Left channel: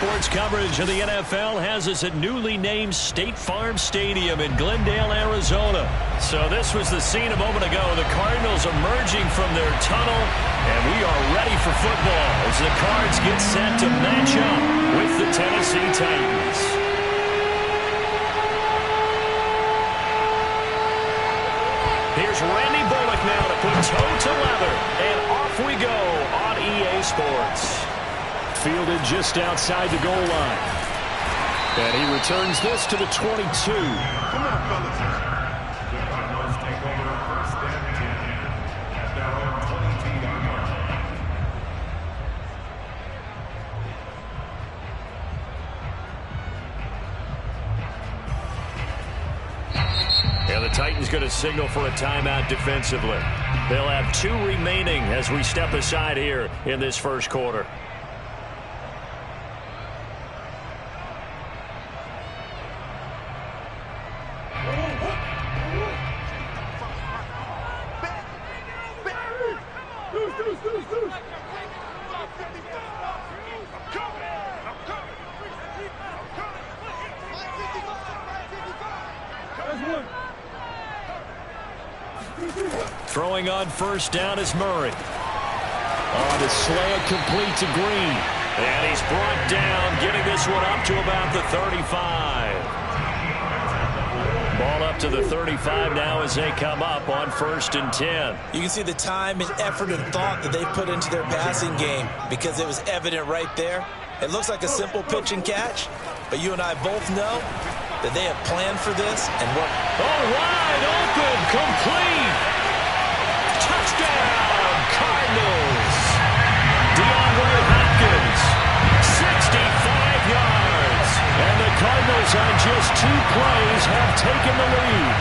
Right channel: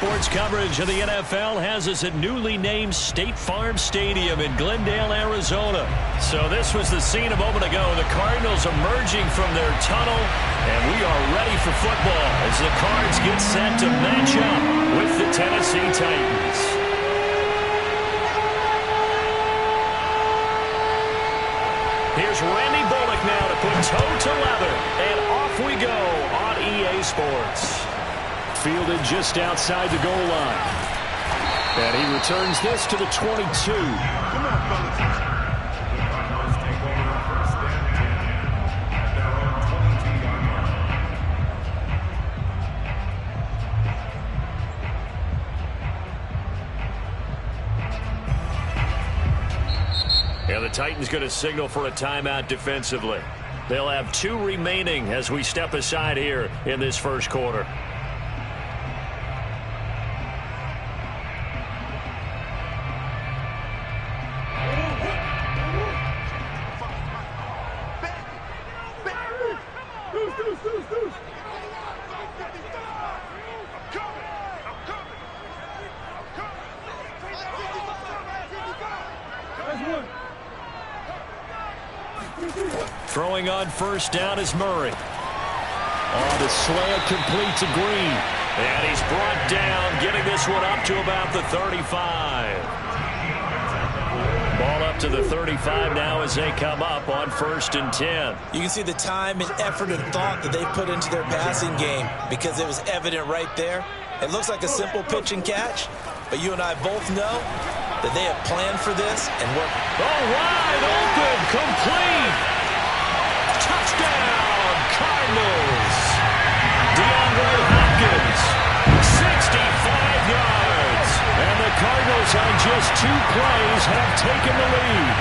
Sports coverage of the NFL has us at newly named State Farm Stadium in Glendale, Arizona. So this was the scene a moment ago. The Cardinals emerging from their tunnel, and we are ready for football as the Cards get set to match up with the Tennessee Titans. Here's Randy Bullock now to put toe to leather, and off we go on EA Sports. Fielded just outside the goal line. And he returns this to the 22. Come on, fellas. The Cardinals take over first and 10 at their own 22-yard line. And the Titans going to signal for a timeout defensively. They'll have 2 remaining as we step aside here in this first quarter. Throwing on first down is Murray. On the slant, complete to Green. And he's brought down, getting this one up to about the 35. Ball up to the 35 now as they come up on first and 10. You can see the time and effort and thought that they put into their passing game because it was evident right there. It looks like a simple pitch and catch, but you and I both know that they have planned for this and worked. Oh, wide open, complete. Touchdown, Cardinals. DeAndre Hopkins, 65 yards. And the Cardinals on just 2 plays have taken the lead.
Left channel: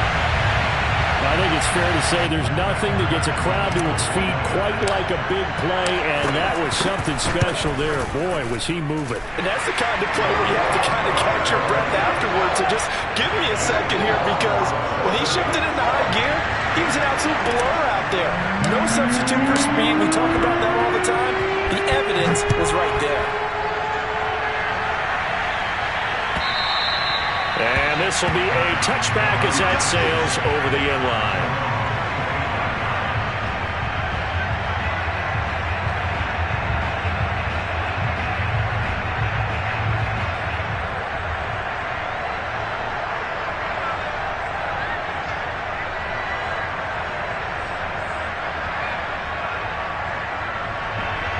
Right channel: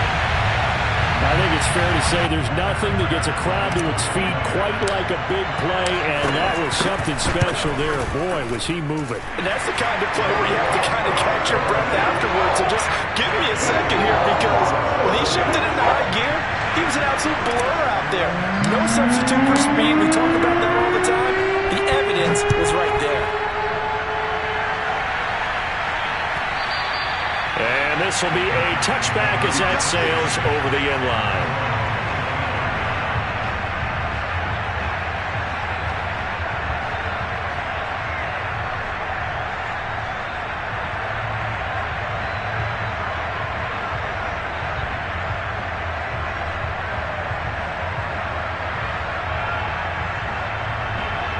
I think it's fair to say there's nothing that gets a crowd to its feet quite like a big play, and that was something special there. Boy, was he moving. And that's the kind of play where you have to kind of catch your breath afterwards. So just give me a second here, because when he shifted into high gear, he was an absolute blur out there. No substitute for speed. We talk about that all the time. The evidence was right there. And this will be a touchback as that sails over the end line.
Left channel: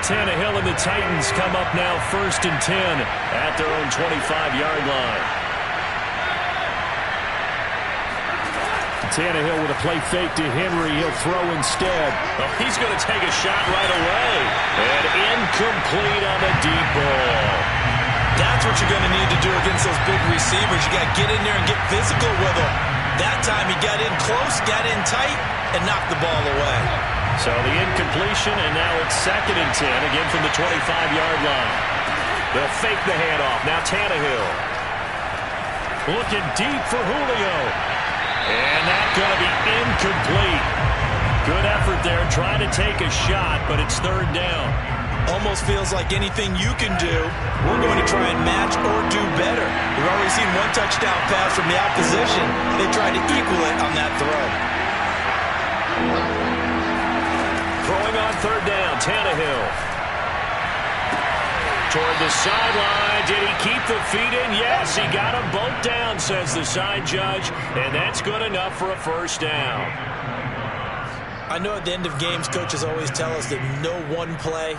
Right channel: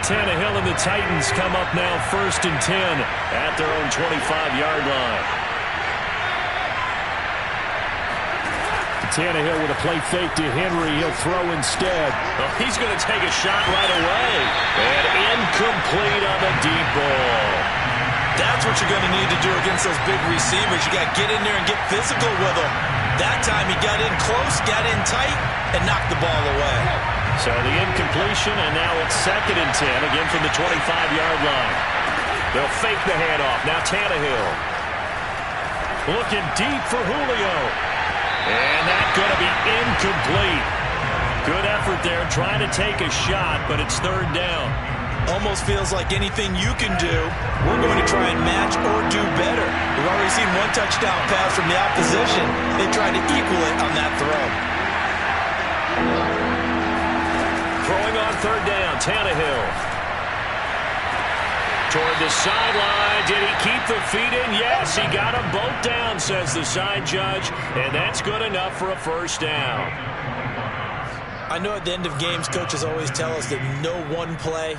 Tannehill and the Titans come up now first and 10 at their own 25-yard line. Tannehill with a play fake to Henry. He'll throw instead. Oh, he's going to take a shot right away. And incomplete on the deep ball. That's what you're going to need to do against those big receivers. You got to get in there and get physical with them. That time he got in close, got in tight, and knocked the ball away. So the incompletion, and now it's second and 10, again from the 25-yard line. They'll fake the handoff. Now Tannehill. Looking deep for Julio. And that's going to be incomplete. Good effort there, trying to take a shot, but it's third down. Almost feels like anything you can do, we're going to try and match or do better. We've already seen 1 touchdown pass from the opposition. They tried to equal it on that throw. Throwing on third down, Tannehill. Toward the sideline. Did he keep the feet in? Yes, he got them both down, says the side judge, and that's good enough for a first down. I know at the end of games, coaches always tell us that no one play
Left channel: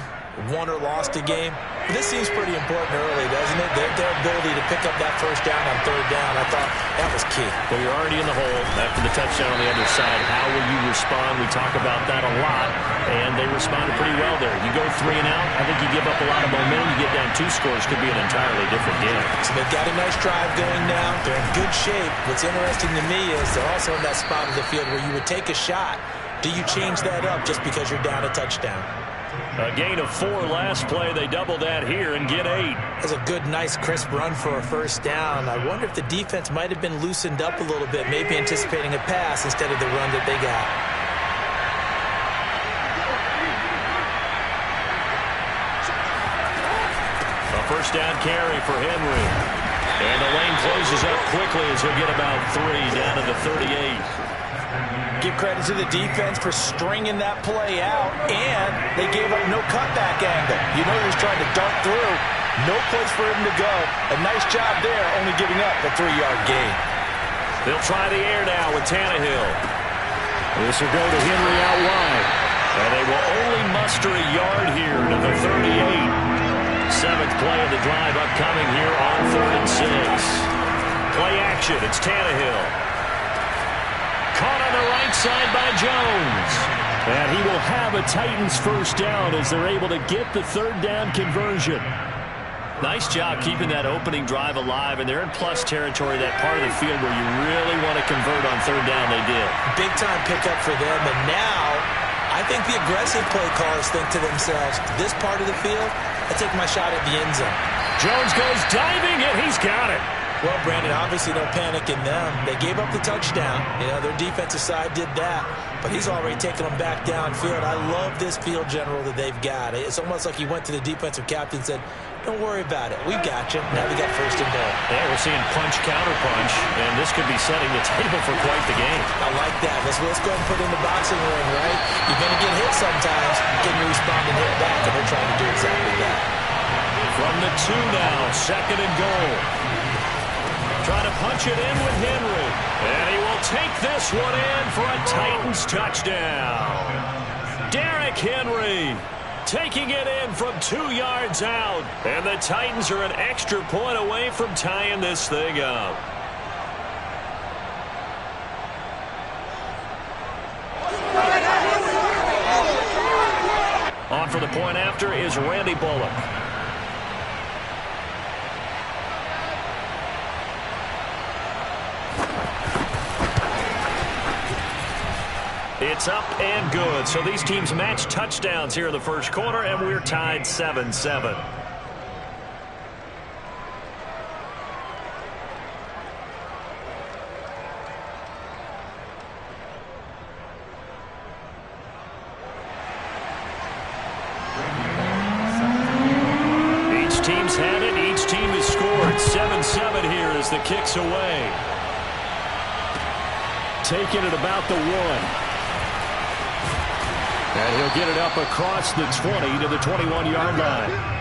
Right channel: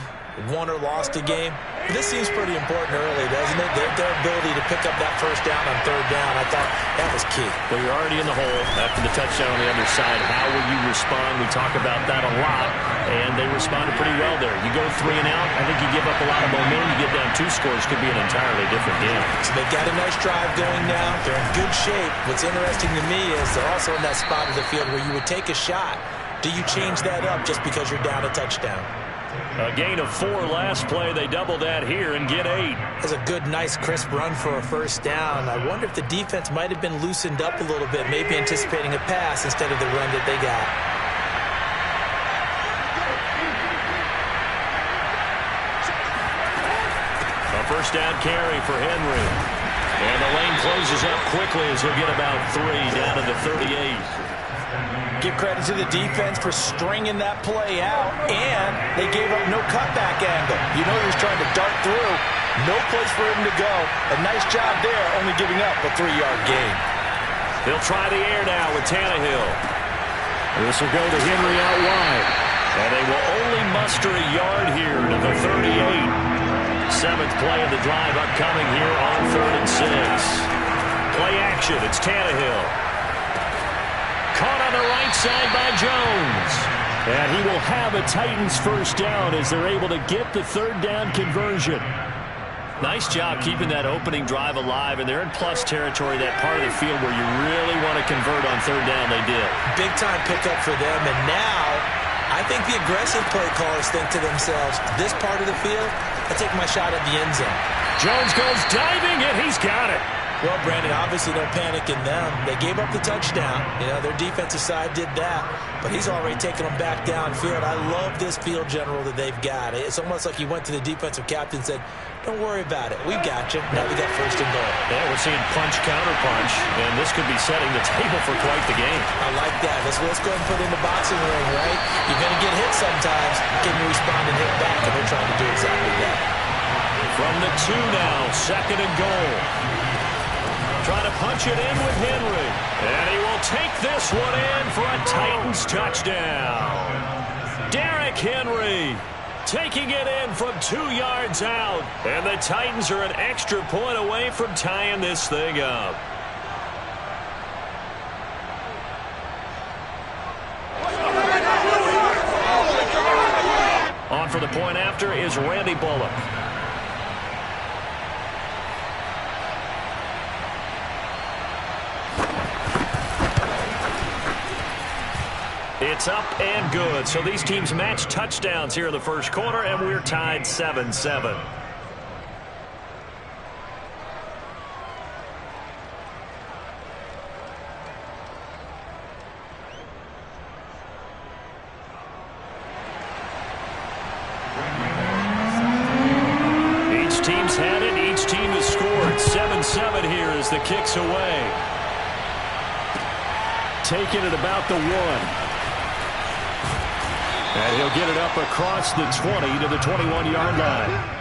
won or lost a game. But this seems pretty important early, doesn't it? Their ability to pick up that first down on third down, I thought that was key. Well, you're already in the hole after the touchdown on the other side. How will you respond? We talk about that a lot, and they responded pretty well there. You go 3 and out, I think you give up a lot of momentum. You get down 2 scores, could be an entirely different game. So they've got a nice drive going now. They're in good shape. What's interesting to me is they're also in that spot of the field where you would take a shot. Do you change that up just because you're down a touchdown? A gain of 4 last play. They double that here and get 8. That's a good, nice, crisp run for a first down. I wonder if the defense might have been loosened up a little bit, maybe anticipating a pass instead of the run that they got. A first down carry for Henry. And the lane closes up quickly as he'll get about 3 down to the 38. Give credit to the defense for stringing that play out, and they gave up no cutback angle. You know he was trying to dart through. No place for him to go. A nice job there, only giving up a 3-yard gain. They'll try the air now with Tannehill. This will go to Henry out wide. And they will only muster a yard here to the 38. 7th play of the drive upcoming here on 3rd and 6. Play action. It's Tannehill. Caught on the right side by Jones. And he will have a Titans first down as they're able to get the 3rd down conversion. Nice job keeping that opening drive alive, and they're in plus territory, that part of the field where you really want to convert on 3rd down. They did. Big-time pickup for them, and now I think the aggressive play callers think to themselves, this part of the field, I take my shot at the end zone. Jones goes diving, and he's got it. Well, Brandon, obviously no panic in them. They gave up the touchdown. You know, their defensive side did that, but he's already taken them back downfield. I love this field general that they've got. It's almost like he went to the defensive captain and said, don't worry about it. We got you. Now we got 1st and goal. Yeah, we're seeing punch, counter punch, and this could be setting the table for quite the game. I like that. Let's go ahead and put in the boxing ring, right? You're going to get hit sometimes. Can you respond and hit back? And they're trying to do exactly that. From the 2 now, 2nd and goal. Trying to punch it in with Henry. And he will take this one in for a Titans touchdown. Derrick Henry taking it in from 2 yards out. And the Titans are an extra point away from tying this thing up. On for the point after is Randy Bullock. It's up and good. So these teams match touchdowns here in the first quarter, and we're tied 7-7. Each team's had it. Each team has scored. 7-7 here as the kick's away. Taking it about the 1. And he'll get it up across the 20 to the 21-yard line.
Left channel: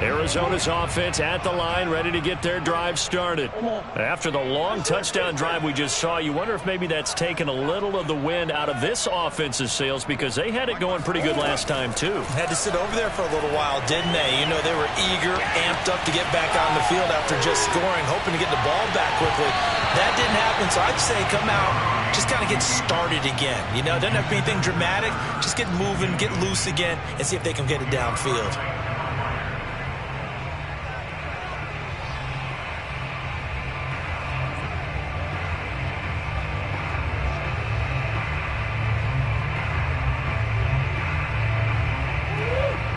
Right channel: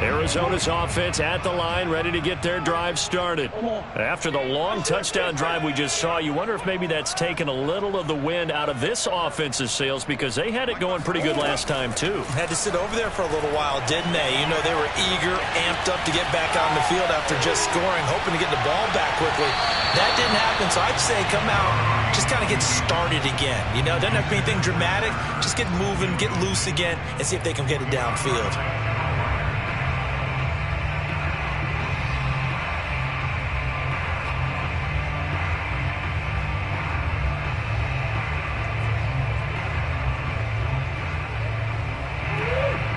Arizona's offense at the line, ready to get their drive started. After the long touchdown drive we just saw, you wonder if maybe that's taken a little of the wind out of this offense's sails, because they had it going pretty good last time, too. Had to sit over there for a little while, didn't they? You know, they were eager, amped up to get back on the field after just scoring, hoping to get the ball back quickly. That didn't happen, so I'd say come out, just kind of get started again. You know, it doesn't have to be anything dramatic. Just get moving, get loose again, and see if they can get it downfield.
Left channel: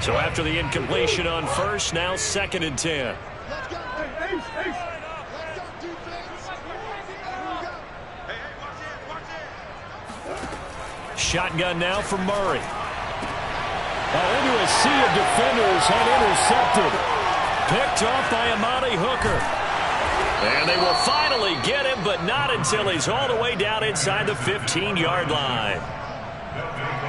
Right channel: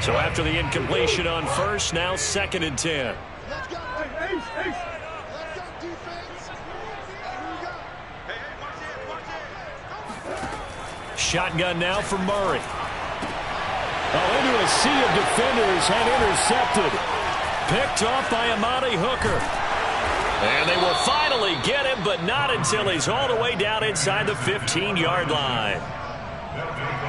So after the incompletion on first, now 2nd and 10. Let's go. Hey, Let's go, defense. Here we go. Hey, watch it. Shotgun now for Murray. Oh, into a sea of defenders and intercepted. Picked off by Amani Hooker. And they will finally get him, but not until he's all the way down inside the 15-yard line.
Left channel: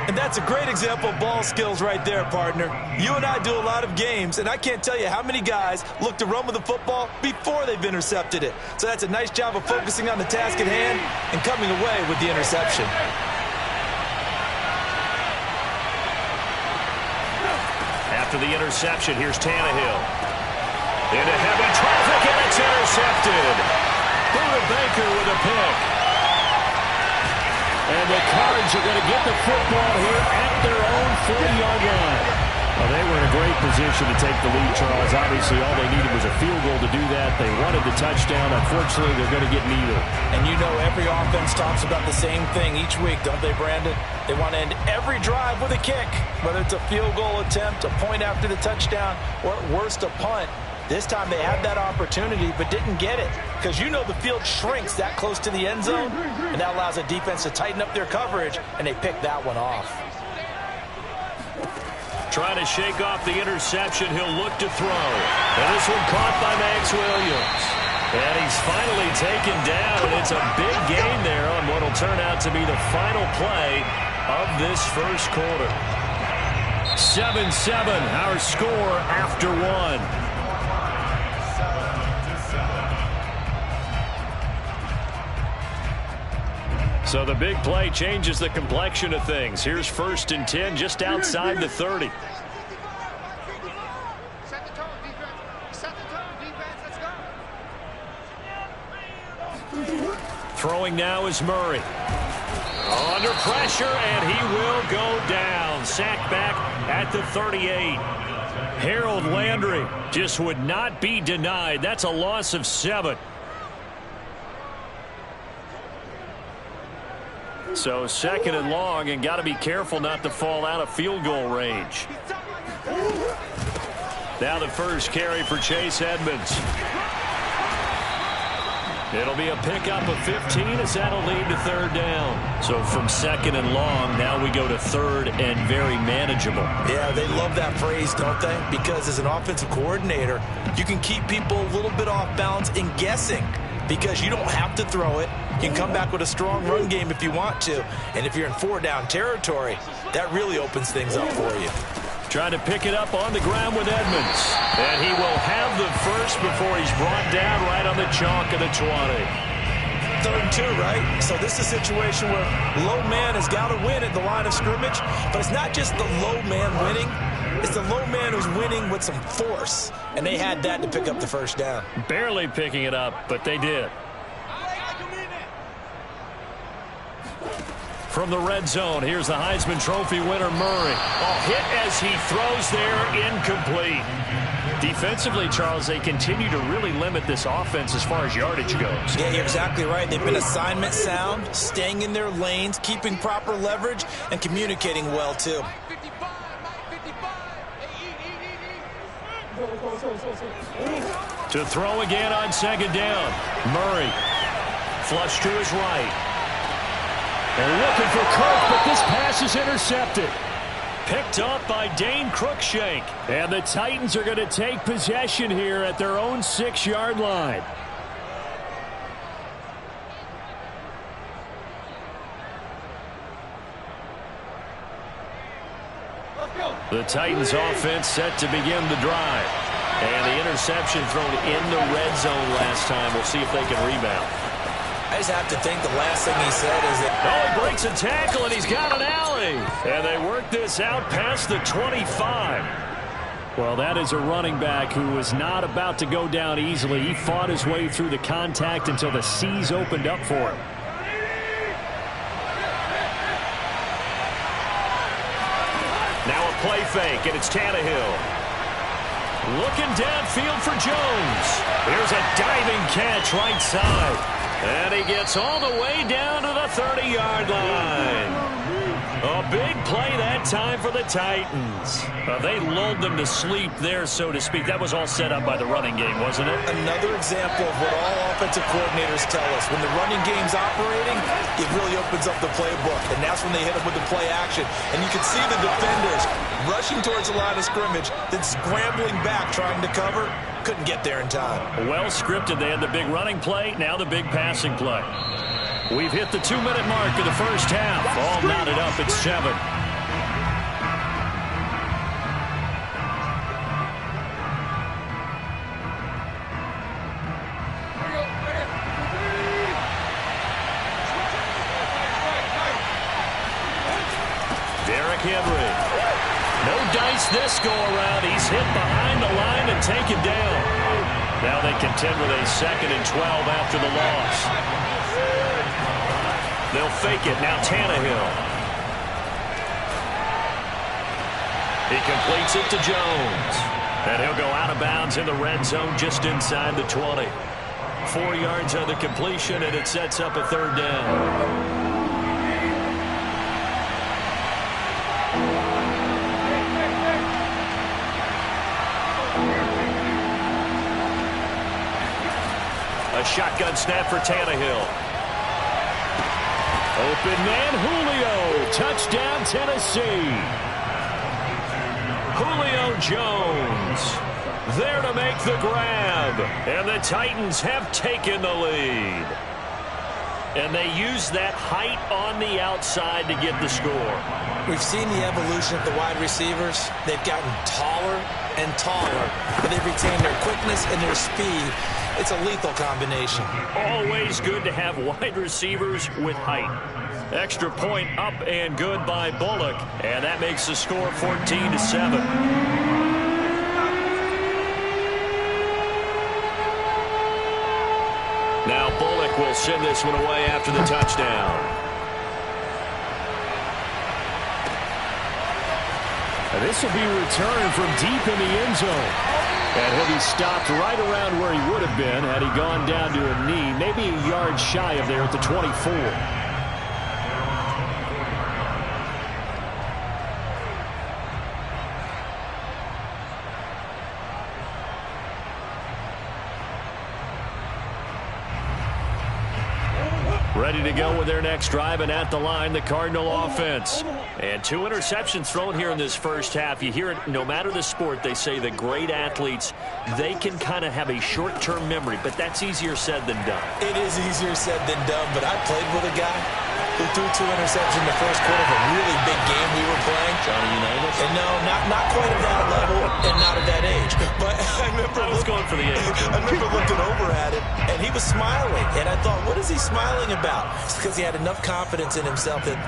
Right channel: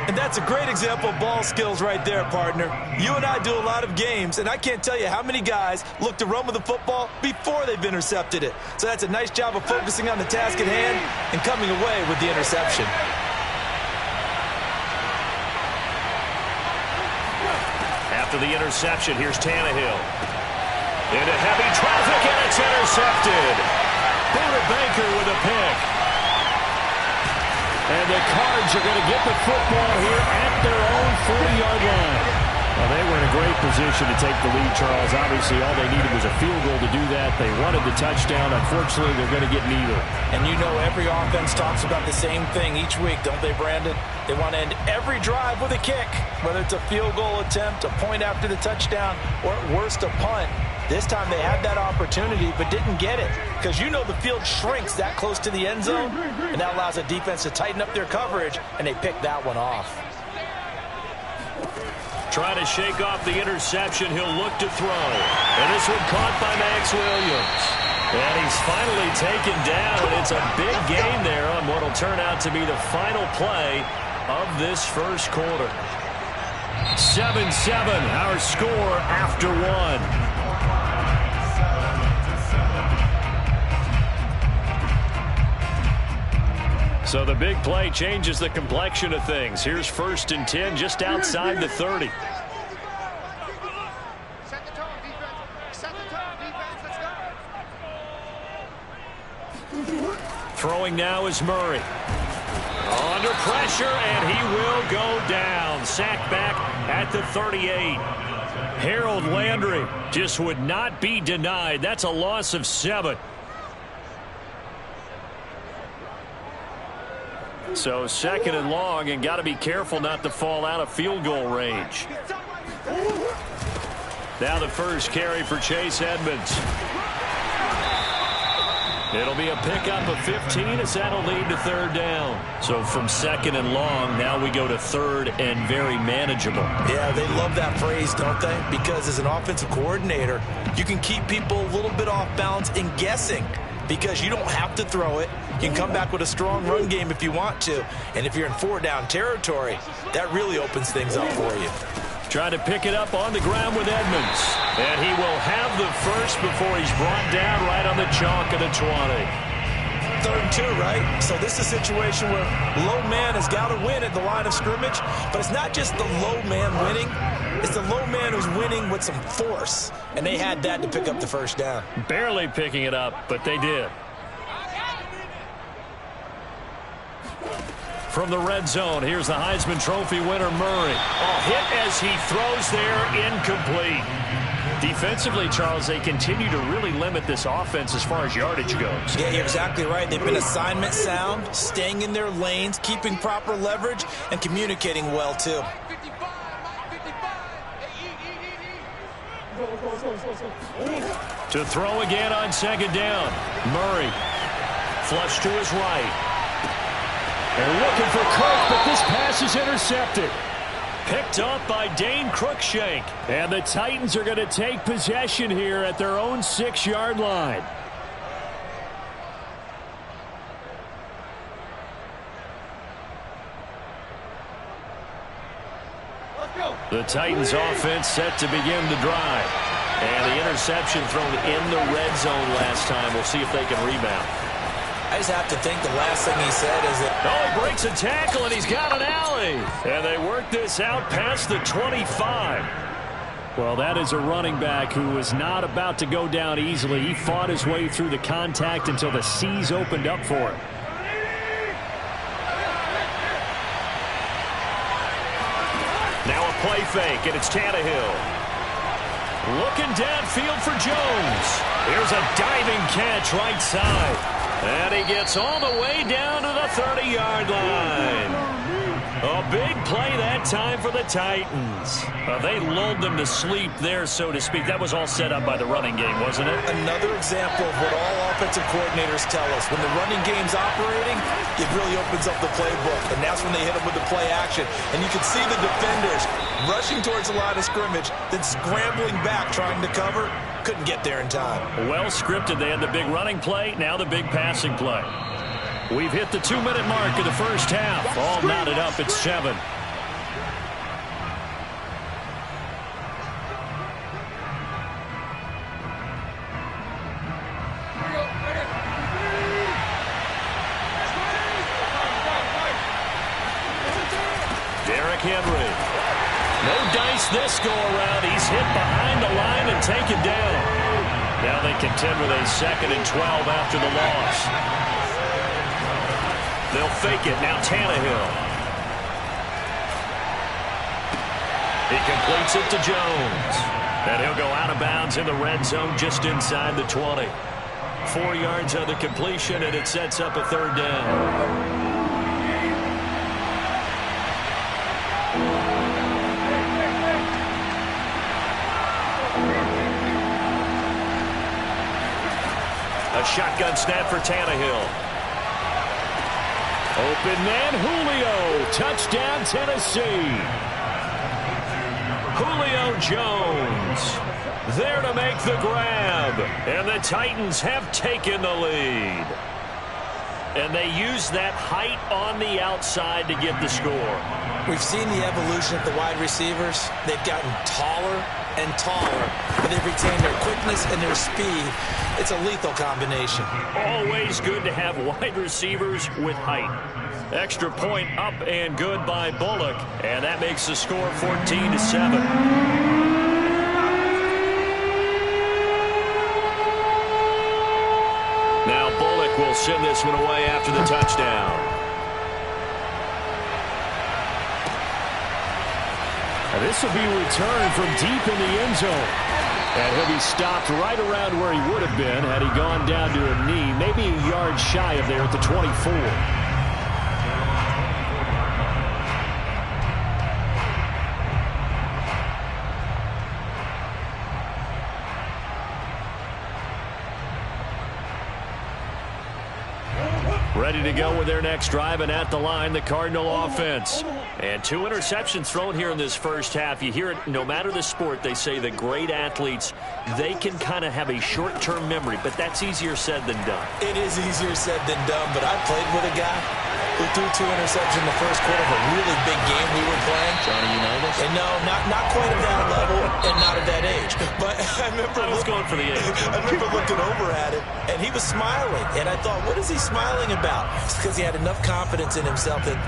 And that's a great example of ball skills right there, partner. You and I do a lot of games, and I can't tell you how many guys look to run with the football before they've intercepted it. So that's a nice job of focusing on the task at hand and coming away with the interception. After the interception, here's Tannehill. Into heavy traffic, and it's intercepted. Buda Baker with a pick. And the Cards are going to get the football here at their own 40-yard line. Well, they were in a great position to take the lead, Charles. Obviously, all they needed was a field goal to do that. They wanted the touchdown. Unfortunately, they're going to get neither. And you know every offense talks about the same thing each week, don't they, Brandon? They want to end every drive with a kick, whether it's a field goal attempt, a point after the touchdown, or at worst, a punt. This time they had that opportunity but didn't get it because you know the field shrinks that close to the end zone, and that allows the defense to tighten up their coverage, and they picked that one off. Trying to shake off the interception. He'll look to throw. And this one caught by Max Williams. And he's finally taken down, and it's a big gain there on what will turn out to be the final play of this first quarter. 7-7, our score after one. So the big play changes the complexion of things. Here's 1st and 10 just outside the 30. Set the tone, defense. Set the tone, defense. Let's go. Throwing now is Murray. Under pressure, and he will go down. Sacked back at the 38. Harold Landry just would not be denied. That's a loss of 7. So 2nd and long, and got to be careful not to fall out of field goal range. Now the first carry for Chase Edmonds. It'll be a pickup of 15 as that'll lead to 3rd down. So from 2nd and long, now we go to 3rd and very manageable. Yeah, they love that phrase, don't they? Because as an offensive coordinator, you can keep people a little bit off balance and guessing because you don't have to throw it. You can come back with a strong run game if you want to. And if you're in 4-down territory, that really opens things up for you. Trying to pick it up on the ground with Edmonds. And he will have the first before he's brought down right on the chalk of the 20. 3rd and 2, right? So this is a situation where low man has got to win at the line of scrimmage. But it's not just the low man winning. It's the low man who's winning with some force. And they had that to pick up the 1st down. Barely picking it up, but they did. From the red zone, here's the Heisman Trophy winner, Murray. Oh, hit as he throws there, incomplete. Defensively, Charles, they continue to really limit this offense as far as yardage goes. Yeah, you're exactly right. They've been assignment sound, staying in their lanes, keeping proper leverage, and communicating well, too. To throw again on 2nd down. Murray. Flush to his right. And looking for Kirk, but this pass is intercepted. Picked up by Dane Cruikshank. And the Titans are going to take possession here at their own 6-yard line. The Titans offense set to begin the drive. And the interception thrown in the red zone last time. We'll see if they can rebound. I just have to think the last thing he said is that... Oh, he breaks a tackle, and he's got an alley. And they work this out past the 25. Well, that is a running back who was not about to go down easily. He fought his way through the contact until the C's opened up for him. Now a play fake, and it's Tannehill. Looking downfield for Jones. Here's a diving catch right side. And he gets all the way down to the 30-yard line. A big play that time for the Titans. They lulled them to sleep there, so to speak. That was all set up by the running game, wasn't it? Another example of what all offensive coordinators tell us. When the running game's operating, it really opens up the playbook. And that's when they hit them with the play action. And you can see the defenders rushing towards the line of scrimmage, then scrambling back trying to cover. Couldn't get there in time. Well scripted. They had the big running play, now the big passing play. We've hit the 2-minute mark of the first half. All knotted up at 7. Derrick Henry. No dice this go around. He's hit behind the line and taken down. Now they contend with a 2nd and 12 after the loss. They'll fake it. Now Tannehill. He completes it to Jones. And he'll go out of bounds in the red zone just inside the 20. 4 yards on the completion, and it sets up a 3rd down. A shotgun snap for Tannehill. Open man, Julio. Touchdown, Tennessee. Julio Jones there to make the grab. And the Titans have taken the lead. And they use that height on the outside to get the score. We've seen the evolution of the wide receivers. They've gotten taller and taller, but they've retained their quickness and their speed. It's a lethal combination. Always good to have wide receivers with height. Extra point up and good by Bullock, and that makes the score 14-7. Now Bullock will send this one away after the touchdown. This will be returned from deep in the end zone. And he'll be stopped right around where he would have been had he gone down to a knee, maybe a yard shy of there at the 24. Ready to go with their next drive, and at the line, the Cardinal offense. And 2 interceptions thrown here in this first half. You hear it, no matter the sport, they say the great athletes, they can kind of have a short-term memory, but that's easier said than done. It is easier said than done, but I played with a guy who threw 2 interceptions in the first quarter of a really big game we were playing. Johnny Unitas? And no, not quite at that level and not at that age. But I remember I was going for the age. I remember looking over at him, and he was smiling. And I thought, what is he smiling about? It's because he had enough confidence in himself that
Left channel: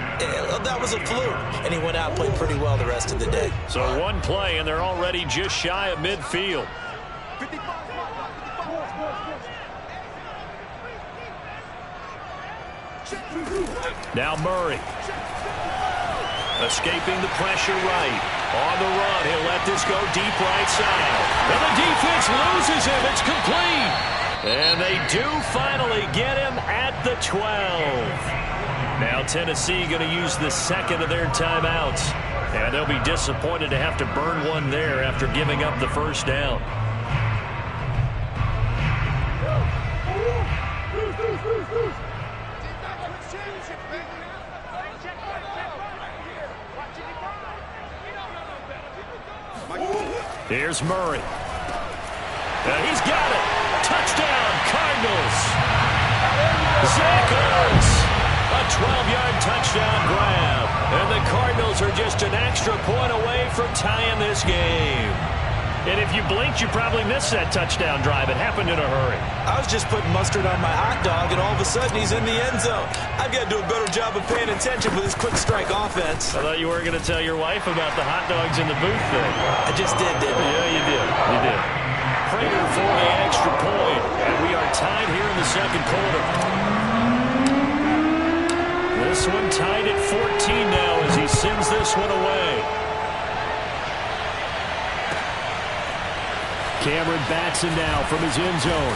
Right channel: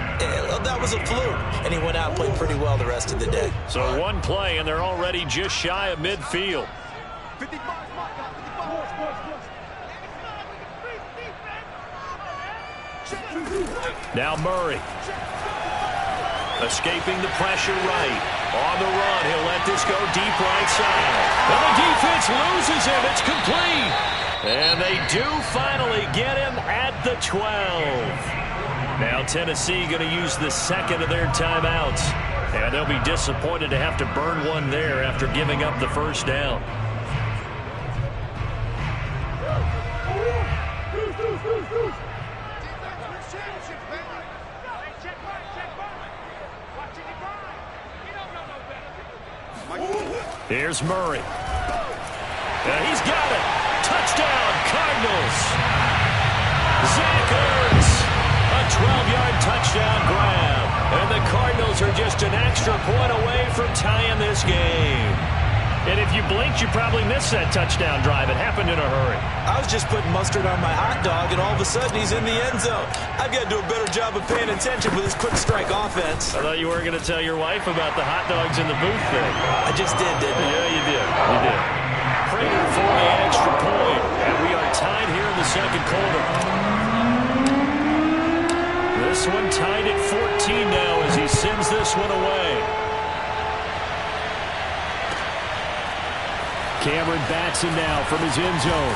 that was a fluke. And he went out and played pretty well the rest of the day. So 1 play, and they're already just shy of midfield. Now Murray. Escaping the pressure right. On the run, he'll let this go deep right side. And the defense loses him. It's complete. And they do finally get him at the 12. Now Tennessee going to use the second of their timeouts. And they'll be disappointed to have to burn one there after giving up the first down. Here's Murray. And he's got it. Touchdown, Cardinals. Zach Ertz. A 12-yard touchdown grab. And the Cardinals are just an extra point away from tying this game. And if you blinked, you probably missed that touchdown drive. It happened in a hurry. I was just putting mustard on my hot dog, and all of a sudden he's in the end zone. I've got to do a better job of paying attention with this quick strike offense. I thought you were going to tell your wife about the hot dogs in the booth thing. I just did, didn't I? Yeah, you did. You did. Prater for the extra point. And we are tied here in the second quarter. This one tied at 14 now as he sends this one away. Cameron Batson now from his end zone.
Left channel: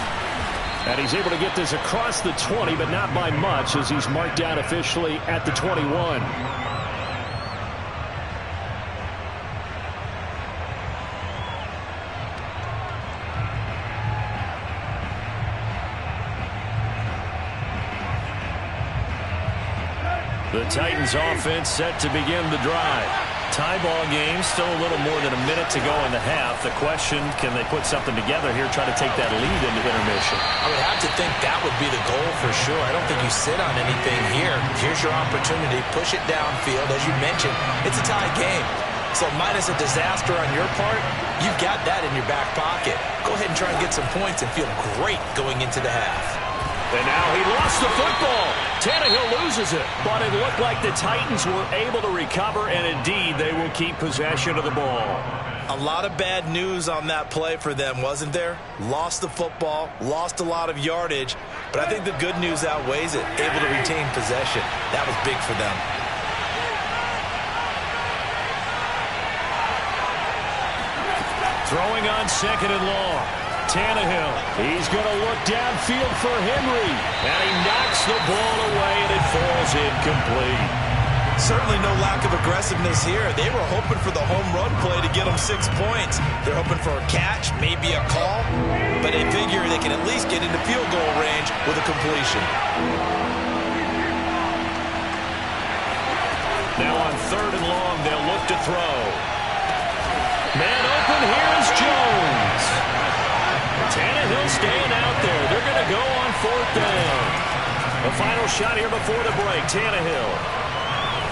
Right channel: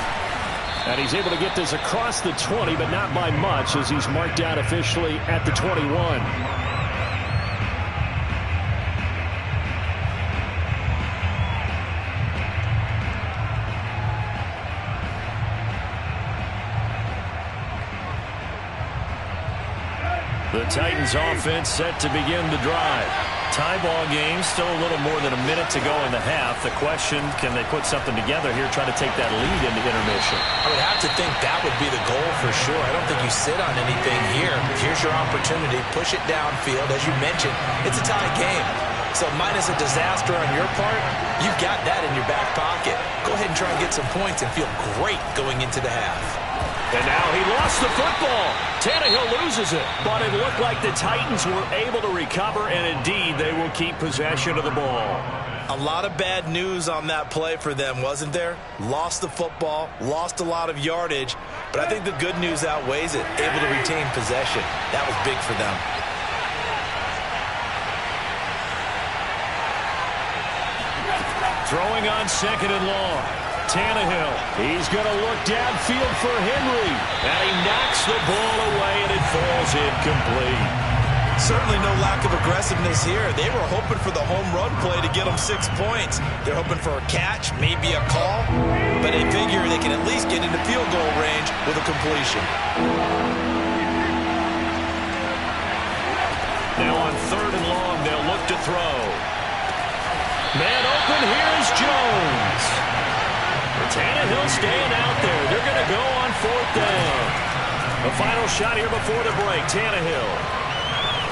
And he's able to get this across the 20, but not by much as he's marked out officially at the 21. The Titans offense set to begin the drive. Tie ball game, still a little more than a minute to go in the half. The question, can they put something together here, try to take that lead into intermission? I would have to think that would be the goal for sure. I don't think you sit on anything here. Here's your opportunity. Push it downfield. As you mentioned, it's a tie game. So minus a disaster on your part, you've got that in your back pocket. Go ahead and try and get some points and feel great going into the half. And now he lost the football. Tannehill loses it. But it looked like the Titans were able to recover, and indeed they will keep possession of the ball. A lot of bad news on that play for them, wasn't there? Lost the football, lost a lot of yardage, but I think the good news outweighs it. Able to retain possession. That was big for them. Throwing on 2nd and long. Tannehill. He's going to look downfield for Henry. And he knocks the ball away, and it falls incomplete. Certainly no lack of aggressiveness here. They were hoping for the home run play to get them 6 points. They're hoping for a catch, maybe a call, but they figure they can at least get into field goal range with a completion. Now on 3rd and long, they'll look to throw. Man open, here is Jones. Tannehill staying out there. They're going to go on 4th down. The final shot here before the break. Tannehill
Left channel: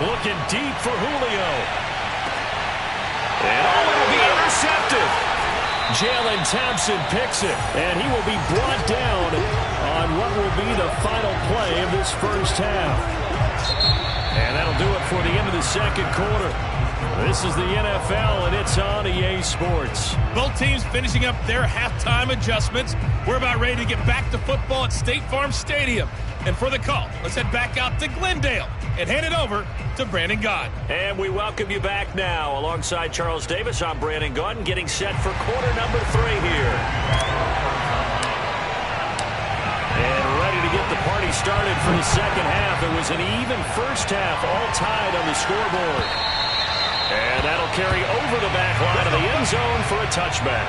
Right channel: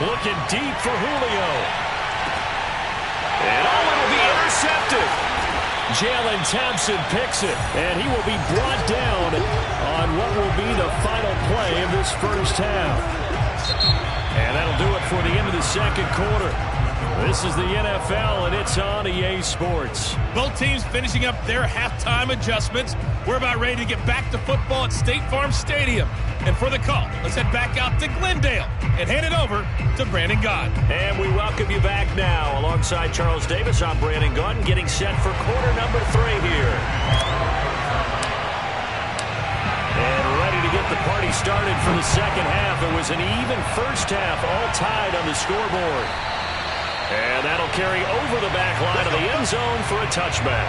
looking deep for Julio. And it'll be intercepted. Jalen Thompson picks it, and he will be brought down on what will be the final play of this first half. And that'll do it for the end of the 2nd quarter. This is the NFL, and it's on EA Sports. Both teams finishing up their halftime adjustments. We're about ready to get back to football at State Farm Stadium. And for the call, let's head back out to Glendale and hand it over to Brandon Gaudin. And we welcome you back now. Alongside Charles Davis, I'm Brandon Gaudin, getting set for quarter number 3 here. And ready to get the party started for the 2nd half. It was an even first half, all tied on the scoreboard. And that'll carry over the back line of the end zone for a touchback.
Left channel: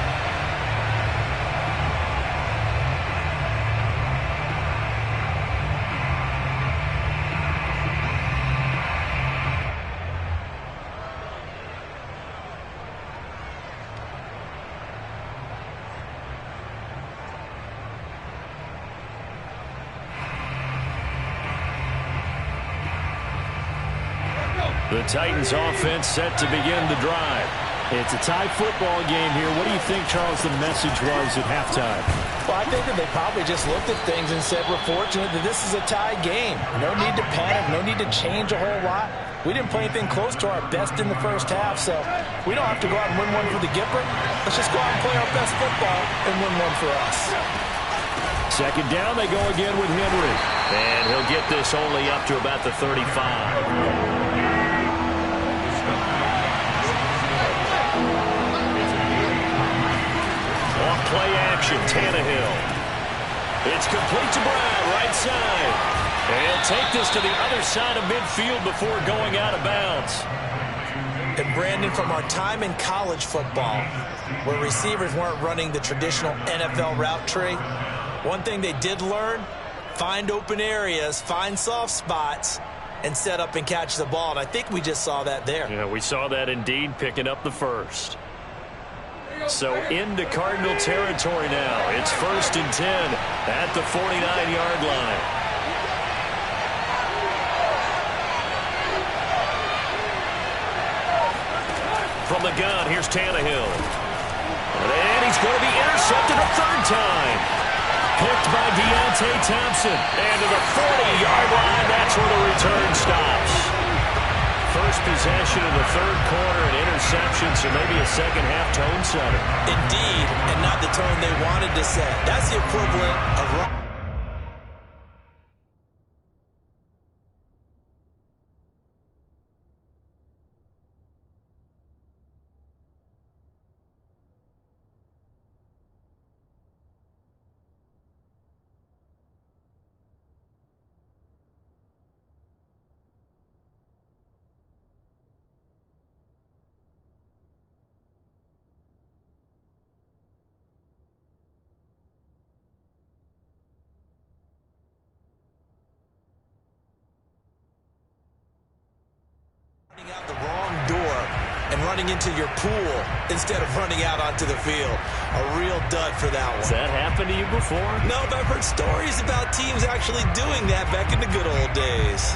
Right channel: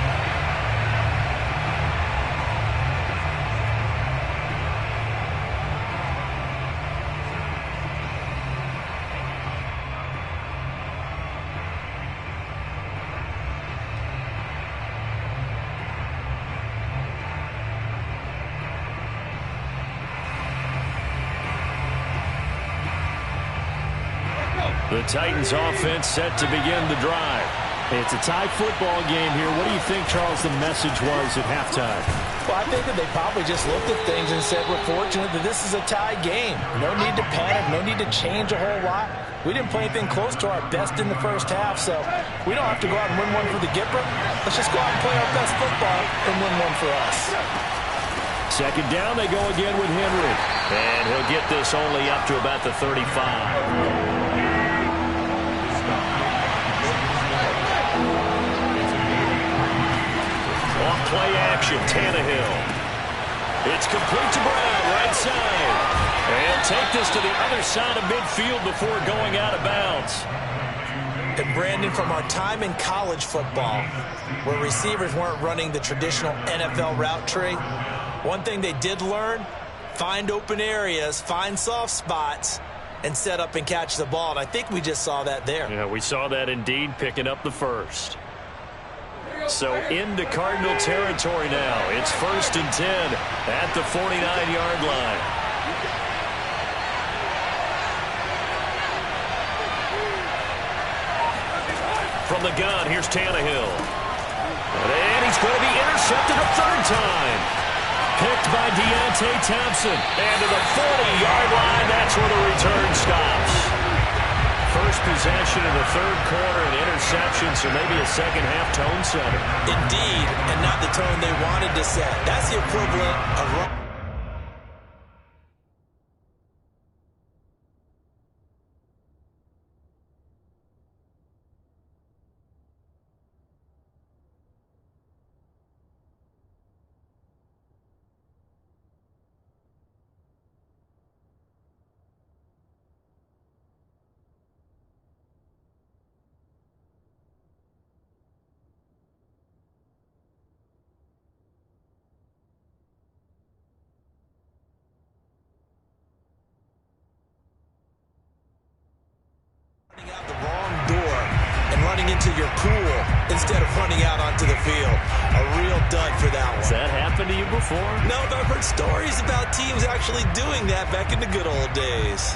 The Titans offense set to begin the drive. It's a tie football game here. What do you think, Charles, the message was at halftime? Well, I think that they probably just looked at things and said, we're fortunate that this is a tie game. No need to panic, no need to change a whole lot. We didn't play anything close to our best in the first half, so we don't have to go out and win one for the Gipper. Let's just go out and play our best football and win one for us. 2nd down, they go again with Henry. And he'll get this only up to about the 35. Play action, Tannehill. It's complete to Brown, right side. And he'll take this to the other side of midfield before going out of bounds. And Brandon, from our time in college football, where receivers weren't running the traditional NFL route tree, one thing they did learn, find open areas, find soft spots, and set up and catch the ball. And I think we just saw that there. Yeah, we saw that indeed, picking up the first. So into Cardinal territory now. It's 1st and 10 at the 49-yard line. From the gun, here's Tannehill. And he's going to be intercepted a 3rd time. Picked by Deontay Thompson. And to the 40-yard line, that's where the return stops. First possession of the 3rd quarter, an interception, so maybe a 2nd half tone setter. Indeed, and not the tone they wanted to set. That's the equivalent of... out the wrong door and running into your pool instead of running out onto the field. A real dud for that one. Has that happened to you before? No, but I've heard stories about teams actually doing that back in the good old days.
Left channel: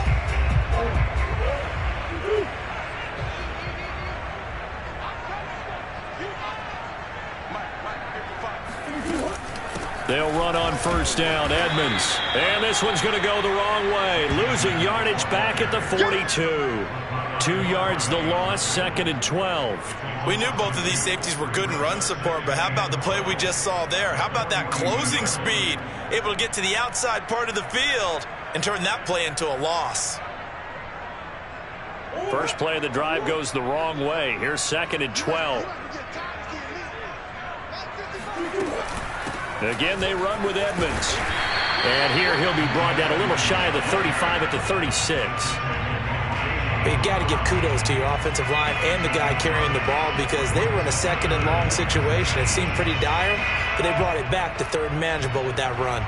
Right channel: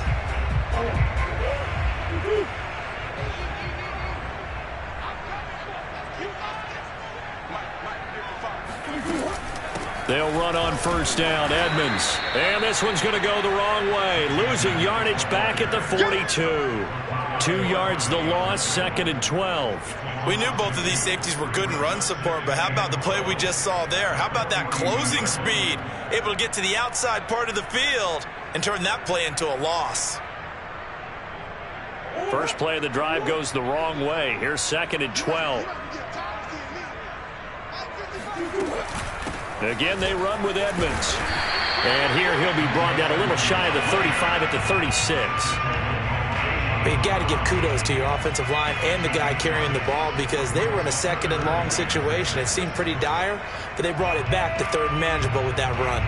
They'll run on 1st down, Edmonds. And this one's going to go the wrong way. Losing yardage back at the 42. 2 yards the loss, 2nd and 12. We knew both of these safeties were good in run support, but how about the play we just saw there? How about that closing speed? Able to get to the outside part of the field and turn that play into a loss. First play of the drive goes the wrong way. Here's 2nd and 12. Again, they run with Edmonds. And here he'll be brought down a little shy of the 35 at the 36. But you got to give kudos to your offensive line and the guy carrying the ball because they were in a second and long situation. It seemed pretty dire, but they brought it back to third and manageable with that run.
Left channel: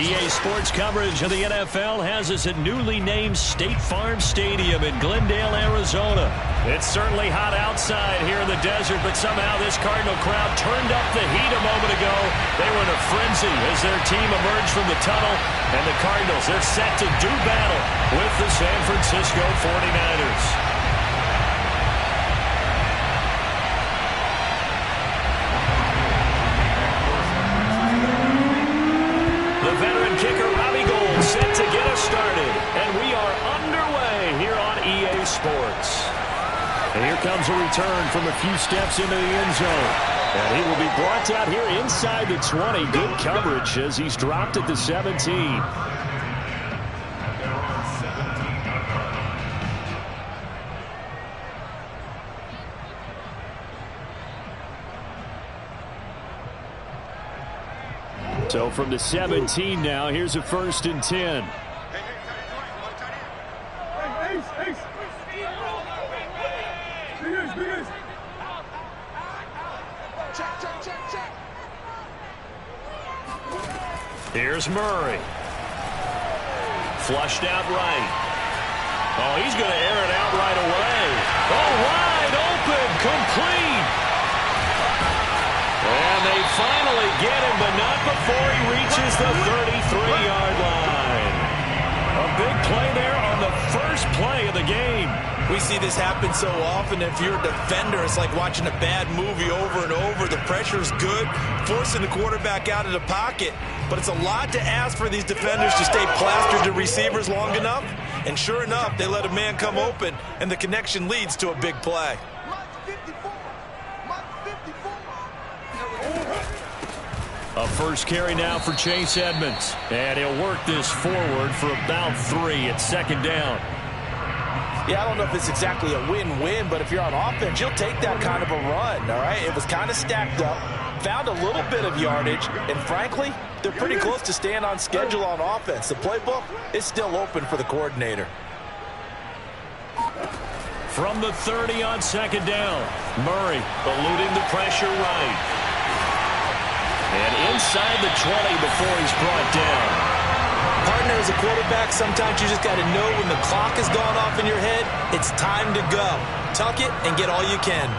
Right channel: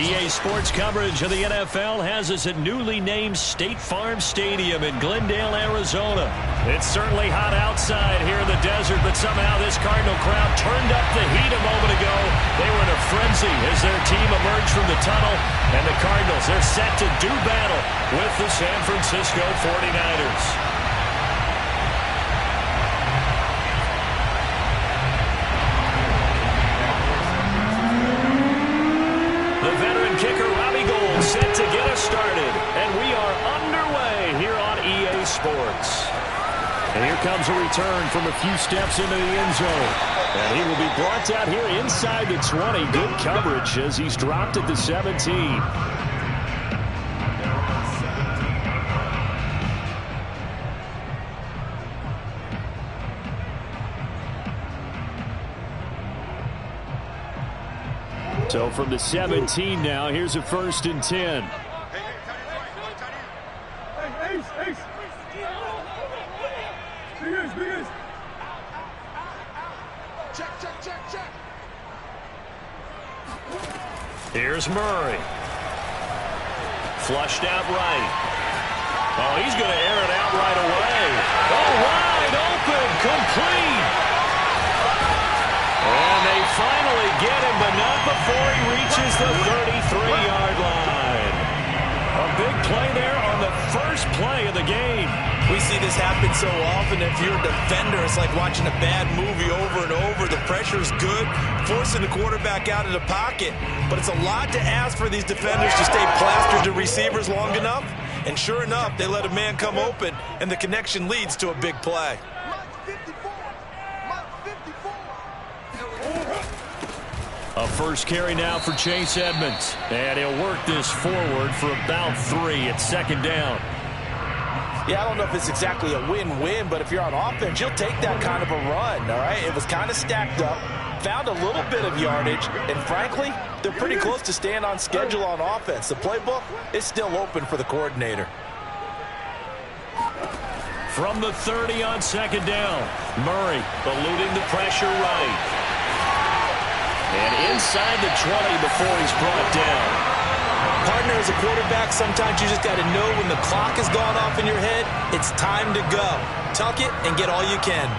EA Sports coverage of the NFL has us at newly named State Farm Stadium in Glendale, Arizona. It's certainly hot outside here in the desert, but somehow this Cardinal crowd turned up the heat a moment ago. They were in a frenzy as their team emerged from the tunnel, and the Cardinals, they're set to do battle with the San Francisco 49ers. Set to get us started, and we are underway here on EA Sports. And here comes a return from a few steps into the end zone. And he will be brought out here inside the 20. Good coverage as he's dropped at the 17. So from the 17 now, here's a 1st and 10. Check. Here's Murray. Flushed out right. Oh, he's going to air it out right away. Oh, wide open, complete. And they finally get him, but not before he reaches the 33-yard line. A big play there on the first play of the game. We see this happen so often. If you're a defender, it's like watching a bad movie over and over. The pressure's good, forcing the quarterback out of the pocket. But it's a lot to ask for these defenders to stay plastered to receivers long enough. And sure enough, they let a man come open, and the connection leads to a big play. A first carry now for Chase Edmonds. And he'll work this forward for about 3 at second down. Yeah, I don't know if it's exactly a win-win, but if you're on offense, you'll take that kind of a run, all right? It was kind of stacked up, found a little bit of yardage, and frankly, they're pretty close to staying on schedule on offense. The playbook is still open for the coordinator. From the 30 on second down, Murray eluding the pressure right. And inside the 20 before he's brought down. Partner, as a quarterback, sometimes you just got to know when the clock has gone off in your head, it's time to go. Tuck it and get all you can.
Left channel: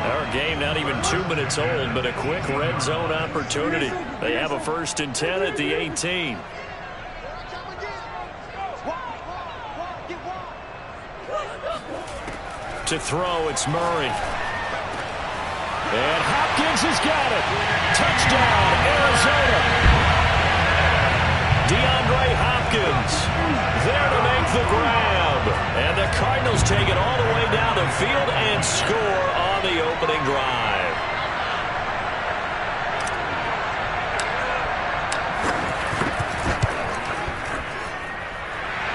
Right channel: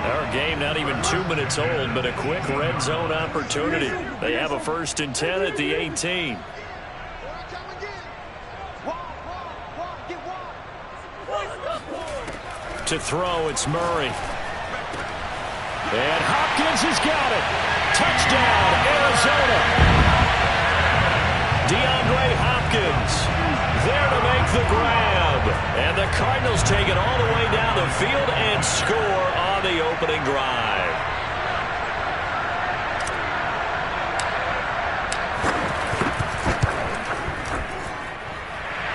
Our game not even 2 minutes old, but a quick red zone opportunity. They have a 1st and 10 at the 18. To throw, it's Murray. And Hopkins has got it. Touchdown, Arizona. DeAndre Hopkins there to make the grab. And the Cardinals take it all the way down the field and score on the opening drive.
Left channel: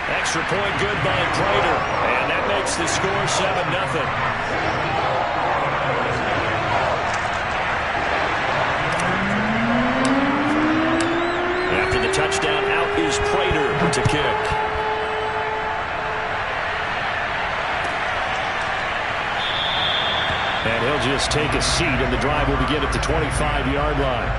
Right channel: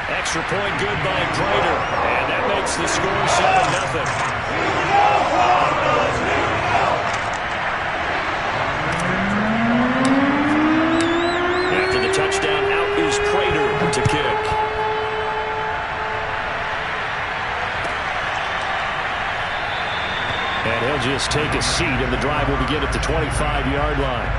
Extra point good by Prater. And that makes the score 7-0. After the touchdown, out is Prater to kick. And he'll just take a seat, and the drive will begin at the 25-yard line.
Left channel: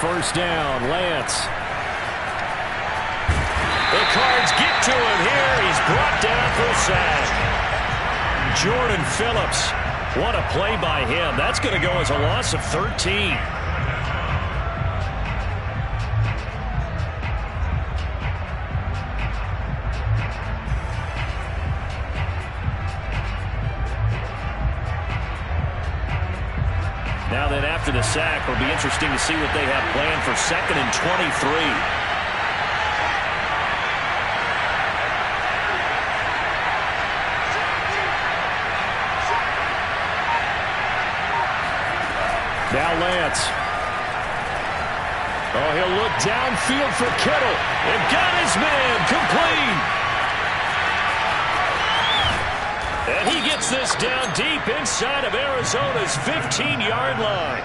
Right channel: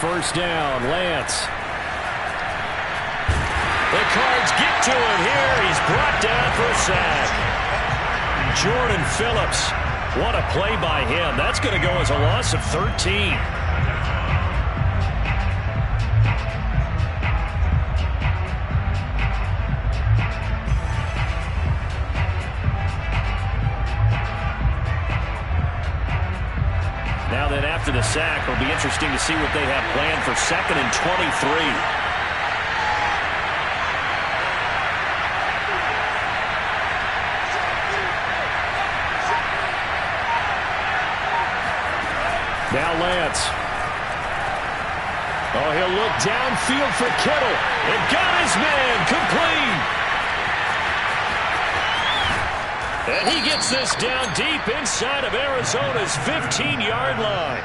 First down, Lance. The Cards get to him here. He's brought down for a sack. Jordan Phillips. What a play by him. That's going to go as a loss of 13. Now then, after the sack, it'll be interesting to see what they have planned for 2nd and 23. Now Lance. Oh, he'll look downfield for Kittle. And got his man complete. And he gets this down deep inside of Arizona's 15-yard line.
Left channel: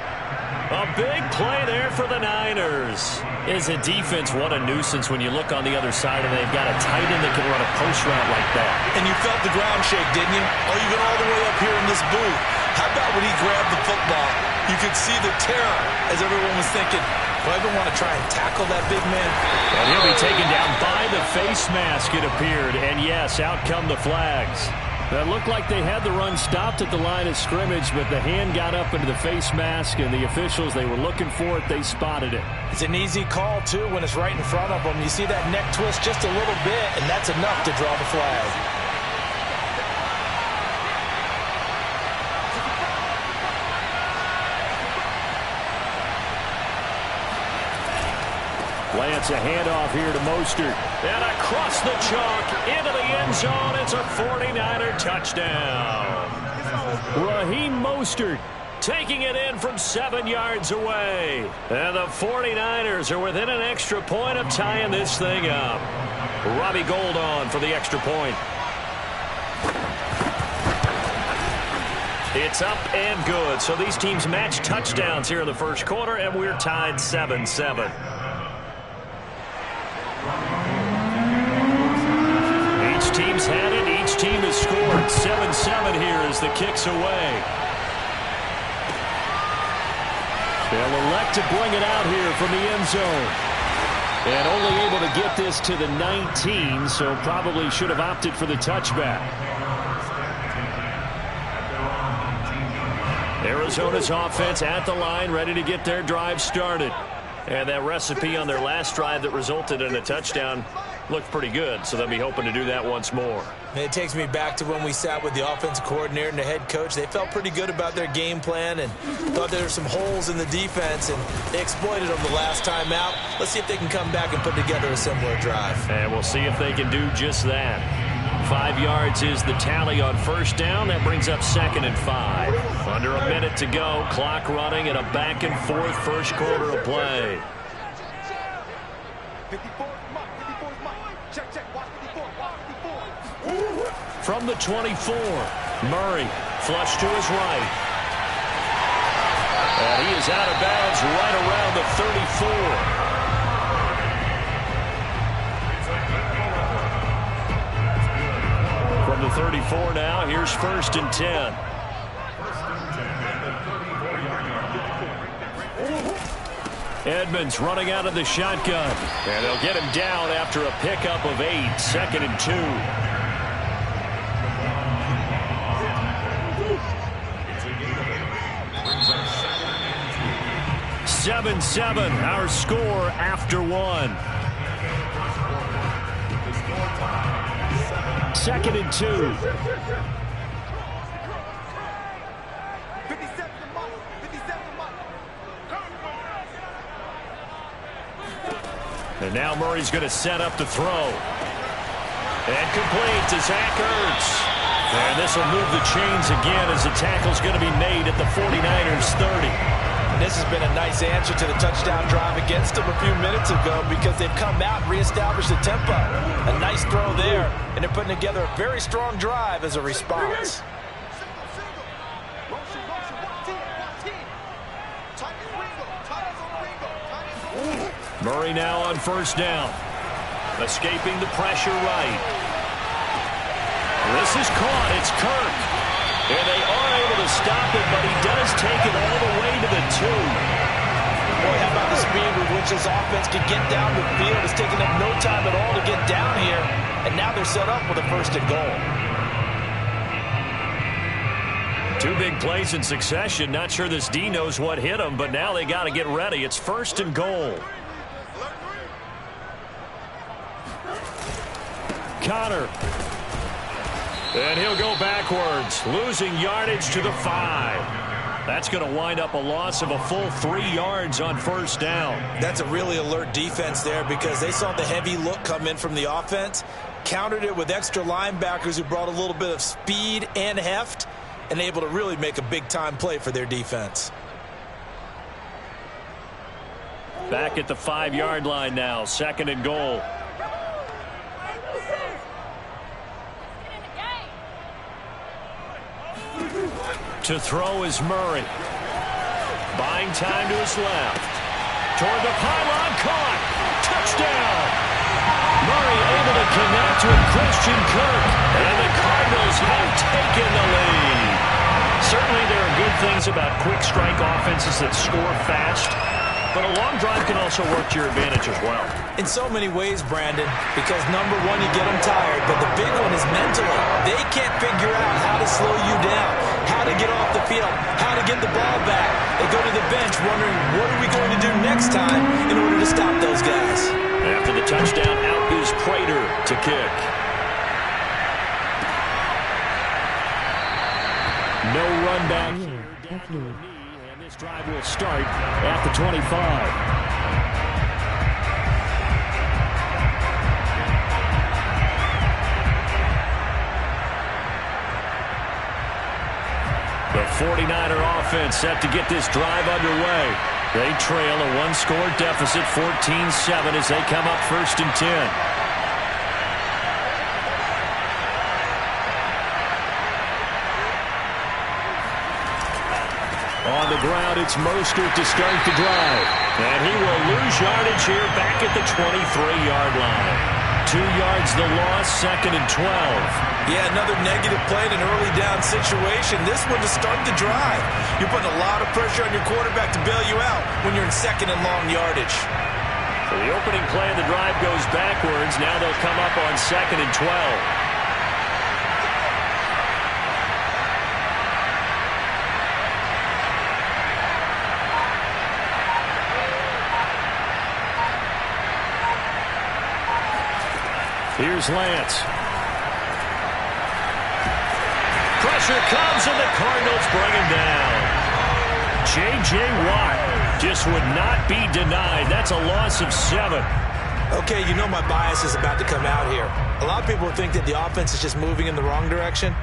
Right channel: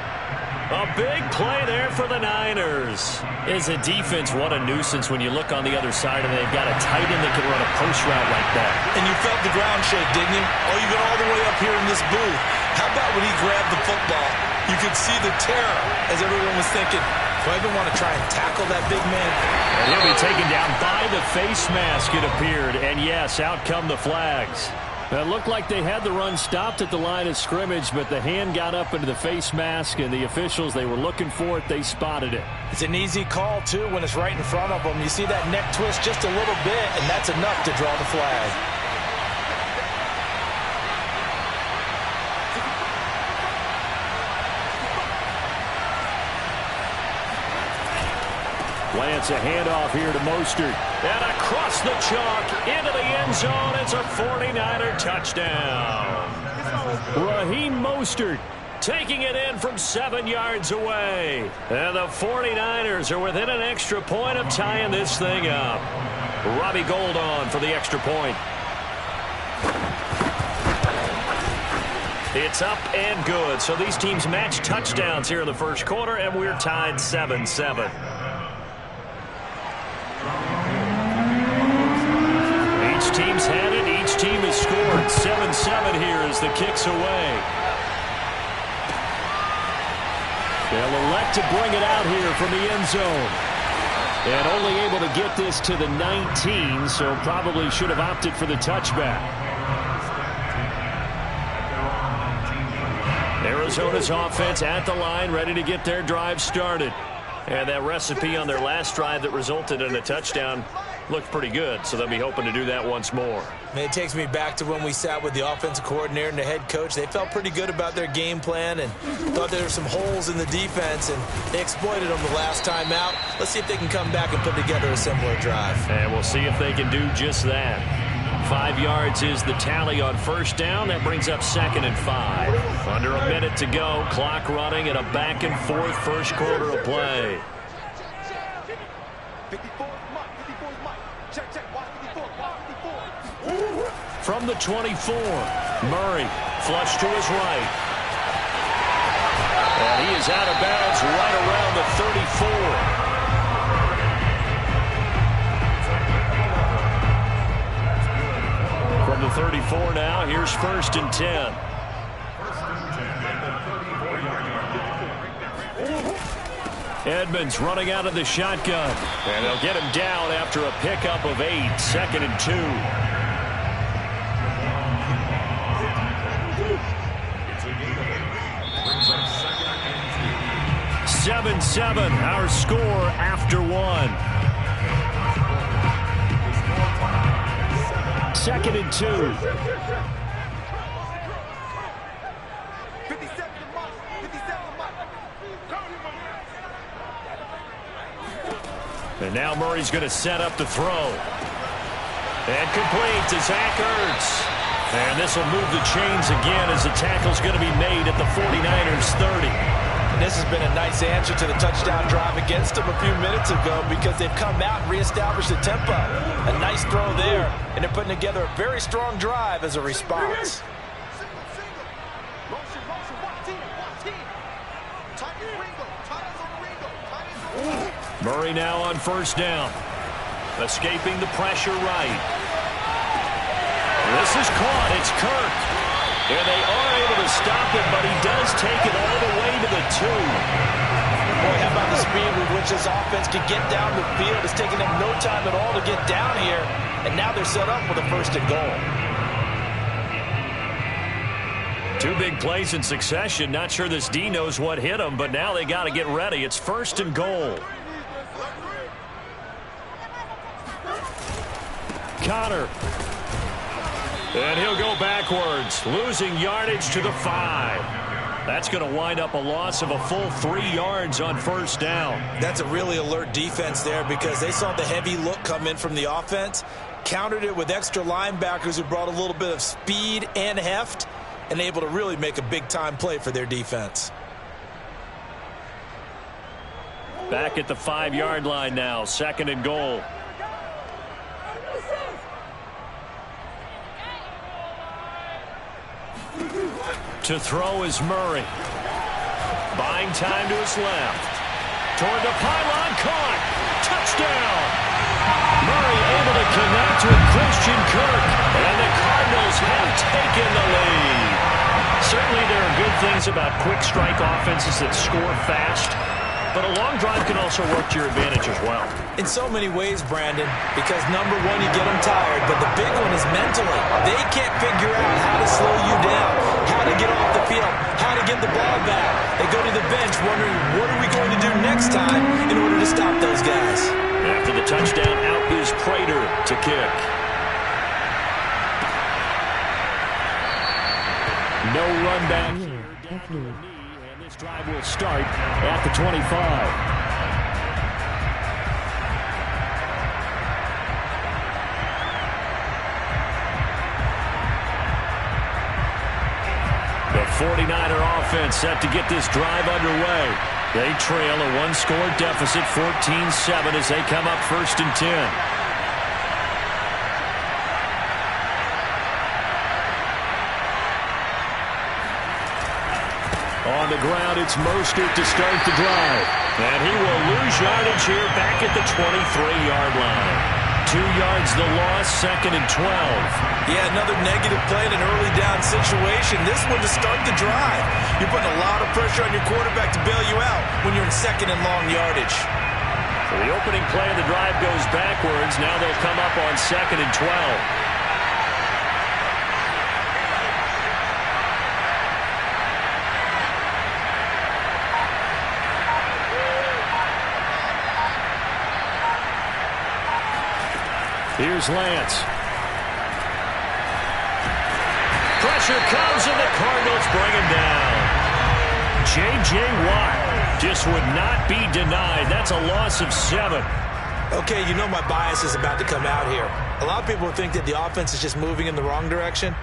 A big play there for the Niners. As a defense, what a nuisance when you look on the other side and they've got a tight end that can run a post route like that. And you felt the ground shake, didn't you? Oh, you've been all the way up here in this booth. How about when he grabbed the football? You could see the terror as everyone was thinking, do I even want to try and tackle that big man? And he'll be taken down by the face mask, it appeared. And yes, out come the flags. It looked like they had the run stopped at the line of scrimmage, but the hand got up into the face mask, and the officials, they were looking for it. They spotted it. It's an easy call, too, when it's right in front of them. You see that neck twist just a little bit, and that's enough to draw the flag. Plants a handoff here to Mostert. And across the chalk into the end zone. It's a 49er touchdown. Raheem Mostert taking it in from 7 yards away. And the 49ers are within an extra point of tying this thing up. Robbie Gould on for the extra point. It's up and good. So these teams match touchdowns here in the first quarter, and we're tied 7-7. Each team's had it. Each team has scored. 7-7 here as the kick's away. They'll elect to bring it out here from the end zone. And only able to get this to the 19, so probably should have opted for the touchback. Arizona's offense at the line, ready to get their drive started. And that recipe on their last drive that resulted in a touchdown looked pretty good, so they'll be hoping to do that once more. And it takes me back to when we sat with the offensive coordinator and the head coach. They felt pretty good about their game plan and thought there were some holes in the defense, and they exploited them the last time out. Let's see if they can come back and put together a similar drive. And we'll see if they can do just that. 5 yards is the tally on first down. That brings up 2nd and 5. Under a minute to go. Clock running in a back-and-forth first quarter of play. 54 is Mike. 54 is Mike. Check, check. Watch 54. Watch 54. From the 24, Murray flush to his right. And he is out of bounds right around the 34. From the 34 now, here's 1st and 10. Edmonds running out of the shotgun. And they'll get him down after a pickup of 8. 2nd and 2. 7-7, our score after 1. 2nd and 2. 57 to Mike. 57 to Mike. And now Murray's going to set up the throw. And complete to Zach Ertz. And this will move the chains again as the tackle's going to be made at the 49ers 30. And this has been a nice answer to the touchdown drive against them a few minutes ago because they've come out and reestablished the tempo. A nice throw there, and they're putting together a very strong drive as a response. Single. Motion. Watch 10. Watch 10. Tight as Ringo. Tight as on Ringo. Tight as on Ringo. Murray now on first down. Escaping the pressure right. This is caught. It's Kirk. And they are able to stop it, but he does take it all the way to the 2. Boy, how about the speed with which this offense can get down the field? It's taking them no time at all to get down here. And now they're set up with a 1st and goal. 2 big plays in succession. Not sure this D knows what hit him, but now they got to get ready. It's 1st and goal. Connor. And he'll go backwards, losing yardage to the 5. That's going to wind up a loss of a full 3 yards on first down. That's a really alert defense there because they saw the heavy look come in from the offense, countered it with extra linebackers who brought a little bit of speed and heft, and able to really make a big-time play for their defense. Back at the 5-yard line now, 2nd and goal. To throw is Murray. Buying time to his left. Toward the pylon, caught. Touchdown. Murray able to connect with Christian Kirk. And the Cardinals have taken the lead. Certainly there are good things about quick strike offenses that score fast. But a long drive can also work to your advantage as well. In so many ways, Brandon, because number one, you get them tired, but the big one is mentally. They can't figure out how to slow you down, how to get off the field, how to get the ball back. They go to the bench wondering, what are we going to do next time in order to stop those guys? After the touchdown, out is Prater to kick. No run back here. This drive will start at the 25. 49er offense set to get this drive underway. They trail a one-score deficit, 14-7, as they come up 1st and 10. On the ground, it's Mostert to start the drive. And he will lose yardage here back at the 23-yard line. 2 yards the loss, 2nd and 12. Yeah, another negative play in an early down situation. This one to start the drive. You're putting a lot of pressure on your quarterback to bail you out when you're in 2nd and long yardage. So the opening play of the drive goes backwards. Now they'll come up on 2nd and 12. Here's Lance. Pressure comes, and the Cardinals bring him down. J.J. Watt just would not be denied. That's a loss of 7. Okay, you know my bias is about to come out here. A lot of people think that the offense is just moving in the wrong direction.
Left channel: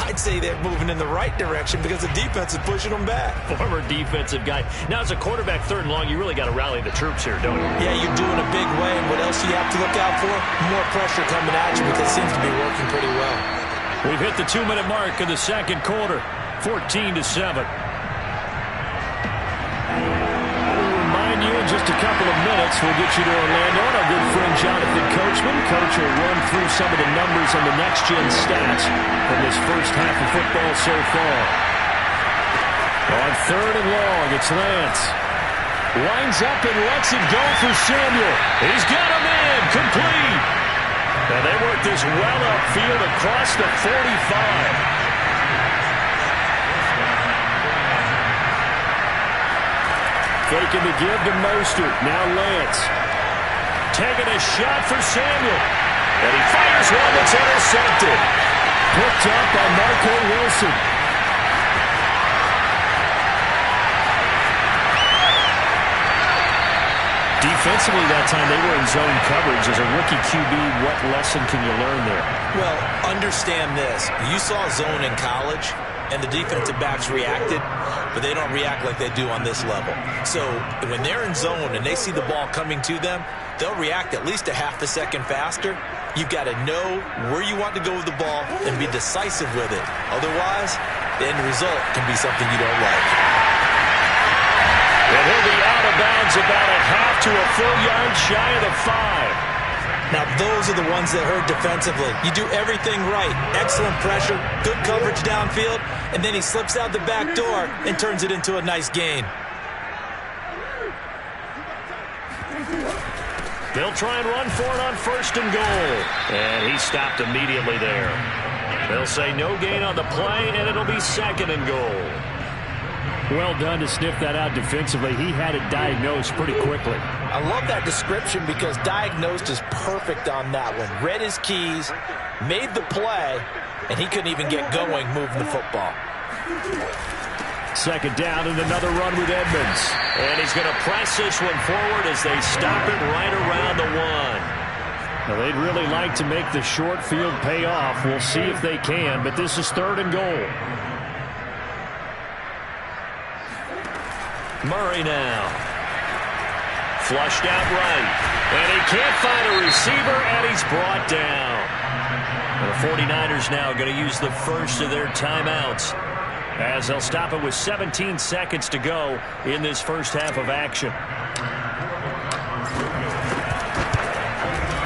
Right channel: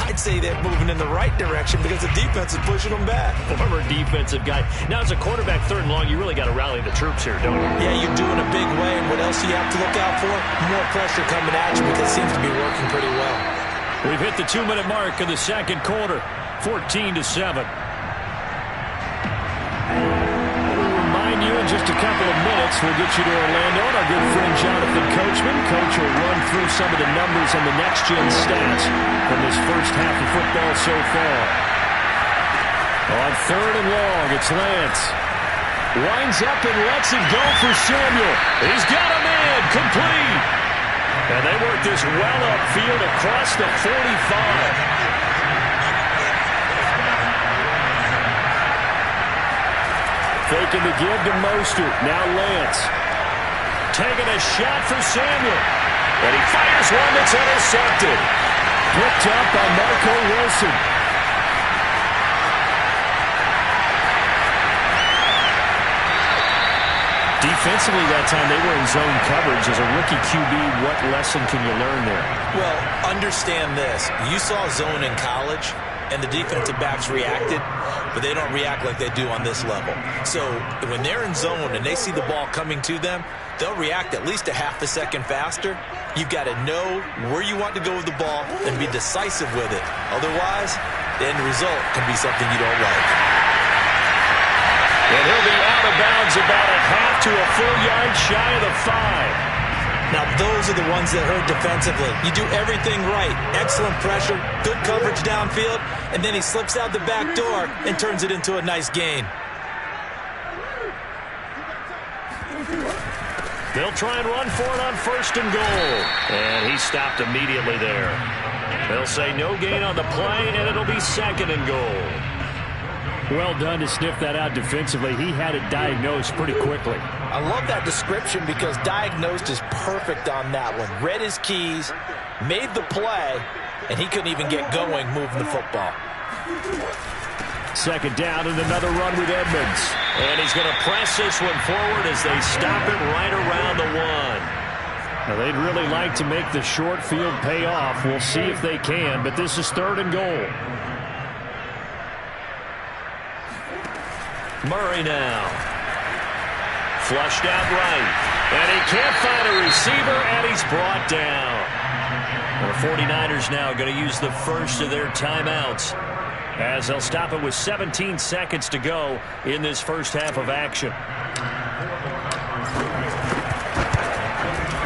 I'd say they're moving in the right direction because the defense is pushing them back. Former defensive guy. Now, as a quarterback 3rd and long, you really got to rally the troops here, don't you? Yeah, you're doing a big way, and what else do you have to look out for? More pressure coming at you because it seems to be working pretty well. We've hit the 2-minute mark of the 2nd quarter, 14-7. You in just a couple of minutes. We'll get you to Orlando and our good friend Jonathan Coachman. Coach will run through some of the numbers and the next-gen stats from this first half of football so far. On 3rd and long, it's Lance. Winds up and lets it go for Samuel. He's got a man complete. And they work this well upfield across the 45. Faking the give to Mostert. Now Lance. Taking a shot for Samuel. And he fires one that's intercepted. Picked up by Marco Wilson. Defensively that time, they were in zone coverage. As a rookie QB, what lesson can you learn there? Well, understand this. You saw zone in college, and the defensive backs reacted, but they don't react like they do on this level. So when they're in zone and they see the ball coming to them, they'll react at least a half a second faster. You've got to know where you want to go with the ball and be decisive with it. Otherwise, the end result can be something you don't like. And he'll be out of bounds about a half to a full yard shy of the 5. Now, those are the ones that hurt defensively. You do everything right. Excellent pressure, good coverage downfield, and then he slips out the back door and turns it into a nice gain. They'll try and run for it on 1st and goal. And he stopped immediately there. They'll say no gain on the play, and it'll be 2nd and goal. Well done to sniff that out defensively. He had it diagnosed pretty quickly. I love that description because diagnosed is perfect on that one. Read his keys, made the play, and he couldn't even get going moving the football. 2nd down and another run with Edmonds. And he's going to press this one forward as they stop it right around the 1. Now, they'd really like to make the short field pay off. We'll see if they can, but this is 3rd and goal. Murray now. Flushed out right. And he can't find a receiver, and he's brought down. The 49ers now going to use the first of their timeouts as they'll stop it with 17 seconds to go in this first half of action.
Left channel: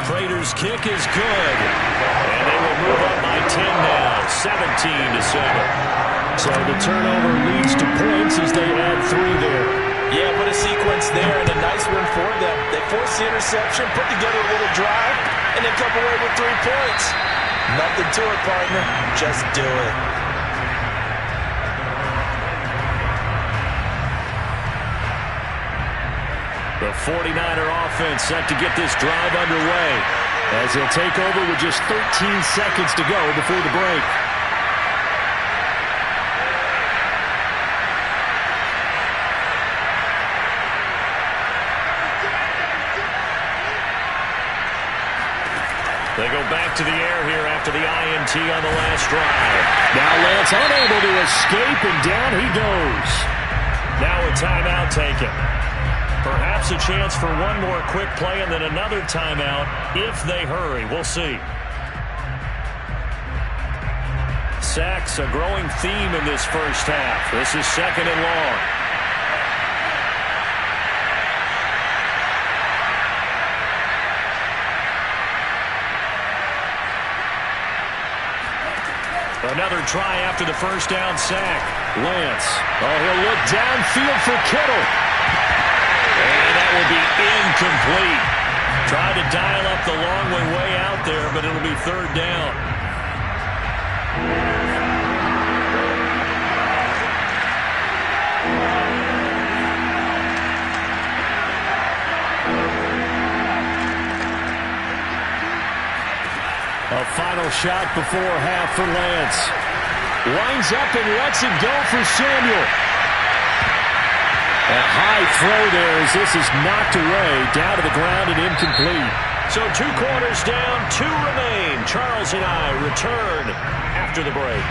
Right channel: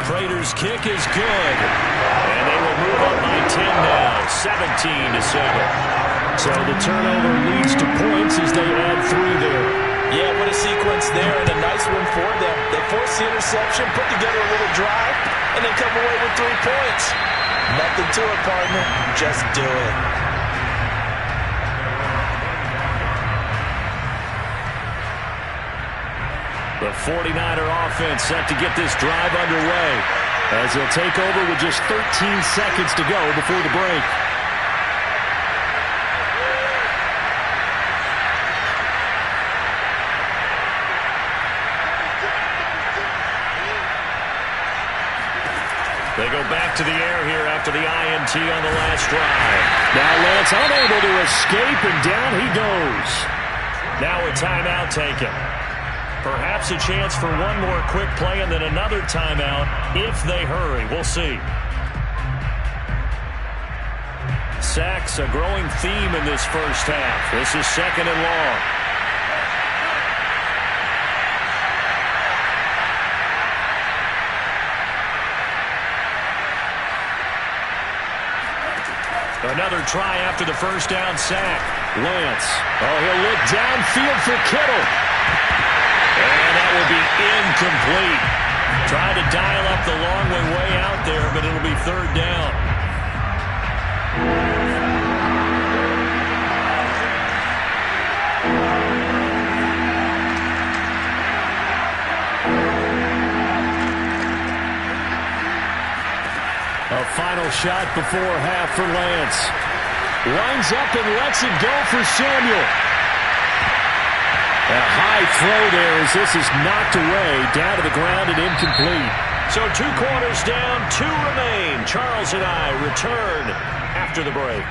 Prater's kick is good. And they will move up by 10 now, 17-7. So the turnover leads to points as they add 3 there. Yeah, what a sequence there, and a nice one for them. They force the interception, put together a little drive, and then come away with 3 points. Nothing to it, partner. Just do it. The 49er offense set to get this drive underway as they'll take over with just 13 seconds to go before the break. They go back to the air here after the INT on the last drive. Now Lance unable to escape, and down he goes. Now a timeout taken. Perhaps a chance for one more quick play and then another timeout if they hurry. We'll see. Sacks, a growing theme in this first half. This is 2nd and long. Another try after the first down sack. Lance. Oh, he'll look downfield for Kittle. And that will be incomplete. Tried to dial up the long way out there, but it'll be 3rd down. A final shot before half for Lance. Lines up and lets it go for Samuel. A high throw there as this is knocked away, down to the ground and incomplete. So 2 quarters down, 2 remain. Charles and I return after the break.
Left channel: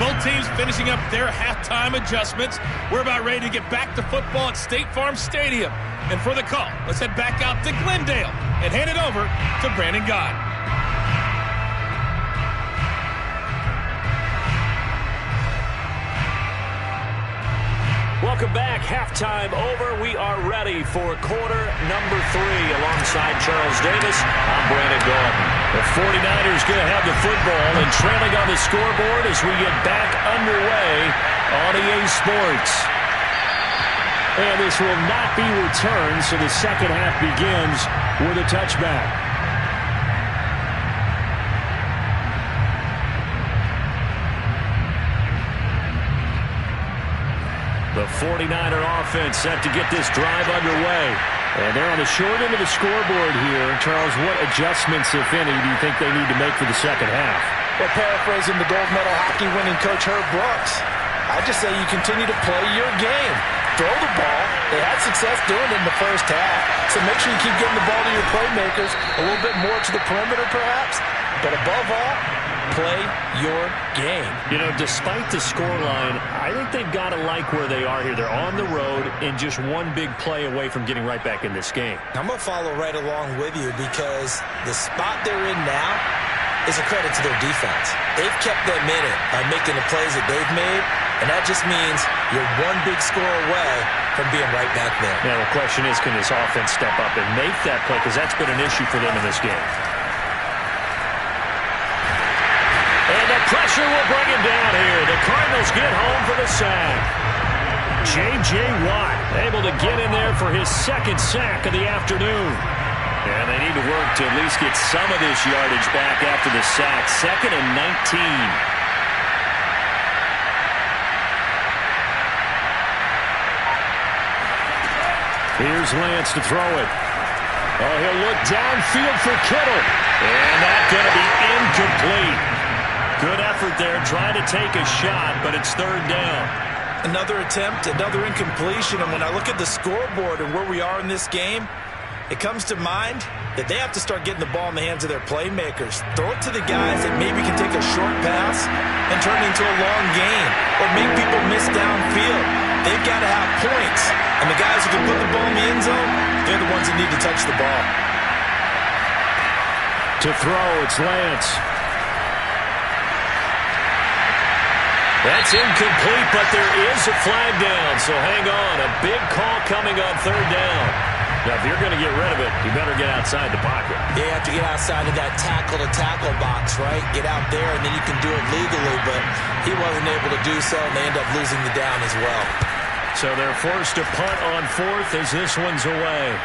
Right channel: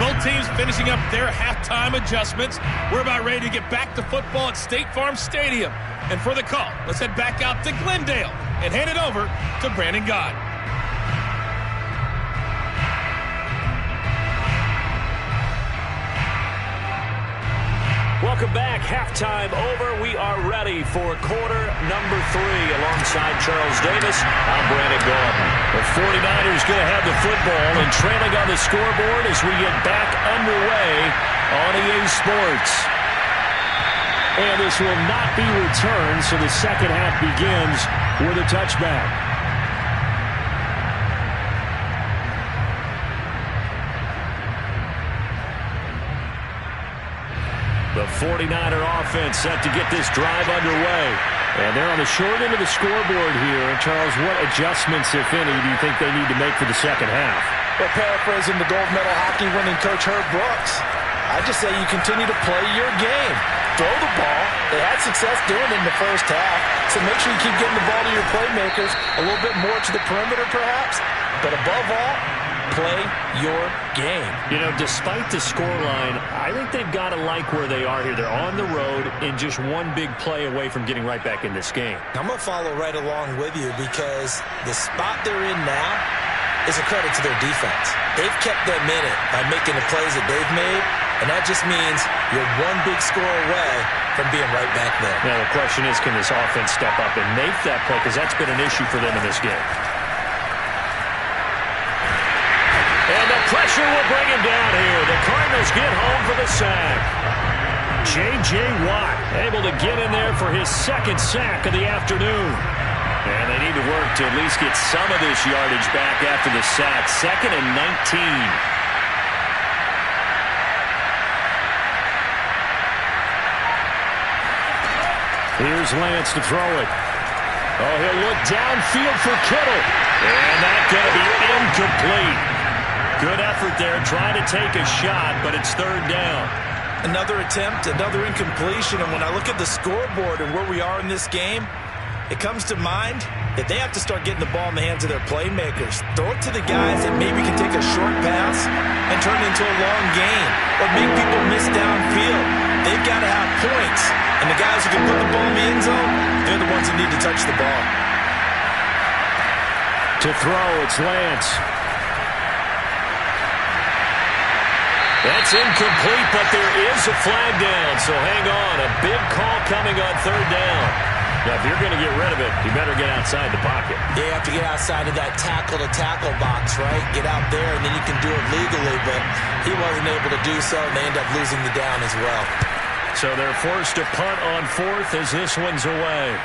Both teams finishing up their halftime adjustments. We're about ready to get back to football at State Farm Stadium. And for the call, let's head back out to Glendale and hand it over to Brandon God. Welcome back. Halftime over. We are ready for quarter number 3. Alongside Charles Davis, I'm Brandon Gordon. The 49ers going to have the football and trailing on the scoreboard as we get back underway on EA Sports. And this will not be returned, so the second half begins with a touchback. The 49er offense set to get this drive underway. And they're on the short end of the scoreboard here. Charles, what adjustments, if any, do you think they need to make for the second half? Well, paraphrasing the gold medal hockey winning coach Herb Brooks, I just say you continue to play your game. Throw the ball. They had success doing it in the first half. So make sure you keep getting the ball to your playmakers, a little bit more to the perimeter perhaps. But above all, play your game. You know, despite the scoreline, I think they've got to like where they are here. They're on the road and just one big play away from getting right back in this game. I'm going to follow right along with you because the spot they're in now is a credit to their defense. They've kept them in it by making the plays that they've made, and that just means you're one big score away from being right back there. Now, the question is, can this offense step up and make that play? Because that's been an issue for them in this game. And the pressure will bring him down here. The Cardinals get home for the sack. J.J. Watt able to get in there for his 2nd sack of the afternoon. And they need to work to at least get some of this yardage back after the sack. 2nd and 19. Here's Lance to throw it. Oh, he'll look downfield for Kittle. And that's going to be incomplete. Good effort there, trying to take a shot, but it's 3rd down. Another attempt, another incompletion, and when I look at the scoreboard and where we are in this game, it comes to mind that they have to start getting the ball in the hands of their playmakers. Throw it to the guys that maybe can take a short pass and turn it into a long gain or make people miss downfield. They've got to have points, and the guys who can put the ball in the end zone, they're the ones that need to touch the ball. To throw, it's Lance. That's incomplete, but there is a flag down, so hang on. A big call coming on 3rd down. Now, if you're going to get rid of it, you better get outside the pocket. Yeah, you have to get outside of that tackle-to-tackle box, right? Get out there, and then you can do it legally, but he wasn't able to do so, and they end up losing the down as well. So they're forced to punt on 4th as this one's away.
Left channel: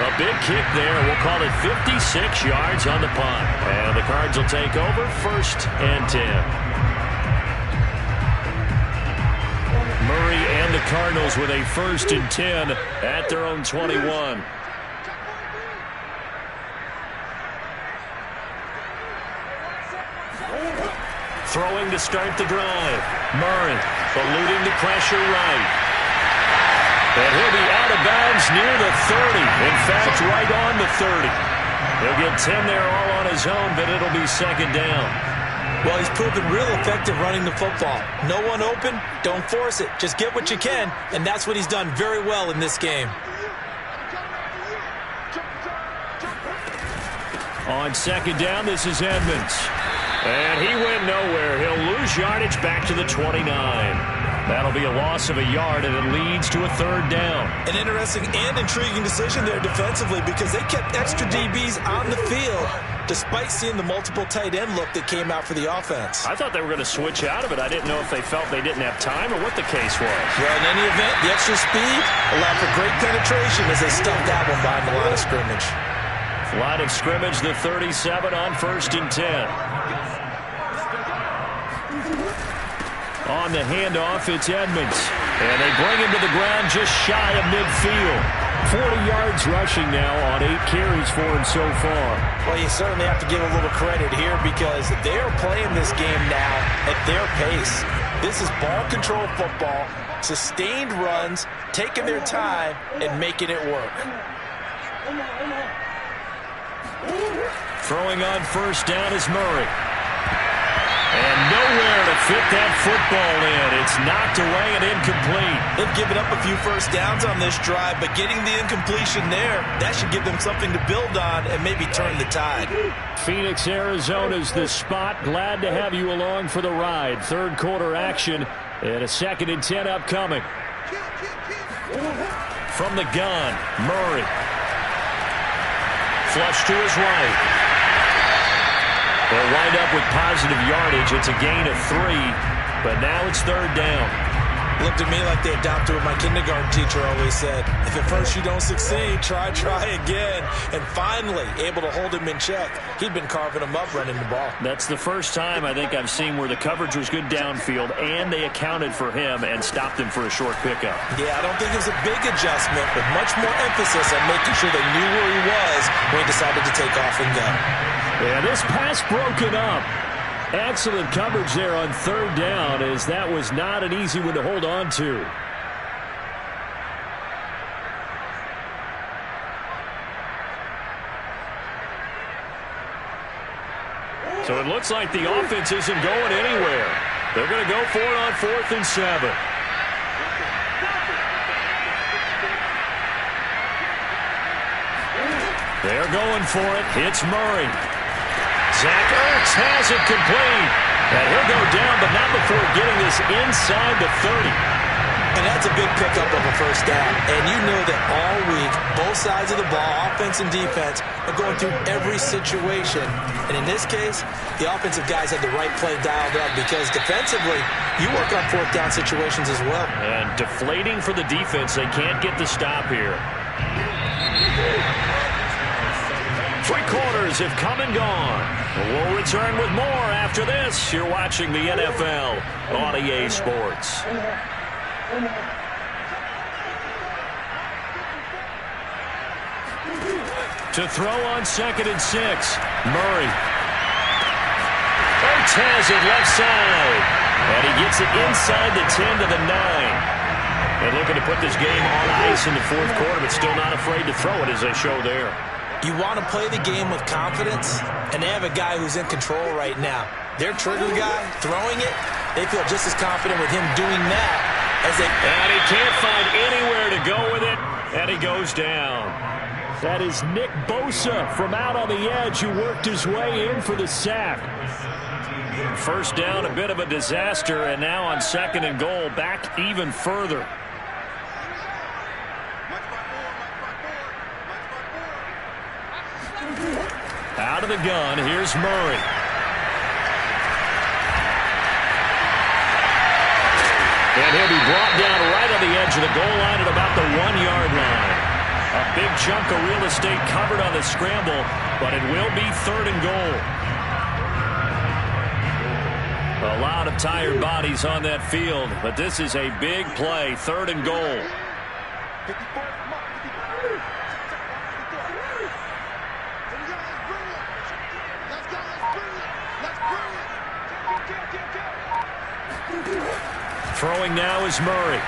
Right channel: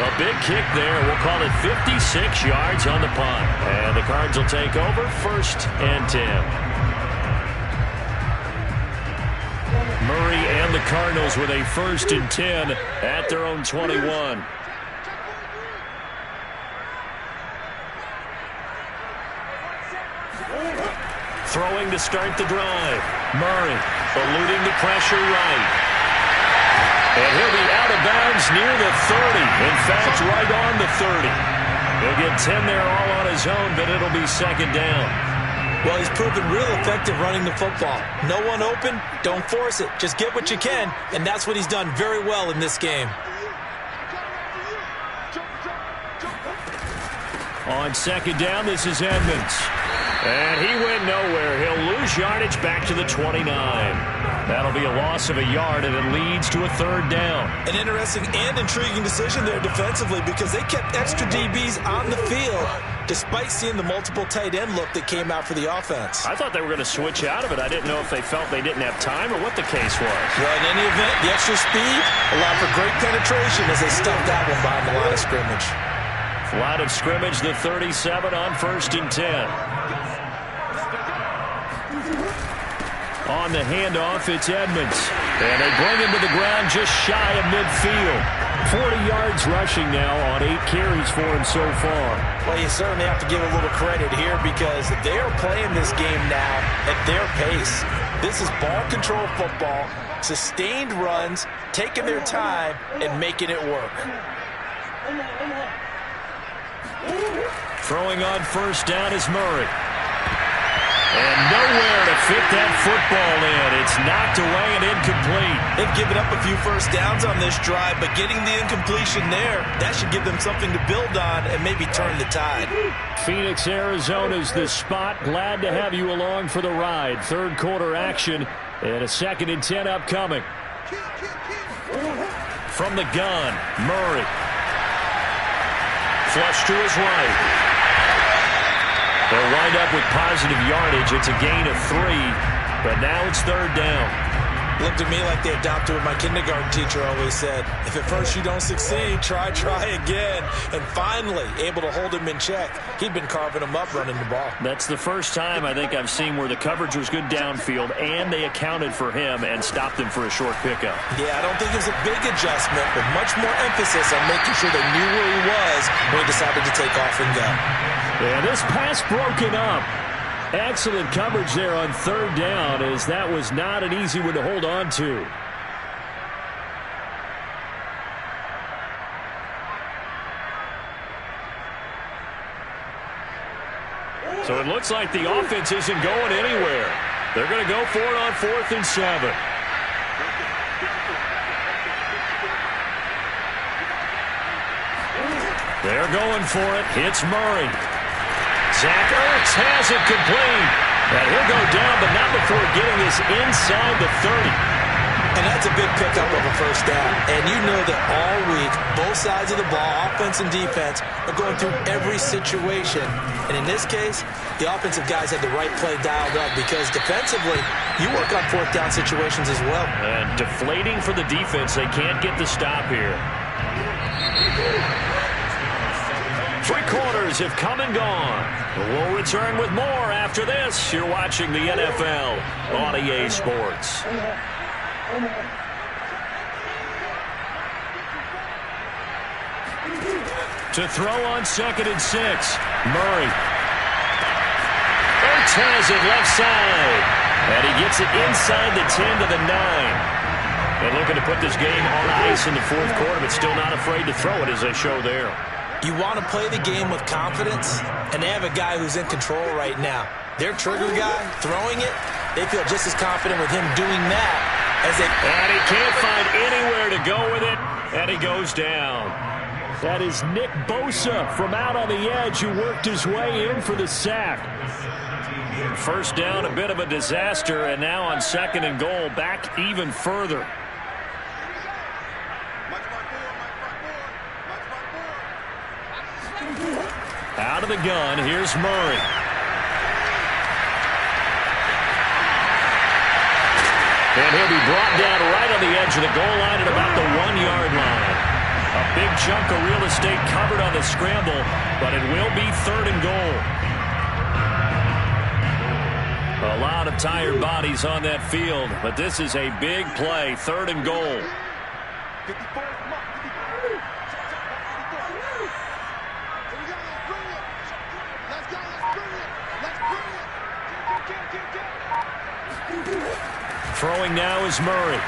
A big kick there. We'll call it 56 yards on the punt. And the Cards will take over 1st and 10. Murray and the Cardinals with a 1st and 10 at their own 21. Throwing to start the drive. Murray eluding the pressure right. And he'll be out of bounds near the 30. In fact, right on the 30. He'll get 10 there all on zone, but it'll be second down. Well, he's proven real effective running the football. No one open, don't force it. Just get what you can, and that's what he's done very well in this game. On second down, this is Edmonds. And he went nowhere. He'll lose yardage back to the 29. That'll be a loss of a yard, and it leads to a third down. An interesting and intriguing decision there defensively because they kept extra DBs on the field despite seeing the multiple tight end look that came out for the offense. I thought they were going to switch out of it. I didn't know if they felt they didn't have time or what the case was. Well, in any event, the extra speed allowed for great penetration as they stuffed that one behind the line of scrimmage. Line of scrimmage, the 37 on 1st and 10. On the handoff, it's Edmonds. And they bring him to the ground just shy of midfield. 40 yards rushing now on 8 carries for him so far. Well, you certainly have to give a little credit here because they are playing this game now at their pace. This is ball control football, sustained runs, taking their time, and making it work. Throwing on 1st down is Murray. And nowhere to fit that football in. It's knocked away and incomplete. They've given up a few first downs on this drive, but getting the incompletion there, that should give them something to build on and maybe turn the tide. Phoenix, Arizona's the spot. Glad to have you along for the ride. Third quarter action and a 2nd and 10 upcoming. From the gun, Murray. Flush to his right. They'll wind up with positive yardage. It's a gain of 3, but now it's 3rd down. Looked to me like they adopted what my kindergarten teacher always said. If at first you don't succeed, try again. And finally, able to hold him in check. He'd been carving him up running the ball. That's the first time I think I've seen where the coverage was good downfield and they accounted for him and stopped him for a short pickup. Yeah, I don't think it was a big adjustment, but much more emphasis on making sure they knew where he was when he decided to take off and go. Yeah, this pass broken up. Excellent coverage there on 3rd down, as that was not an easy one to hold on to. So it looks like the offense isn't going anywhere. They're going to go for it on 4th and 7. They're going for it. It's Murray. Zach Ertz has it complete. And he'll go down, but not before getting this inside the 30. And that's a big pickup of a first down. And you know that all week, both sides of the ball, offense and defense, are going through every situation. And in this case, the offensive guys had the right play dialed up because defensively, you work on 4th down situations as well. And deflating for the defense. They can't get the stop here. 3 quarters have come and gone. We'll return with more after this. You're watching the NFL on EA Sports. To throw on 2nd and 6, Murray. Ertz has it left side. And he gets it inside the 10 to the 9. And looking to put this game on ice in the 4th quarter, but still not afraid to throw it as they show there. You want to play the game with confidence, and they have a guy who's in control right now. Their trigger guy, throwing it, they feel just as confident with him doing that as they... And he can't find anywhere to go with it, and he goes down. That is Nick Bosa from out on the edge who worked his way in for the sack. First down, a bit of a disaster, and now on 2nd and goal, back even further. Out of the gun, here's Murray. And he'll be brought down right on the edge of the goal line at about the 1-yard line. A big chunk of real estate covered on the scramble, but it will be 3rd and goal. A lot of tired bodies on that field, but this is a big play, 3rd and goal. 54. Throwing now is Murray.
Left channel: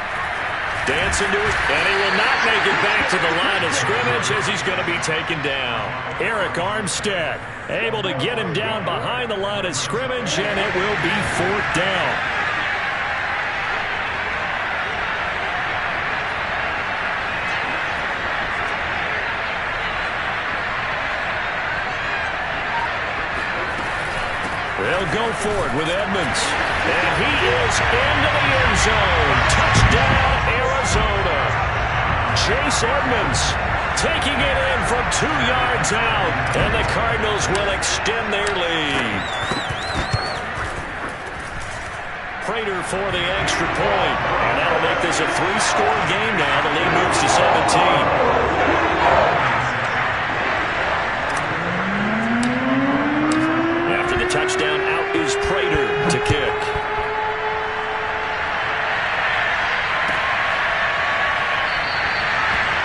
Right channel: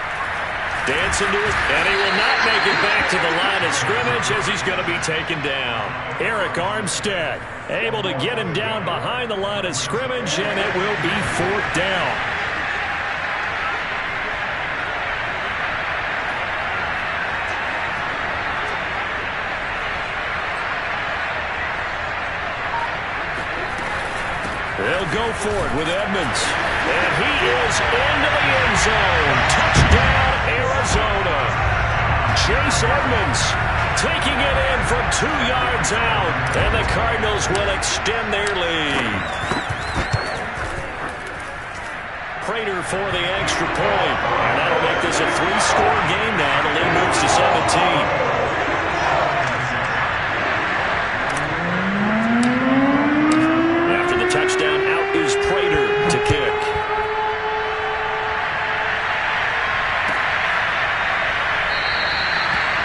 Dancing to it, and he will not make it back to the line of scrimmage as he's going to be taken down. Eric Armstead able to get him down behind the line of scrimmage, and it will be 4th down. They'll go for it with Edmonds. And he is into the end zone. Touchdown, Arizona. Chase Edmonds taking it in from 2 yards out. And the Cardinals will extend their lead. Prater for the extra point. And that'll make this a 3-score game now. The lead moves to 17. Touchdown, out is Prater to kick.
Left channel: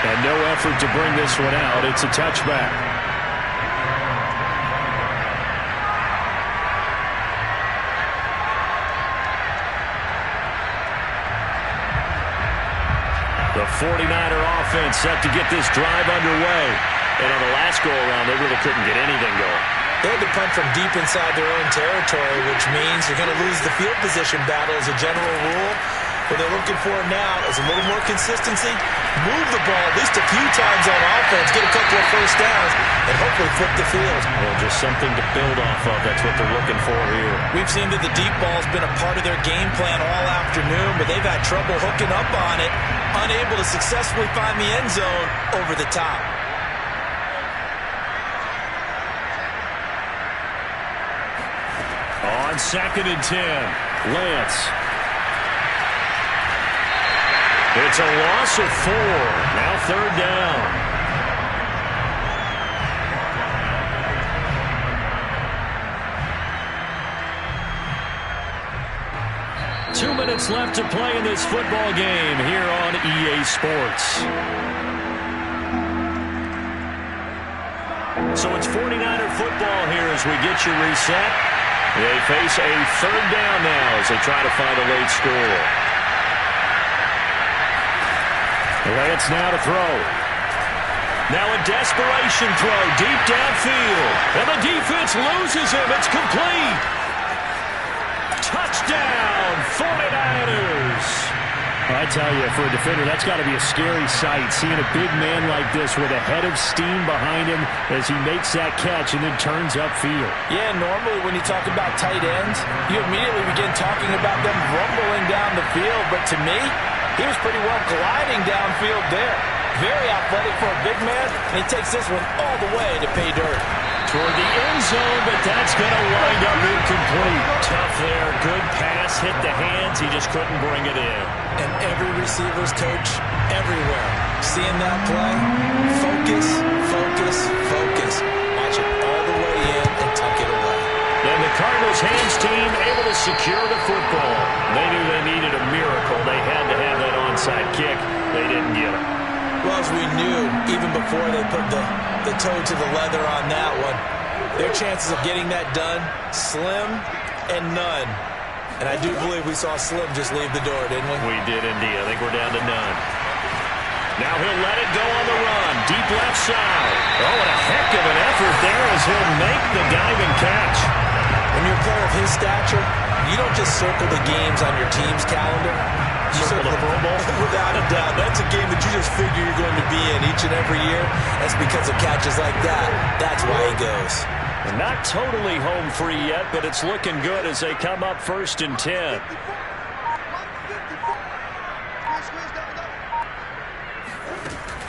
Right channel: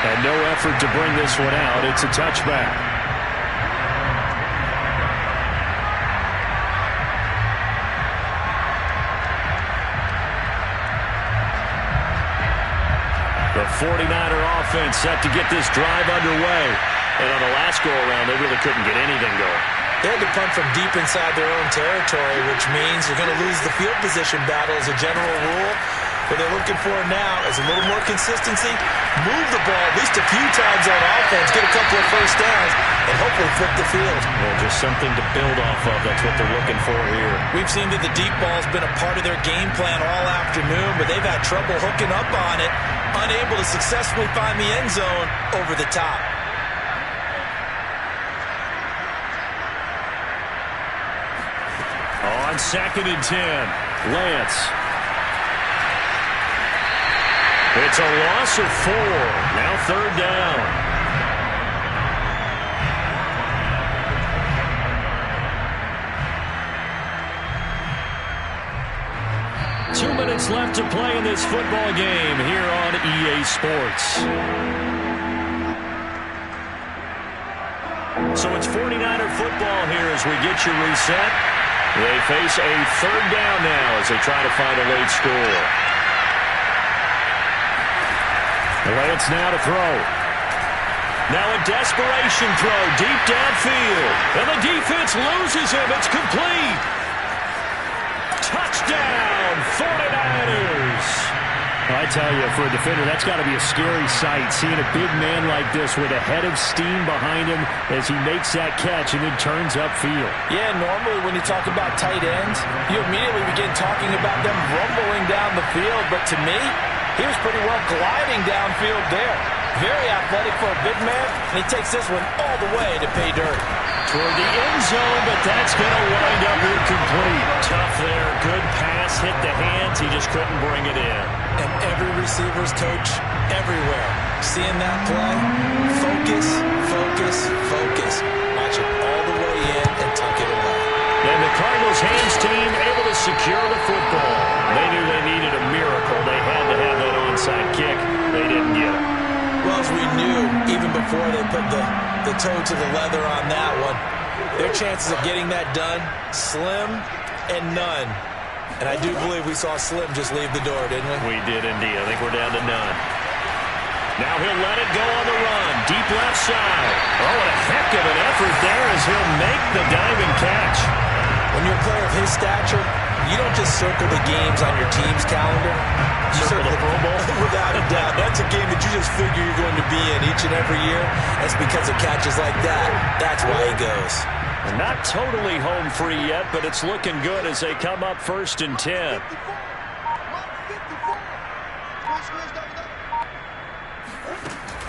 And no effort to bring this one out. It's a touchback. The 49er offense set to get this drive underway. And on the last go-around, they really couldn't get anything going. They had to punt from deep inside their own territory, which means you're going to lose the field position battle as a general rule. What they're looking for now is a little more consistency, move the ball at least a few times on offense, get a couple of first downs, and hopefully flip the field. Well, just something to build off of. That's what they're looking for here. We've seen that the deep ball's been a part of their game plan all afternoon, but they've had trouble hooking up on it, unable to successfully find the end zone over the top. On 2nd and 10, Lance. It's a loss of 4. Now 3rd down. Two minutes left to play in this football game here on EA Sports. So it's 49er football here as we get you reset. They face a 3rd down now as they try to find a late score. Lance now to throw. Now a desperation throw deep downfield. And the defense loses him. It's complete. Touchdown, 49ers. I tell you, for a defender, that's got to be a scary sight, seeing a big man like this with a head of steam behind him as he makes that catch and then turns upfield. Yeah, normally when you talk about tight ends, you immediately begin talking about them rumbling down the field. But to me, he was pretty well gliding downfield there. Very athletic for a big man, and he takes this one all the way to pay dirt. Toward the end zone, but that's going to wind up incomplete. Tough there. Good pass, hit the hands. He just couldn't bring it in. And every receiver's coach everywhere, seeing that play, focus, focus, focus. Watch it all the way in and tuck it away. And the Cardinals' hands team able to secure the football. They knew they needed a miracle. They had to have that onside kick. They didn't get it. Well, as we knew, even before they put the toe to the leather on that one, their chances of getting that done, slim and none. And I do believe we saw Slim just leave the door, didn't we? We did indeed. I think we're down to none. Now he'll let it go on the run. Deep left side. Oh, what a heck of an effort there as he'll make the diving catch. When you're a player of his stature, you don't just circle the games on your team's calendar. You circle the Pro Bowl? Without a doubt. That's a game that you just figure you're going to be in each and every year. That's because of catches like that. That's why he goes. They're not totally home free yet, but it's looking good as they come up 1st and 10.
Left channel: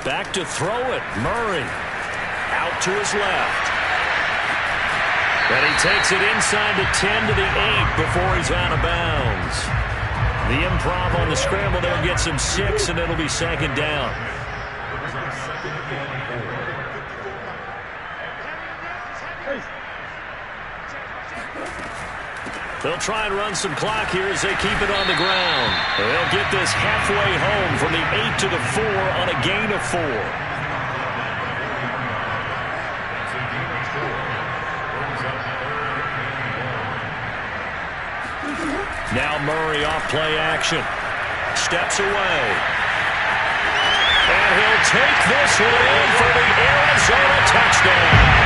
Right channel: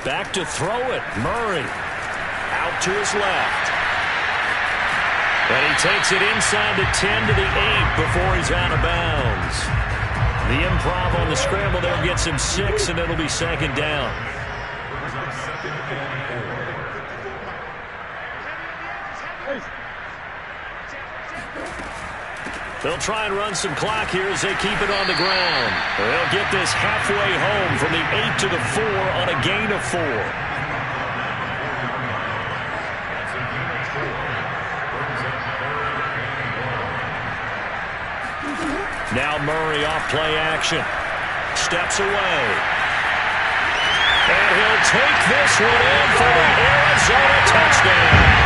Back to throw it. Murray out to his left. And he takes it inside the 10 to the 8 before he's out of bounds. The improv on the scramble there gets him 6, and it'll be 2nd down. They'll try and run some clock here as they keep it on the ground. They'll get this halfway home from the 8 to the 4 on a gain of 4. Now Murray off play action. Steps away. And he'll take this one in for the Arizona touchdown.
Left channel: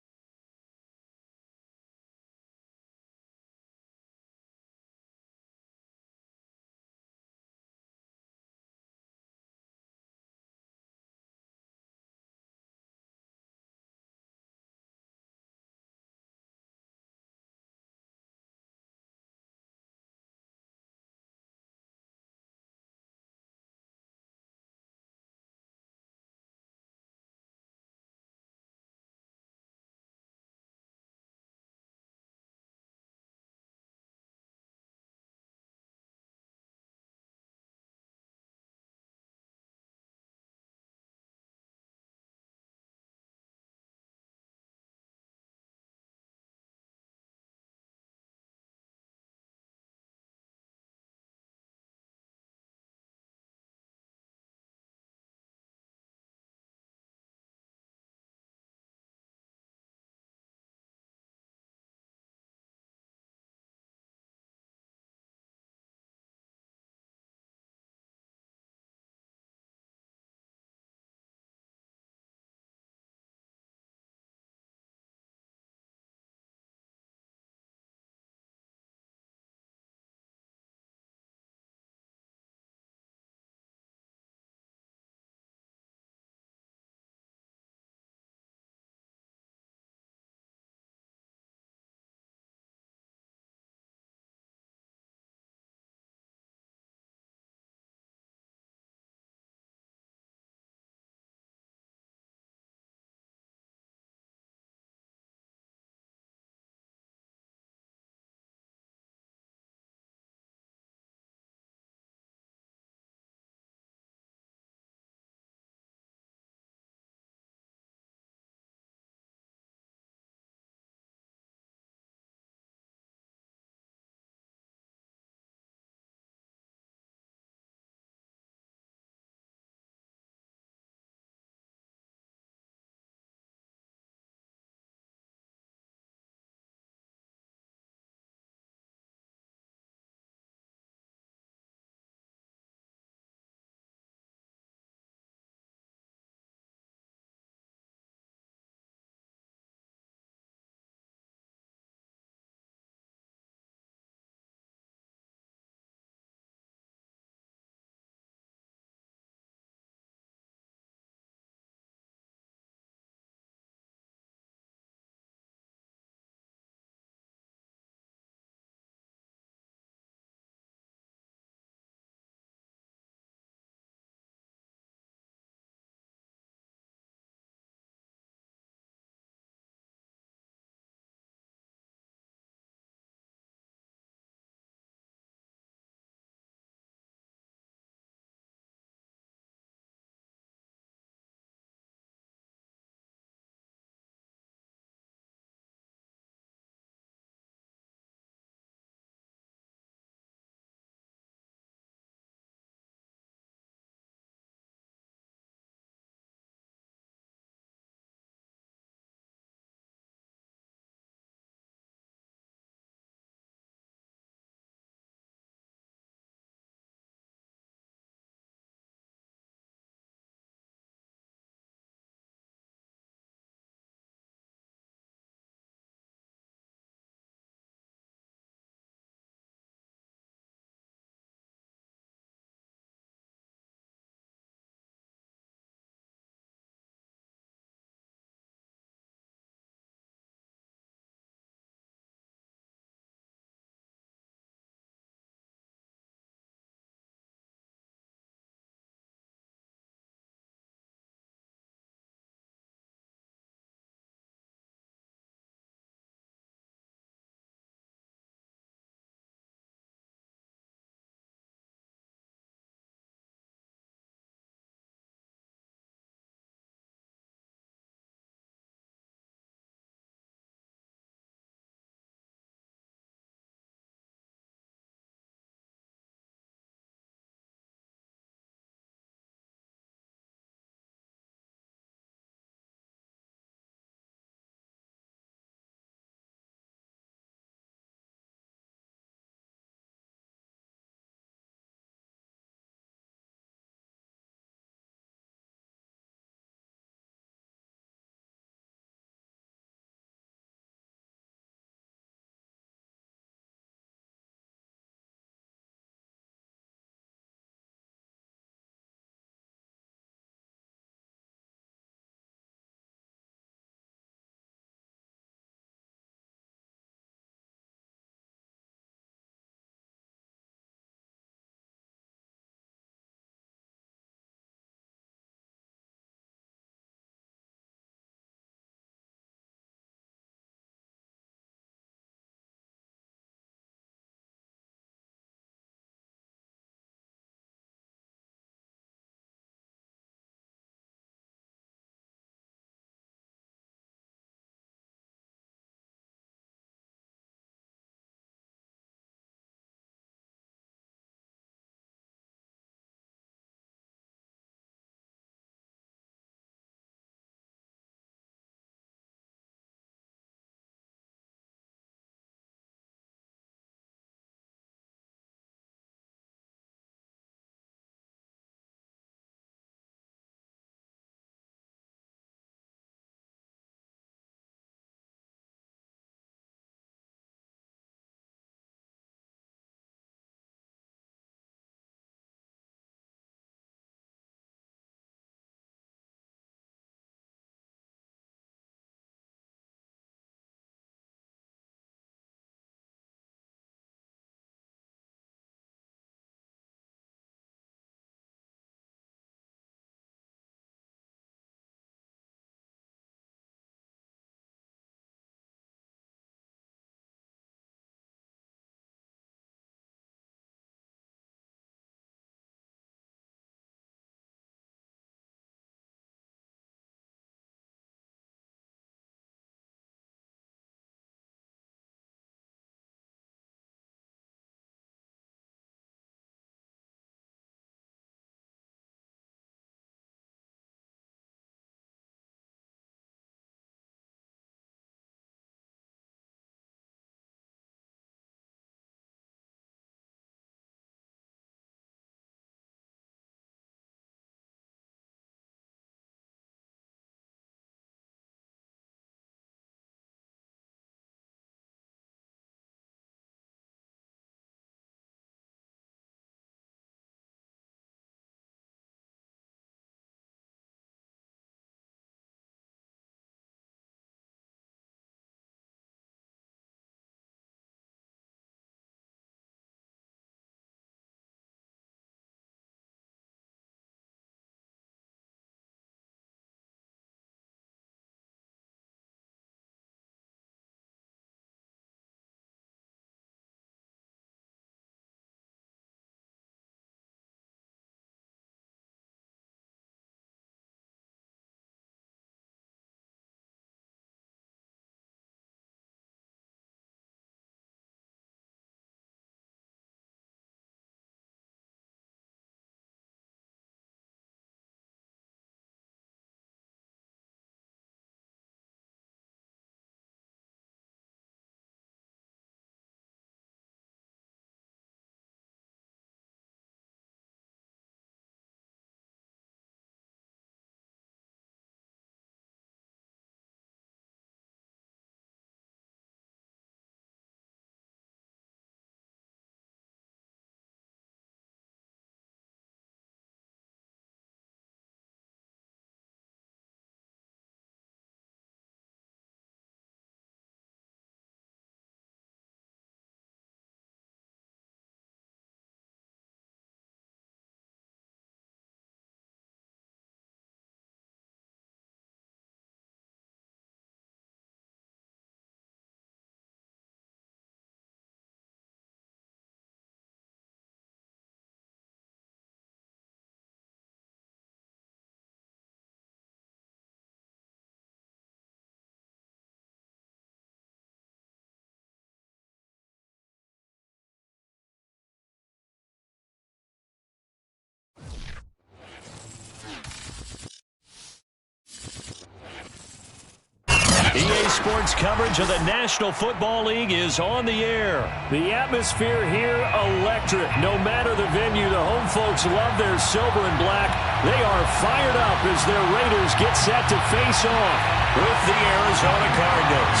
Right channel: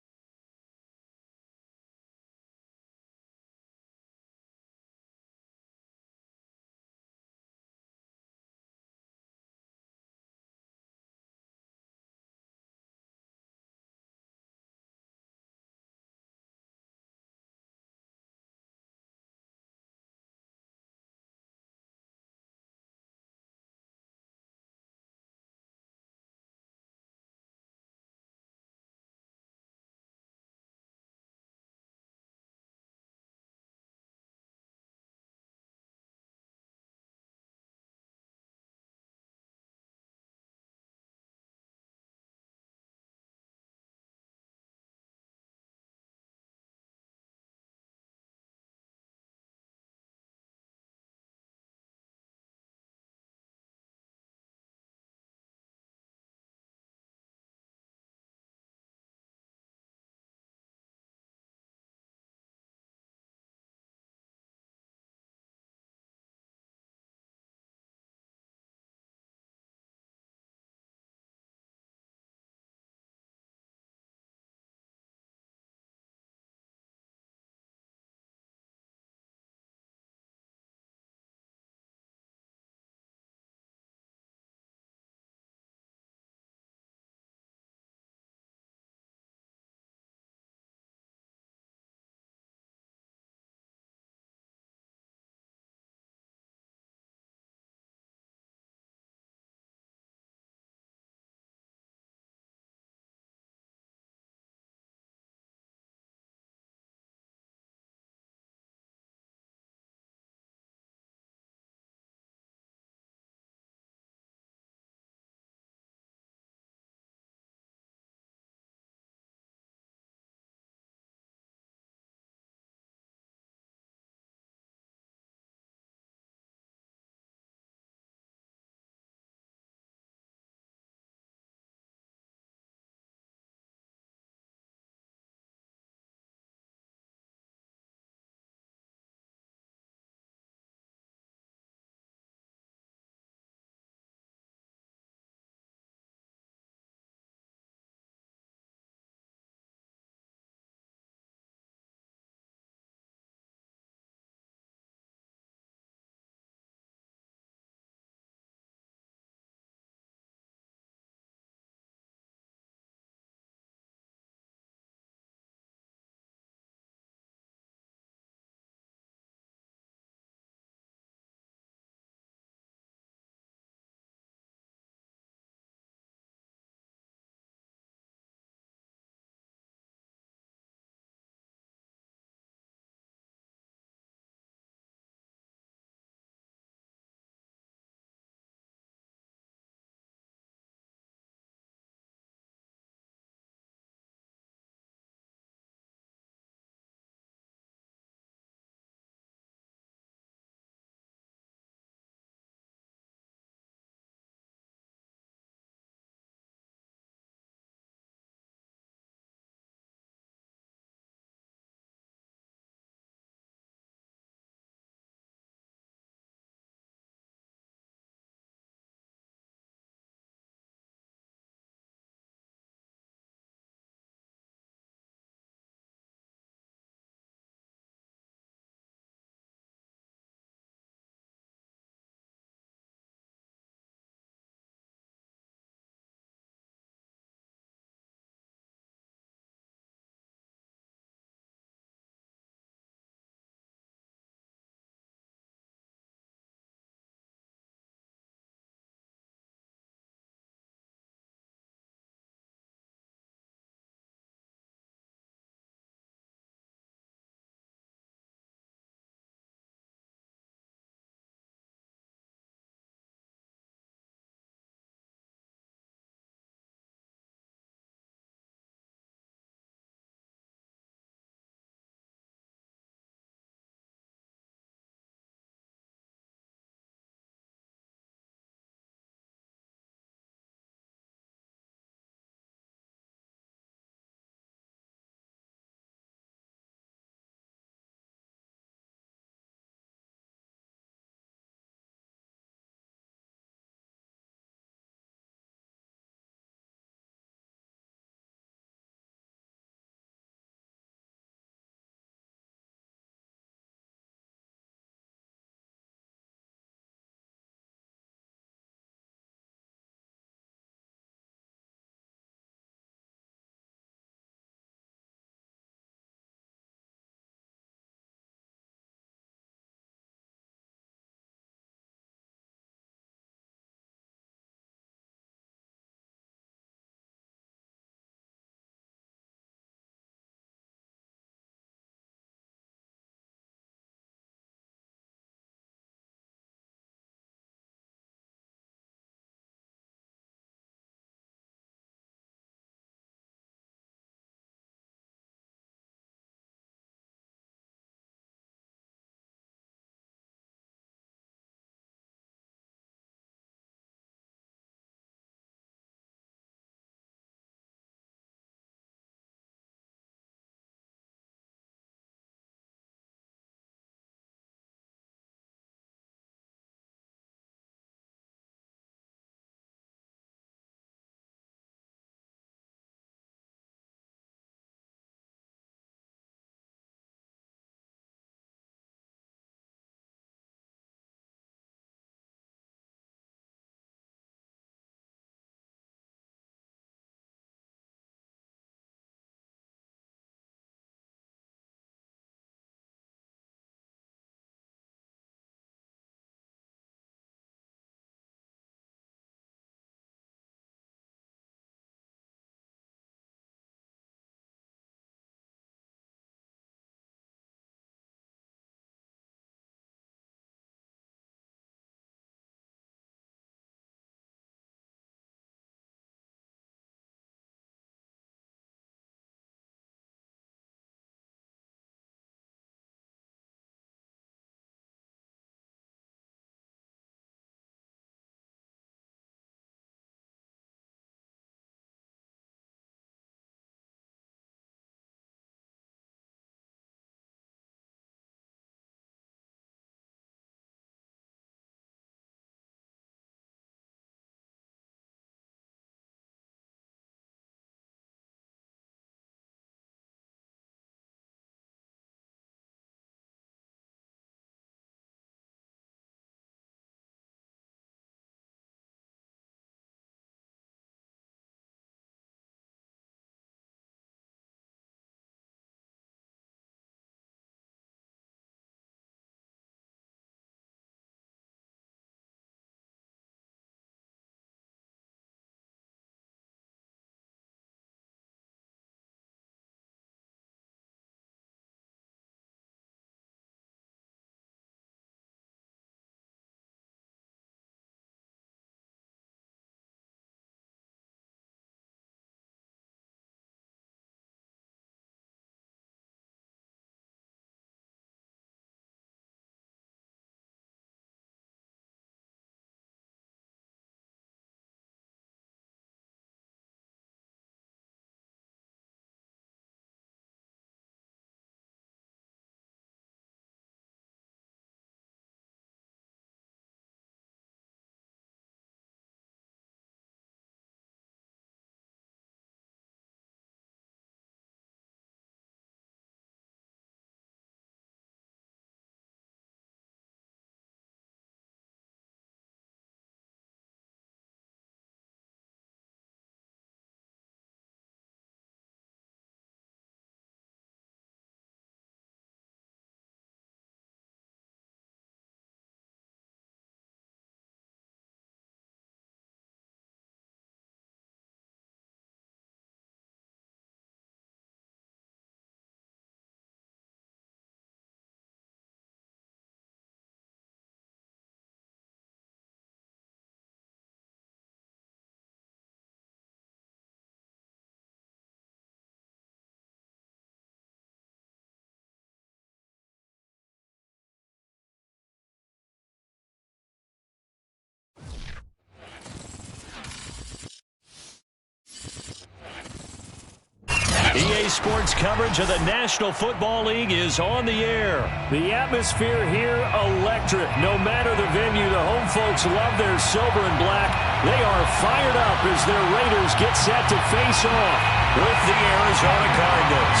Today's sports coverage of the National Football League is on the air. The atmosphere here, electric. No matter the venue, the home folks love their silver and black. They are fired up as their Raiders get set to face off with the Arizona Cardinals.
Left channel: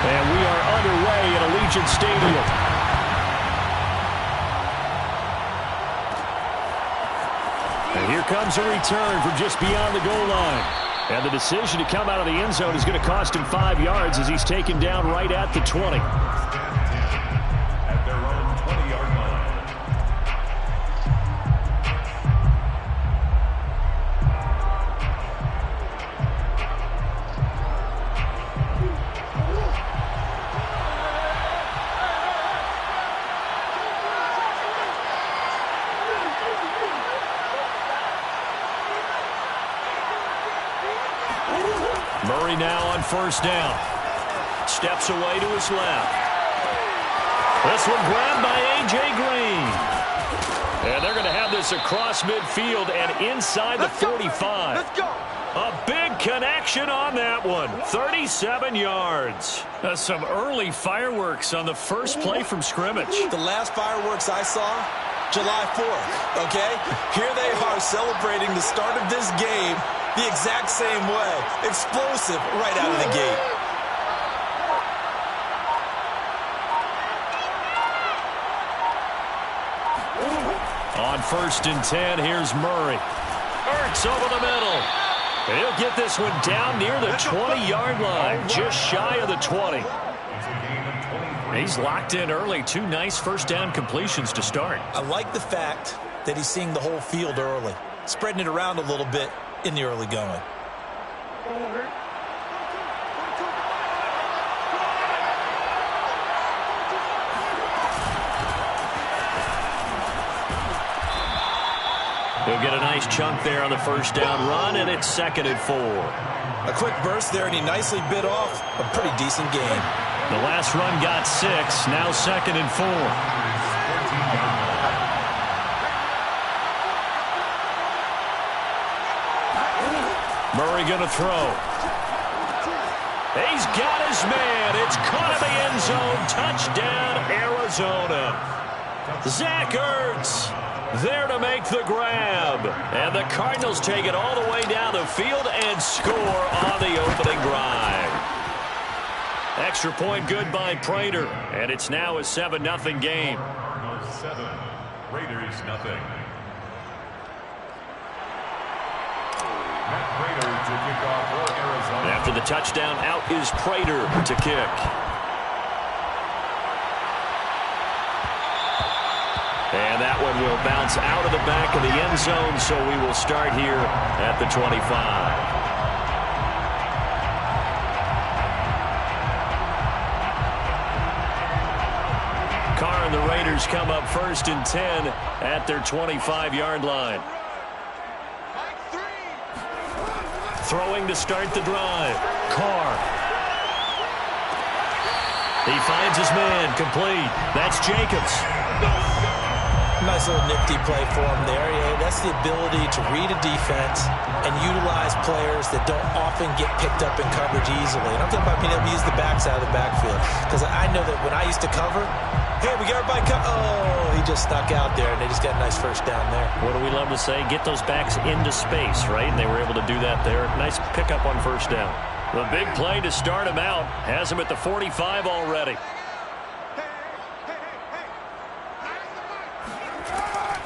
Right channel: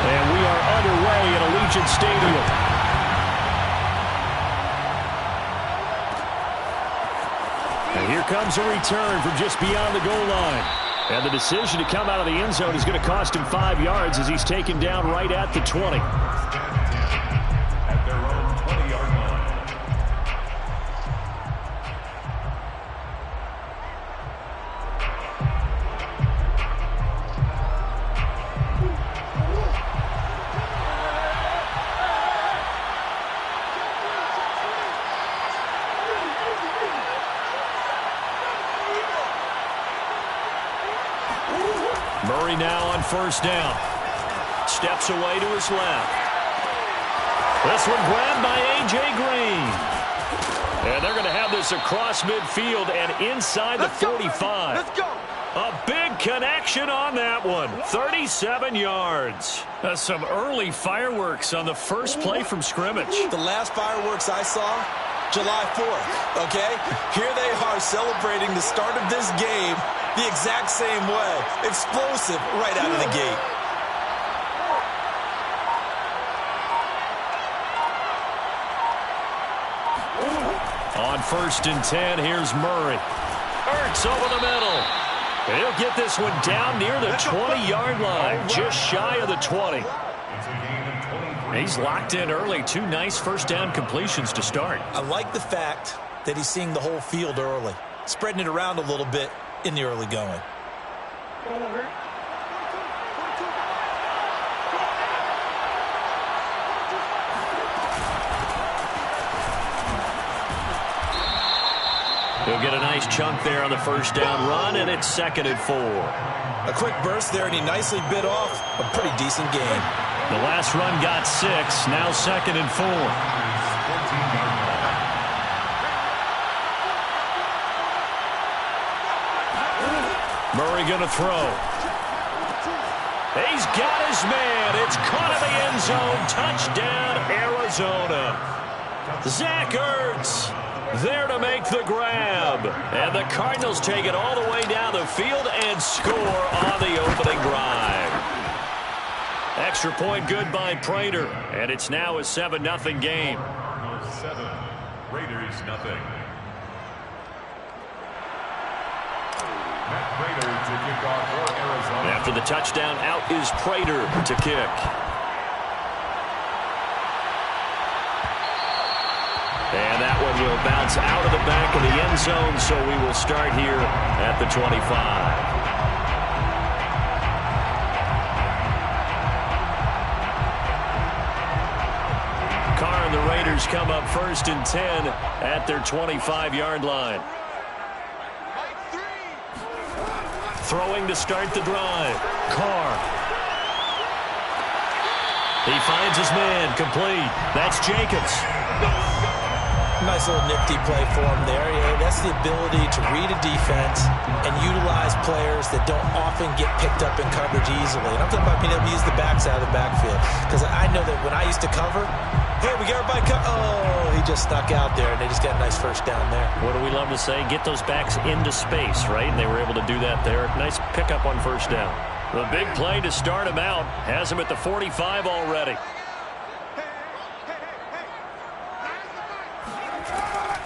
And we are underway at Allegiant Stadium. And here comes a return from just beyond the goal line. And the decision to come out of the end zone is going to cost him 5 yards as he's taken down right at the 20. At their own 20-yard line. Murray now on first down. Steps away to his left. This one grabbed by A.J. Green. And they're going to have this across midfield and inside the 45. Let's go. A big connection on that one. 37 yards. Some early fireworks on the first play from scrimmage. The last fireworks I saw, July 4th, okay? Here they are celebrating the start of this game the exact same way. Explosive right out of the gate. On first and 10, here's Murray. Ertz over the middle. He'll get this one down near the 20-yard line, just shy of the 20. He's locked in early. 2 nice first down completions to start. I like the fact that he's seeing the whole field early, spreading it around a little bit in the early going. He'll get a nice chunk there on the first down run, and it's 2nd and 4. A quick burst there, and he nicely bit off a pretty decent gain. The last run got 6, now 2nd and 4. Murray going to throw. He's got his man. It's caught in the end zone. Touchdown, Arizona. Zach Ertz there to make the grab. And the Cardinals take it all the way down the field and score on the opening drive. Extra point good by Prater. And it's now a 7-0 game. Cardinals 7, Raiders nothing. Prater to kick off for Arizona. After the touchdown, out is Prater to kick. And that one will bounce out of the back of the end zone, so we will start here at the 25. Carr and the Raiders come up first and 10 at their 25-yard line. Throwing to start the drive. Carr. He finds his man. Complete. That's Jacobs. Nice little nifty play for him there. Yeah, that's the ability to read a defense and utilize players that don't often get picked up in coverage easily. And I'm talking about being able to use the backside of the backfield. Because I know that when I used to cover, hey, we got everybody oh, he just snuck out there, and they just got a nice first down there. What do we love to say? Get those backs into space, right? And they were able to do that there. Nice pickup on first down. The big play to start him out has him at the 45 already.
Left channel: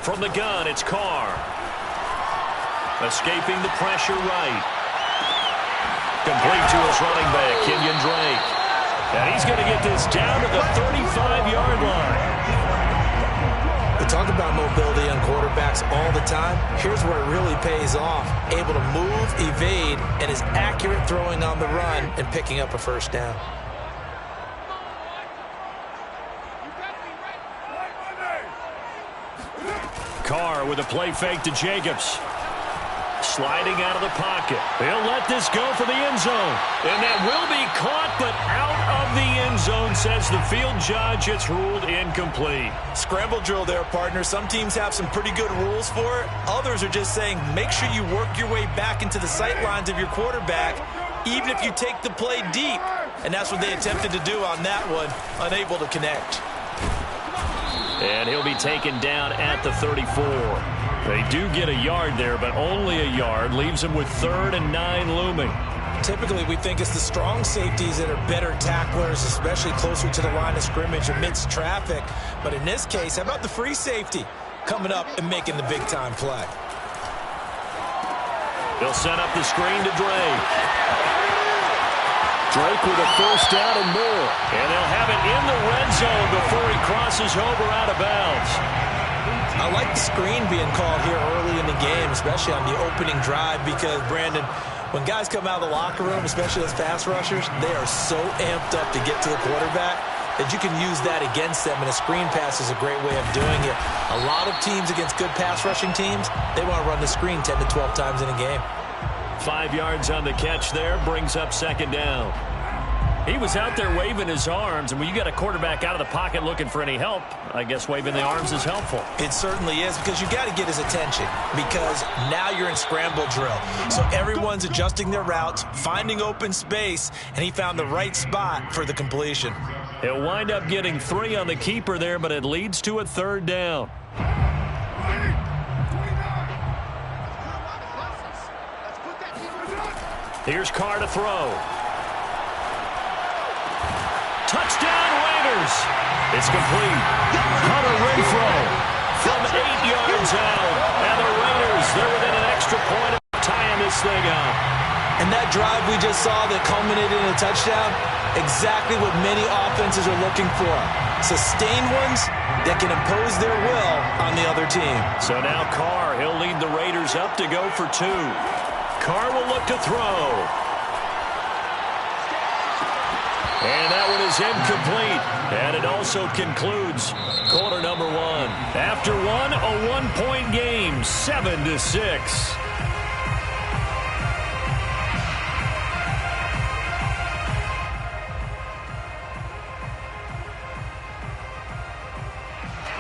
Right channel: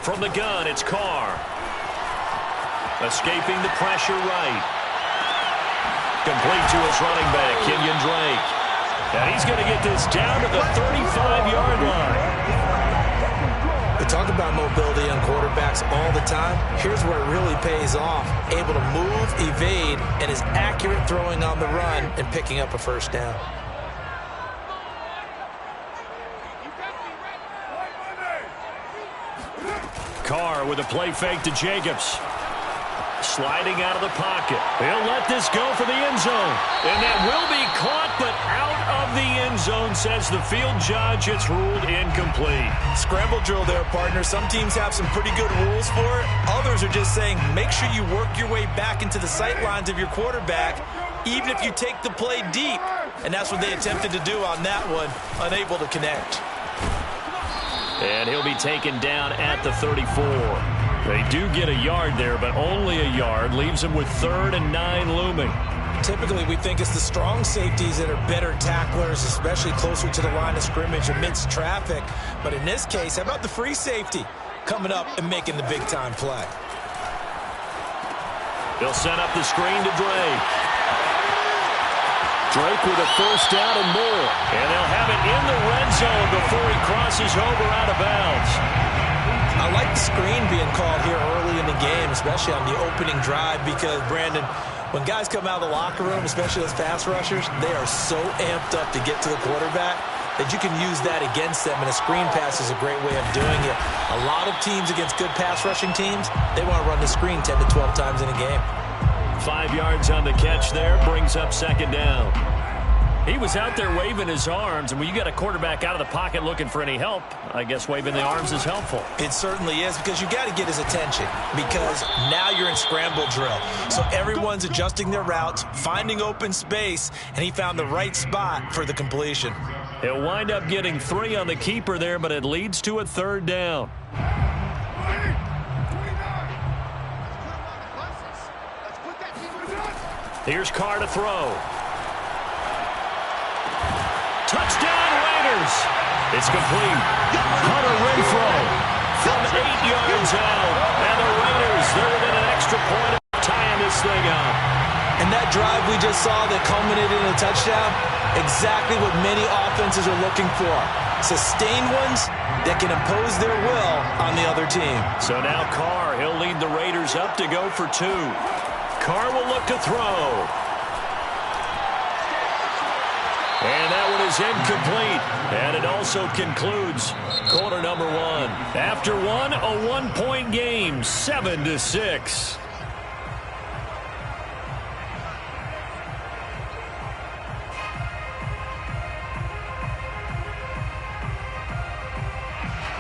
From the gun, it's Carr. Escaping the pressure right. Complete to his running back, Kenyon Drake. And he's going to get this down to the 35-yard line. We talk about mobility on quarterbacks all the time. Here's where it really pays off. Able to move, evade, and is accurate throwing on the run and picking up a first down. Carr with a play fake to Jacobs. Sliding out of the pocket. He'll let this go for the end zone. And that will be caught, but out of the end zone, says the field judge. It's ruled incomplete. Scramble drill there, partner. Some teams have some pretty good rules for it. Others are just saying, make sure you work your way back into the sight lines of your quarterback even if you take the play deep. And that's what they attempted to do on that one, unable to connect. And he'll be taken down at the 34. They do get a yard there, but only a yard. Leaves them with 3rd and 9 looming. Typically, we think it's the strong safeties that are better tacklers, especially closer to the line of scrimmage amidst traffic. But in this case, how about the free safety coming up and making the big-time play? They'll set up the screen to Drake. Drake with a 1st down and more. And they'll have it in the red zone before he crosses over out of bounds. I like the screen being called here early in the game, especially on the opening drive, because, Brandon, when guys come out of the locker room, especially those pass rushers, they are so amped up to get to the quarterback that you can use that against them, and a screen pass is a great way of doing it. A lot of teams against good pass rushing teams, they want to run the screen 10 to 12 times in a game. 5 yards on the catch there, brings up 2nd down. He was out there waving his arms, and when you got a quarterback out of the pocket looking for any help, I guess waving the arms is helpful. It certainly is, because you got to get his attention, because now you're in scramble drill. So everyone's adjusting their routes, finding open space, and he found the right spot for the completion. He'll wind up getting 3 on the keeper there, but it leads to a 3rd down. Here's Carr to throw. Touchdown, Raiders. It's complete. Hunter Renfrow from 8 yards out. And the Raiders, they're within an extra point of tying this thing up. And that drive we just saw that culminated in a touchdown, exactly what many offenses are looking for. Sustained ones that can impose their will on the other team. So now Carr, he'll lead the Raiders up to go for 2. Carr will look to throw. And that one is incomplete. And it also concludes quarter number 1. After one, a 1-point game, 7-6.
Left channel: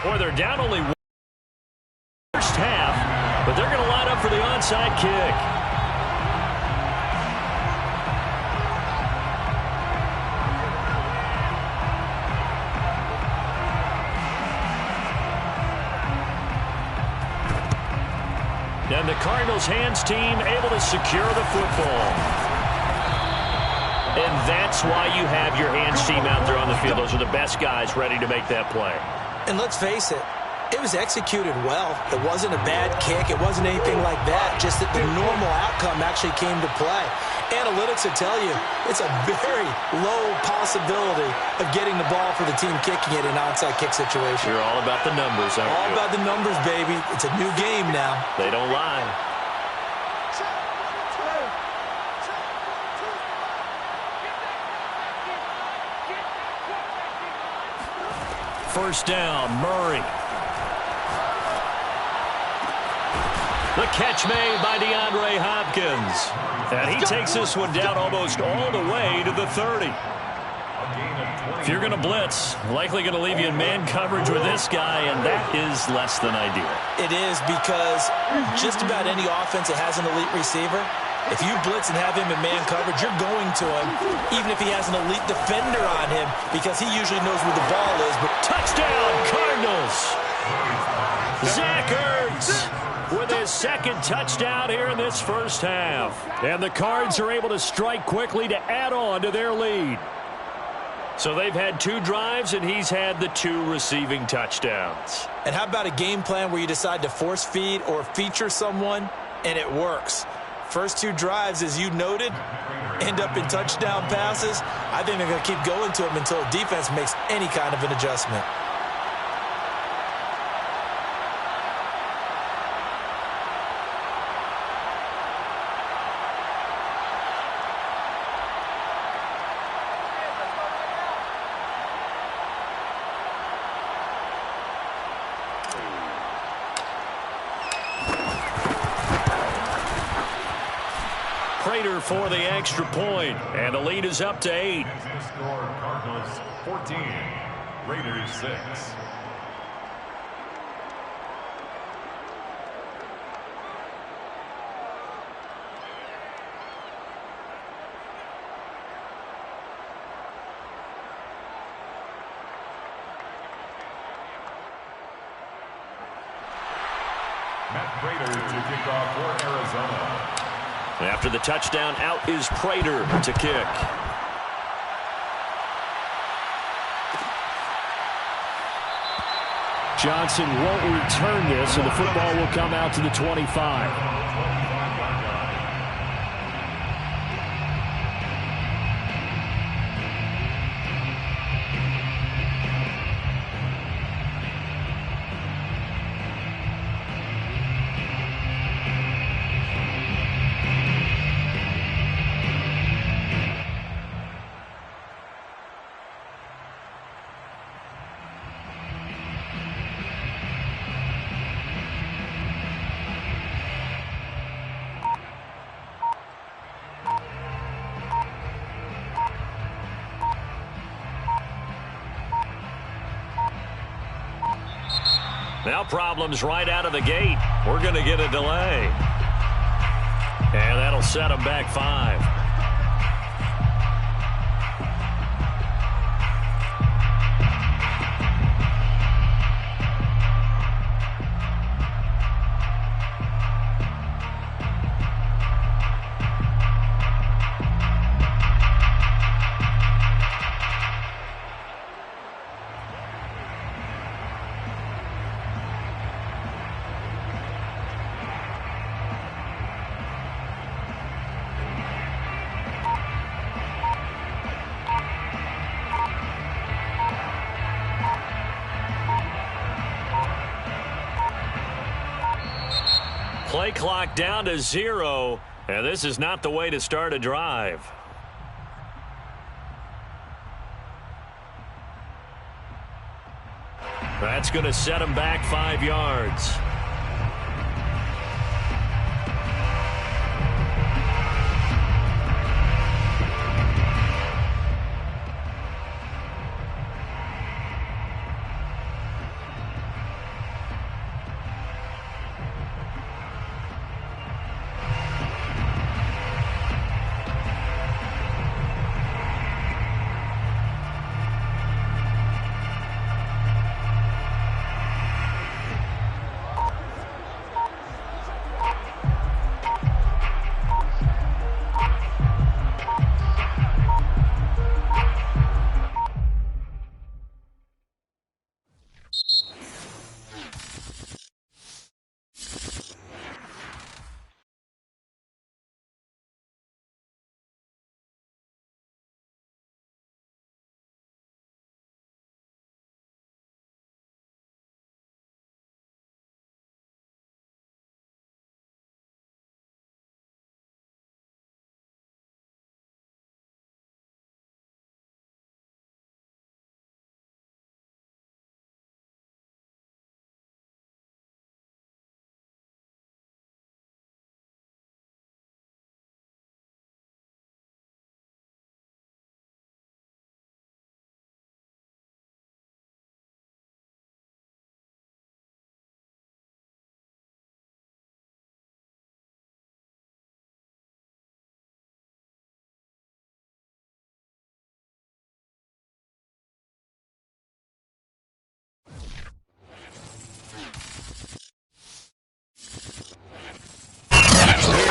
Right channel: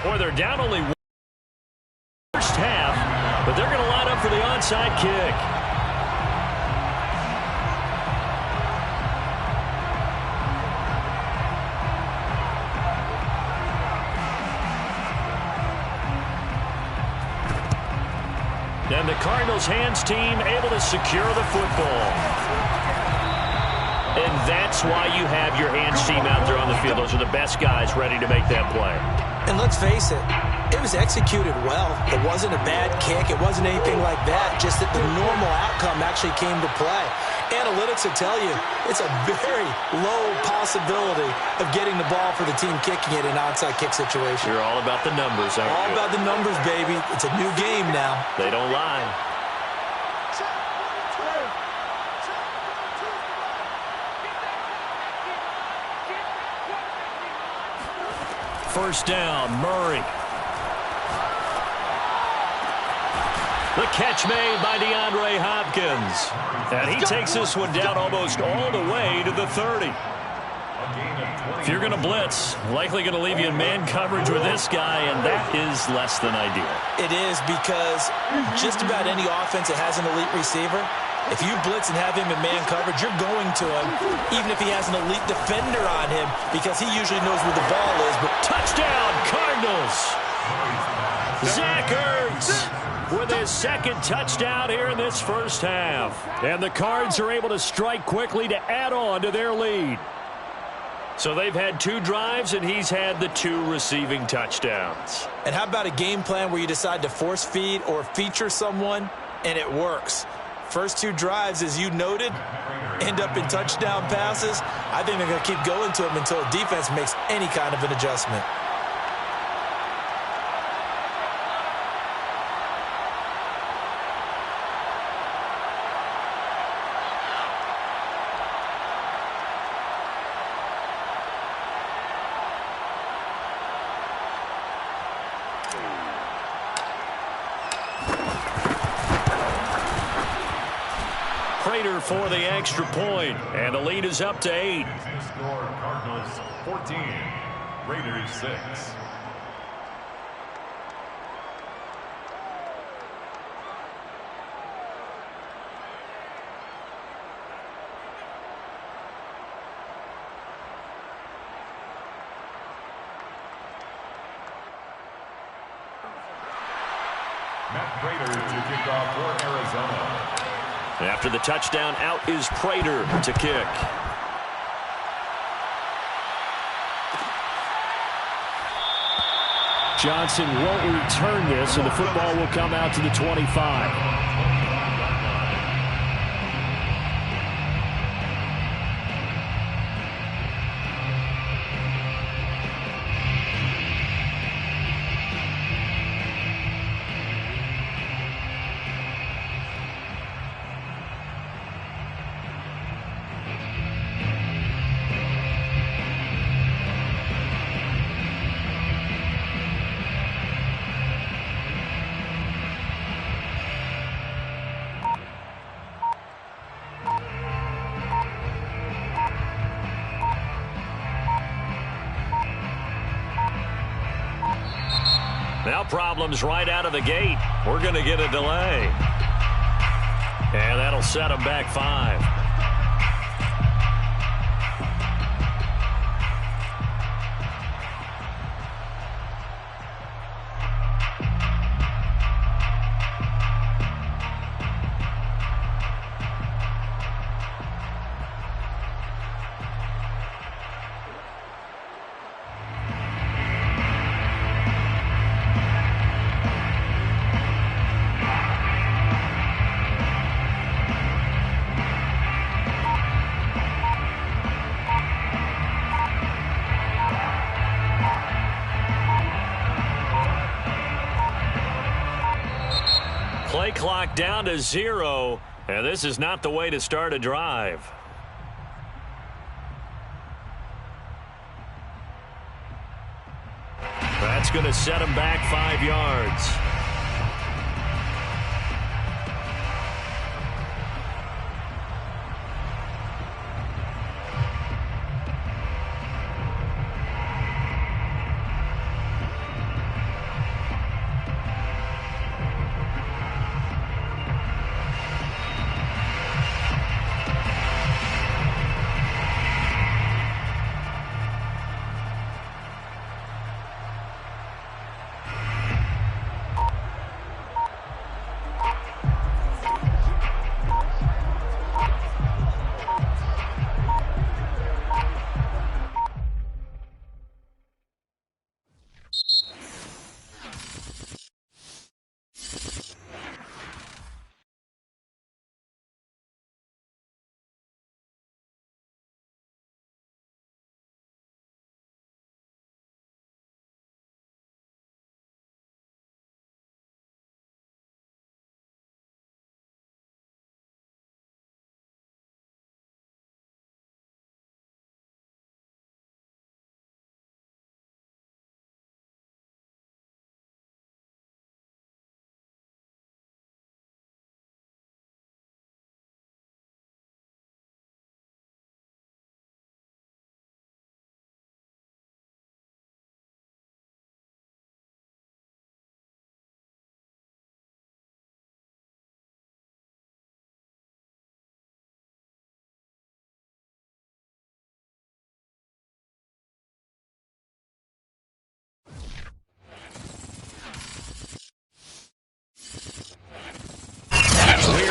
Boy, they're down only one first half, but they're going to line up for the onside kick. And the Cardinals' hands team able to secure the football. And that's why you have your hands team out there on the field. Those are the best guys ready to make that play. And let's face it, it was executed well. It wasn't a bad kick. It wasn't anything like that. Just that the normal outcome actually came to play. Analytics will tell you it's a very low possibility of getting the ball for the team kicking it in an onside kick situation. You're all about the numbers, aren't you? All about the numbers, baby. It's a new game now. They don't lie. First down, Murray. The catch made by DeAndre Hopkins. And he takes this one down almost all the way to the 30. If you're going to blitz, likely going to leave you in man coverage with this guy, and that is less than ideal. It is, because just about any offense that has an elite receiver, if you blitz and have him in man coverage, you're going to him, even if he has an elite defender on him, because he usually knows where the ball is. But touchdown, Cardinals! Zach Ertz with his 2nd touchdown here in this first half. And the Cards are able to strike quickly to add on to their lead. So they've had 2 drives, and he's had the 2 receiving touchdowns. And how about a game plan where you decide to force feed or feature someone, and it works? First 2 drives, as you noted, end up in touchdown passes. I think they're going to keep going to them until defense makes any kind of an adjustment. Prater for the extra point, and the lead is up to 8. Score Cardinals 14, Raiders 6. Prater to kick off for Arizona. After the touchdown, out is Prater to kick. Johnson won't return this, and the football will come out to the 25. Now problems right out of the gate. We're going to get a delay. And that'll set them back 5. Play clock down to 0, and this is not the way to start a drive. That's going to set him back 5 yards.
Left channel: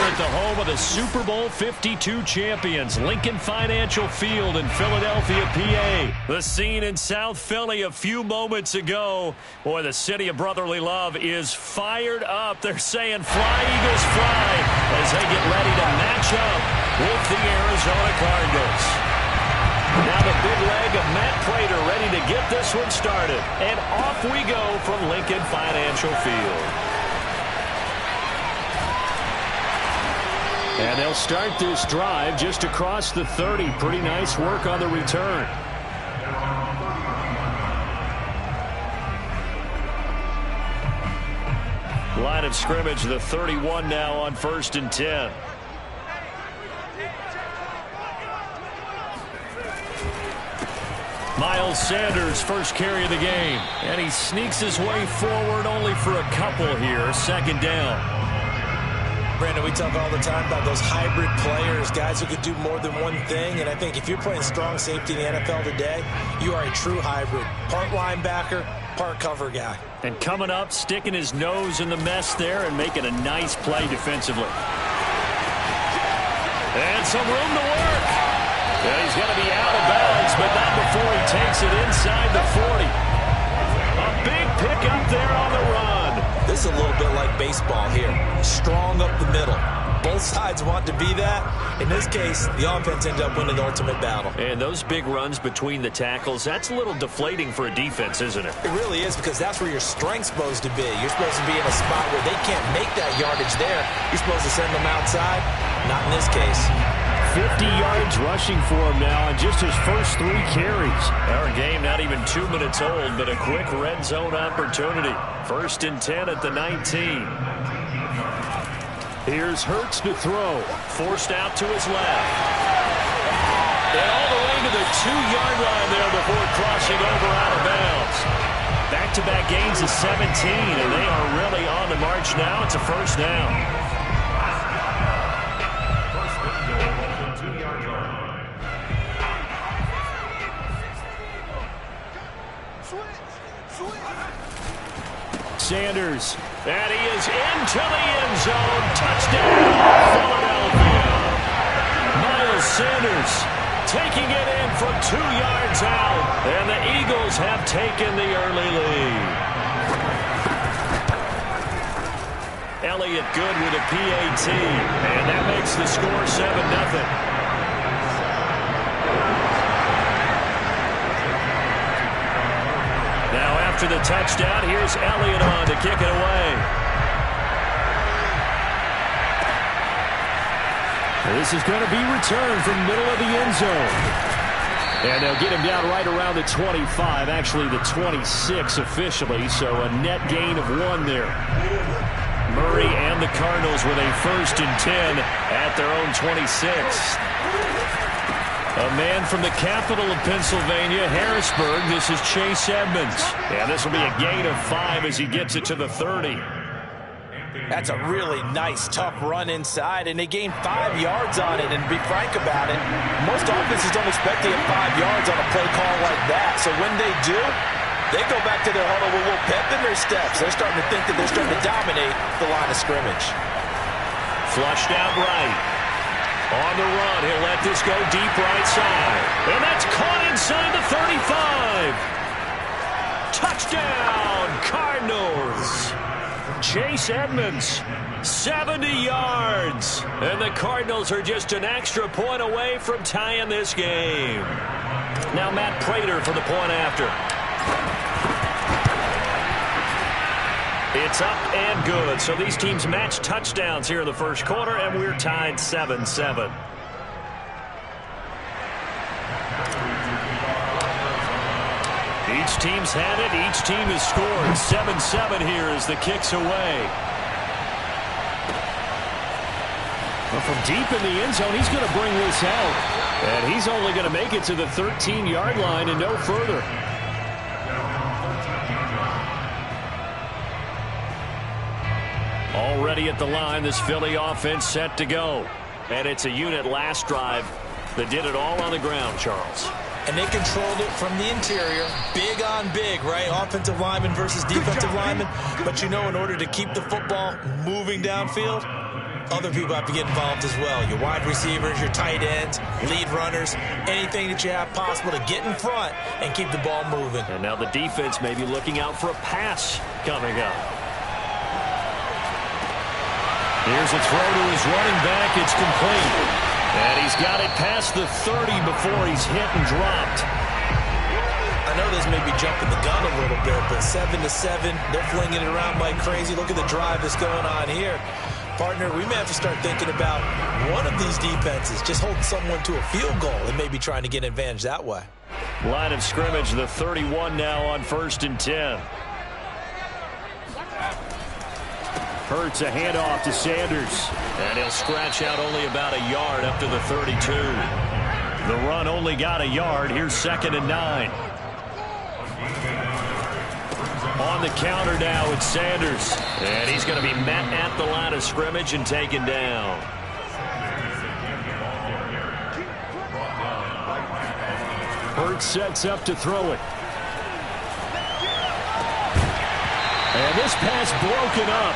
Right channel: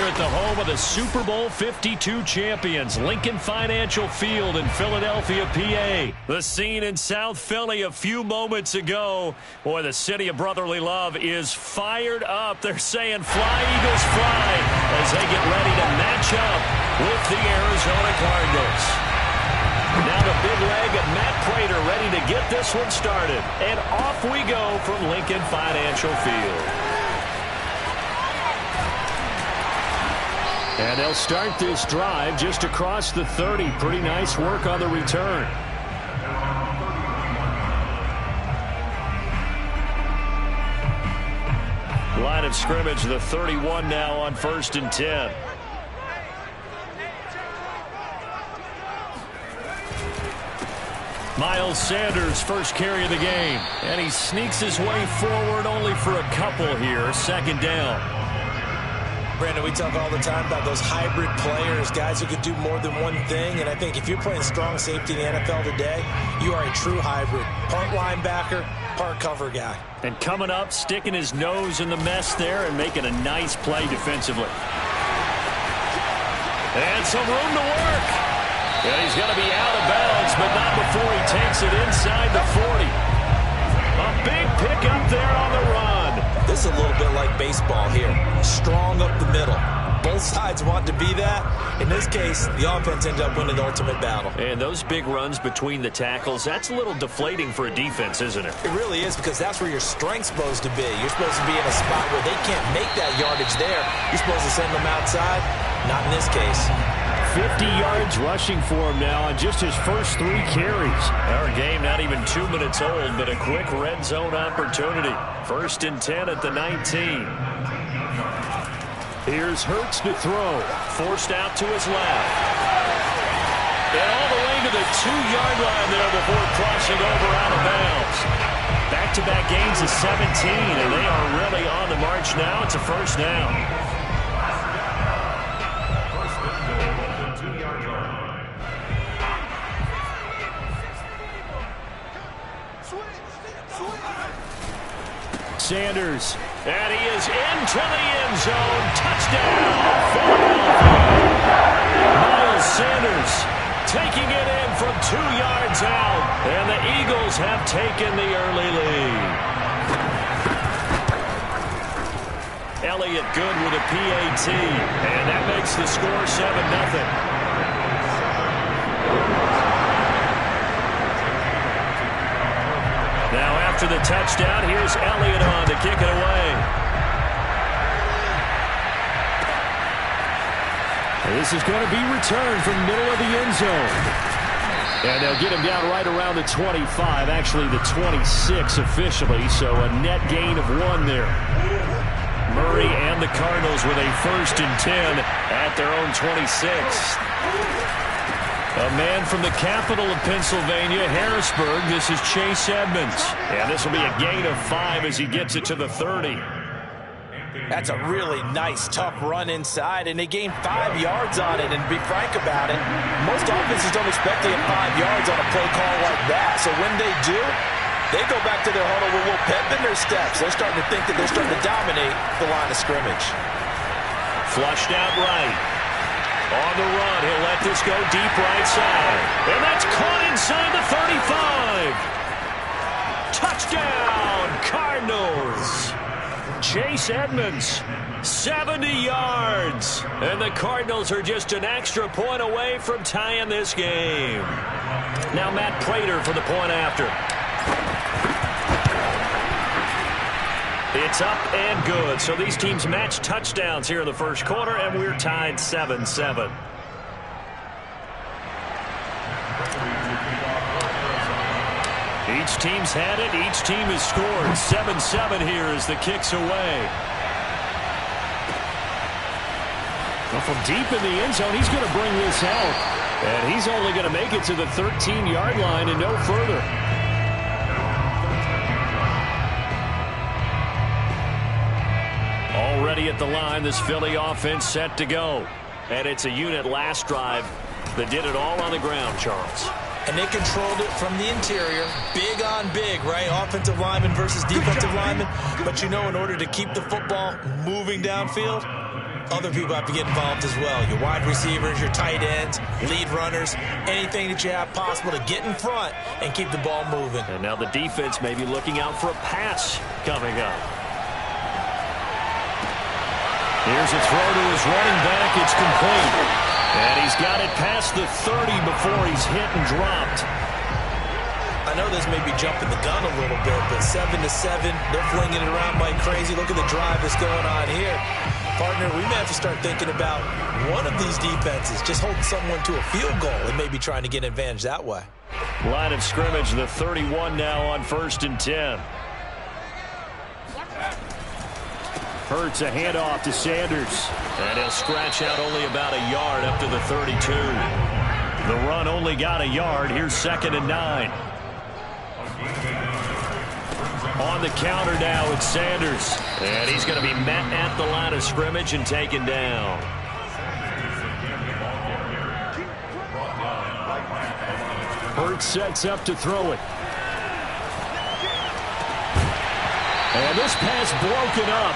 At the home of the Super Bowl 52 champions, Lincoln Financial Field in Philadelphia, PA. The scene in South Philly a few moments ago. Boy, the city of brotherly love is fired up. They're saying, "Fly, Eagles, fly," as they get ready to match up with the Arizona Cardinals. Now the big leg of Matt Prater ready to get this one started. And off we go from Lincoln Financial Field. And they'll start this drive just across the 30. Pretty nice work on the return. Line of scrimmage, the 31 now on 1st and 10. Miles Sanders, first carry of the game. And he sneaks his way forward only for a couple here. 2nd down. Brandon, we talk all the time about those hybrid players, guys who could do more than one thing. And I think if you're playing strong safety in the NFL today, you are a true hybrid. Part linebacker, part cover guy. And coming up, sticking his nose in the mess there and making a nice play defensively. And some room to work. And he's going to be out of bounds, but not before he takes it inside the 40. A big pickup there on the run. This is a little bit like baseball here. Strong up the middle. Both sides want to be that. In this case, the offense ended up winning the ultimate battle. And those big runs between the tackles, that's a little deflating for a defense, isn't it? It really is, because that's where your strength's supposed to be. You're supposed to be in a spot where they can't make that yardage there. You're supposed to send them outside. Not in this case. 50 yards rushing for him now on just his first 3 carries. Our game not even 2 minutes old, but a quick red zone opportunity. 1st and 10 at the 19. Here's Hurts to throw. Forced out to his left. And all the way to the 2-yard line there before crossing over out of bounds. Back-to-back gains of 17, and they are really on the march now. It's a first down. Sanders. And he is into the end zone. Touchdown, Philadelphia. Miles Sanders taking it in from 2 yards out. And the Eagles have taken the early lead. Elliott good with a PAT. And that makes the score 7-0. Now after the touchdown, here's Elliott on to kick it away. This is going to be returned from the middle of the end zone. And they'll get him down right around the 25, actually the 26 officially, so a net gain of 1 there. Murray and the Cardinals with a 1st and 10 at their own 26. A man from the capital of Pennsylvania, Harrisburg. This is Chase Edmonds. And this will be a gain of 5 as he gets it to the 30. That's a really nice, tough run inside, and they gained 5 yards on it. And to be frank about it, most offenses don't expect to get 5 yards on a play call like that. So when they do, they go back to their huddle with a little pep in their steps. They're starting to think that they're starting to dominate the line of scrimmage. Flushed out right. On the run, he'll let this go deep right side. And that's caught inside the 35. Touchdown, Cardinals. Chase Edmonds, 70 yards. And the Cardinals are just an extra point away from tying this game. Now Matt Pratt for the point after. It's up and good. So these teams match touchdowns here in the first quarter, and we're tied 7-7. Each team's had it. Each team has scored. 7-7 here as the kick's away. Well, from deep in the end zone, he's going to bring this out. And he's only going to make it to the 13-yard line and no further. Already at the line, this Philly offense set to go. And it's a unit last drive that did it all on the ground, Charles. And they controlled it from the interior. Big on big, right? Offensive lineman versus defensive lineman. But you know, in order to keep the football moving downfield, other people have to get involved as well. Your wide receivers, your tight ends, lead runners, anything that you have possible to get in front and keep the ball moving. And now the defense may be looking out for a pass coming up. Here's a throw to his running back. It's complete. And he's got it past the 30 before he's hit and dropped. I know this may be jumping the gun a little bit, but 7-7, they're flinging it around like crazy. Look at the drive that's going on here. Partner, we may have to start thinking about one of these defenses just holding someone to a field goal and maybe trying to get an advantage that way. Line of scrimmage, the 31 now on 1st and 10. Hurts a handoff to Sanders. And he'll scratch out only about a yard up to the 32. The run only got a yard. Here's 2nd and 9. On the counter now with Sanders. And he's going to be met at the line of scrimmage and taken down. Hurts sets up to throw it. And this pass broken up.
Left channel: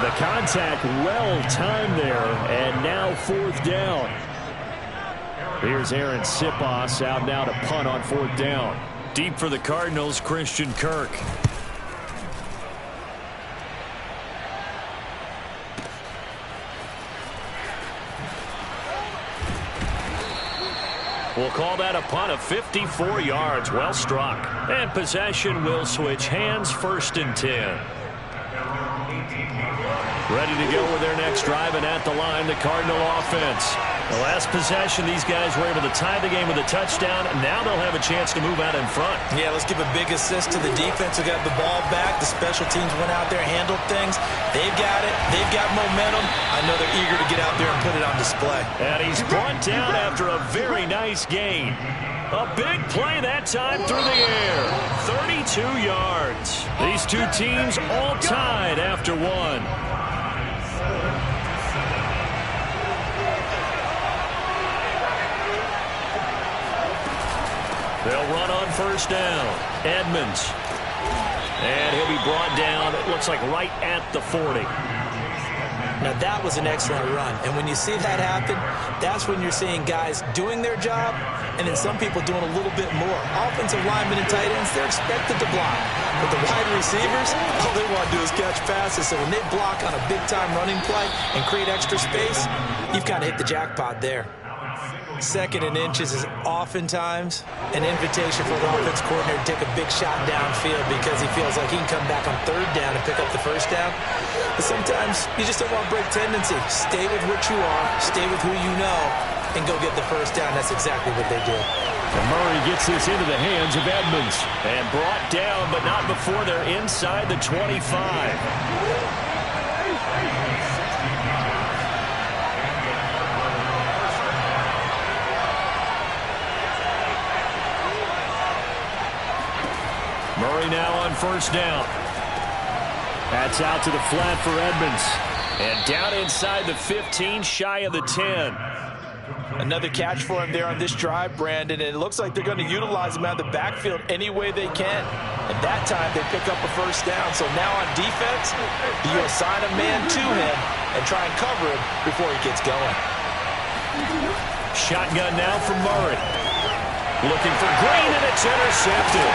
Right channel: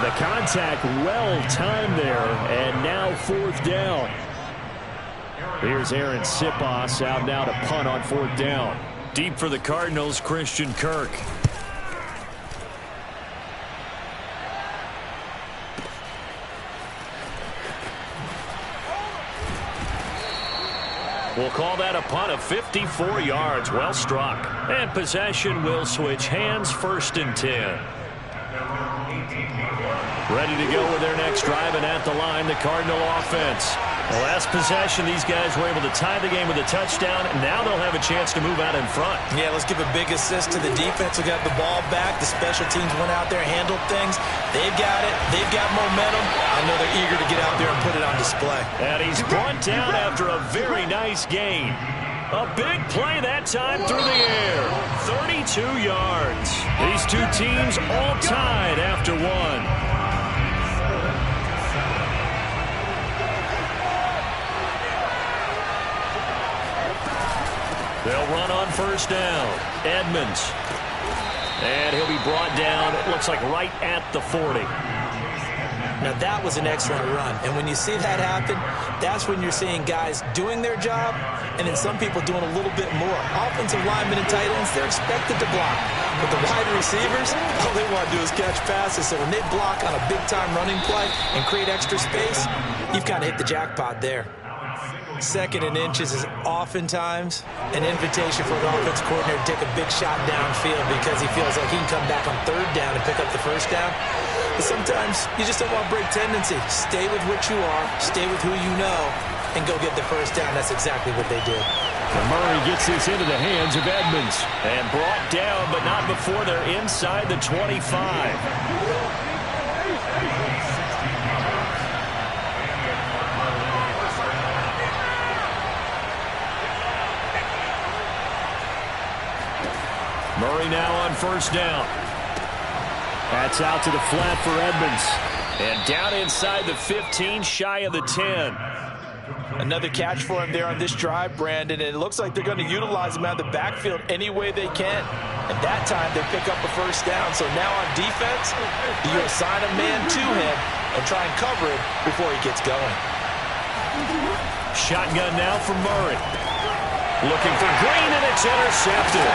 The contact well timed there, and now 4th down. Here's Aaron Sipos out now to punt on 4th down. Deep for the Cardinals, Christian Kirk. We'll call that a punt of 54 yards. Well struck. And possession will switch hands, 1st and 10. Ready to go with their next drive, and at the line, the Cardinal offense. The last possession, these guys were able to tie the game with a touchdown, and now they'll have a chance to move out in front. Yeah, let's give a big assist to the defense who got the ball back. The special teams went out there, handled things. They've got it. They've got momentum. I know they're eager to get out there and put it on display. And he's brought down after a very nice gain. A big play that time through the air. 32 yards. These two teams all tied after one. They'll run on 1st down. Edmonds. And he'll be brought down, it looks like right at the 40. Now, that was an excellent run. And when you see that happen, that's when you're seeing guys doing their job and then some people doing a little bit more. Offensive linemen and tight ends, they're expected to block. But the wide receivers, all they want to do is catch passes. So when they block on a big-time running play and create extra space, you've kind of hit the jackpot there. 2nd and inches is oftentimes an invitation for the offense coordinator to take a big shot downfield because he feels like he can come back on 3rd down and pick up the 1st down. But sometimes you just don't want to break tendency. Stay with what you are, stay with who you know, and go get the 1st down. That's exactly what they did. And Murray gets this into the hands of Edmonds. And brought down, but not before they're inside the 25. Murray now on 1st down. That's out to the flat for Edmonds. And down inside the 15, shy of the 10. Another catch for him there on this drive, Brandon, and it looks like they're going to utilize him out of the backfield any way they can. And that time they pick up a 1st down. So now on defense, you assign a man to him and try and cover him before he gets going. Shotgun now for Murray. Looking for Green, and it's intercepted.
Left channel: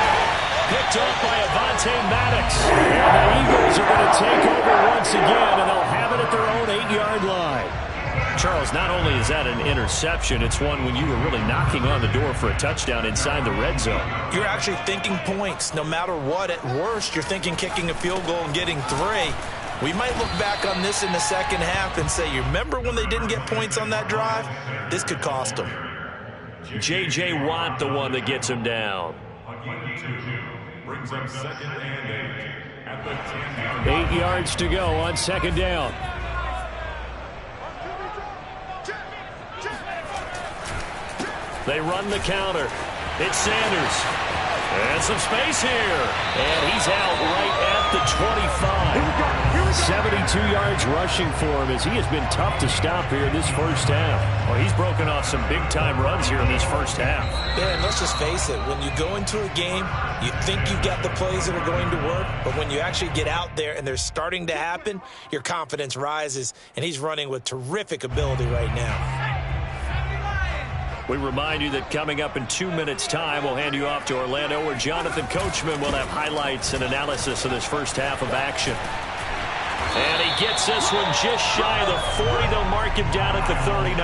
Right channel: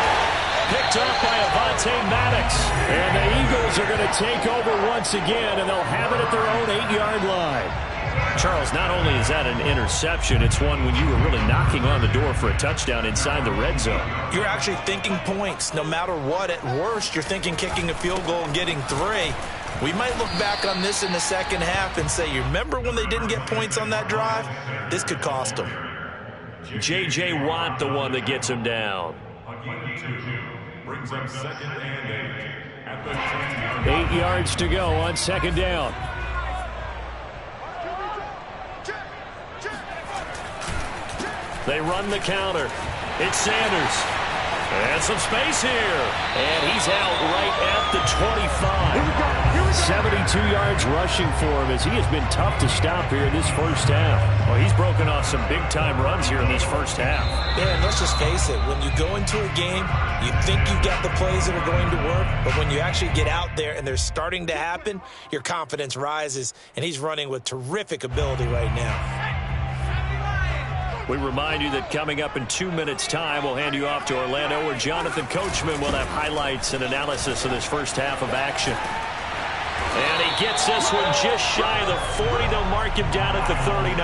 Picked off by Avonte Maddox. And the Eagles are going to take over once again, and they'll have it at their own 8-yard line. Charles, not only is that an interception, it's one when you were really knocking on the door for a touchdown inside the red zone. You're actually thinking points no matter what. At worst, you're thinking kicking a field goal and getting 3. We might look back on this in the 2nd half and say, you remember when they didn't get points on that drive? This could cost them. J.J. Watt, the one that gets him down. Brings up 2nd and 8 at the 10-yard 8 yards to go on 2nd down. They run the counter. It's Sanders. And some space here. And he's out right at the 25. 72 yards rushing for him as he has been tough to stop here in this 1st half. Well, he's broken off some big-time runs here in this 1st half. Yeah, and let's just face it. When you go into a game, you think you've got the plays that are going to work. But when you actually get out there and they're starting to happen, your confidence rises. And he's running with terrific ability right now. We remind you that coming up in 2 minutes' time, we'll hand you off to Orlando, where Jonathan Coachman will have highlights and analysis of this 1st half of action. And he gets this one just shy of the 40. They'll mark him down at the 39.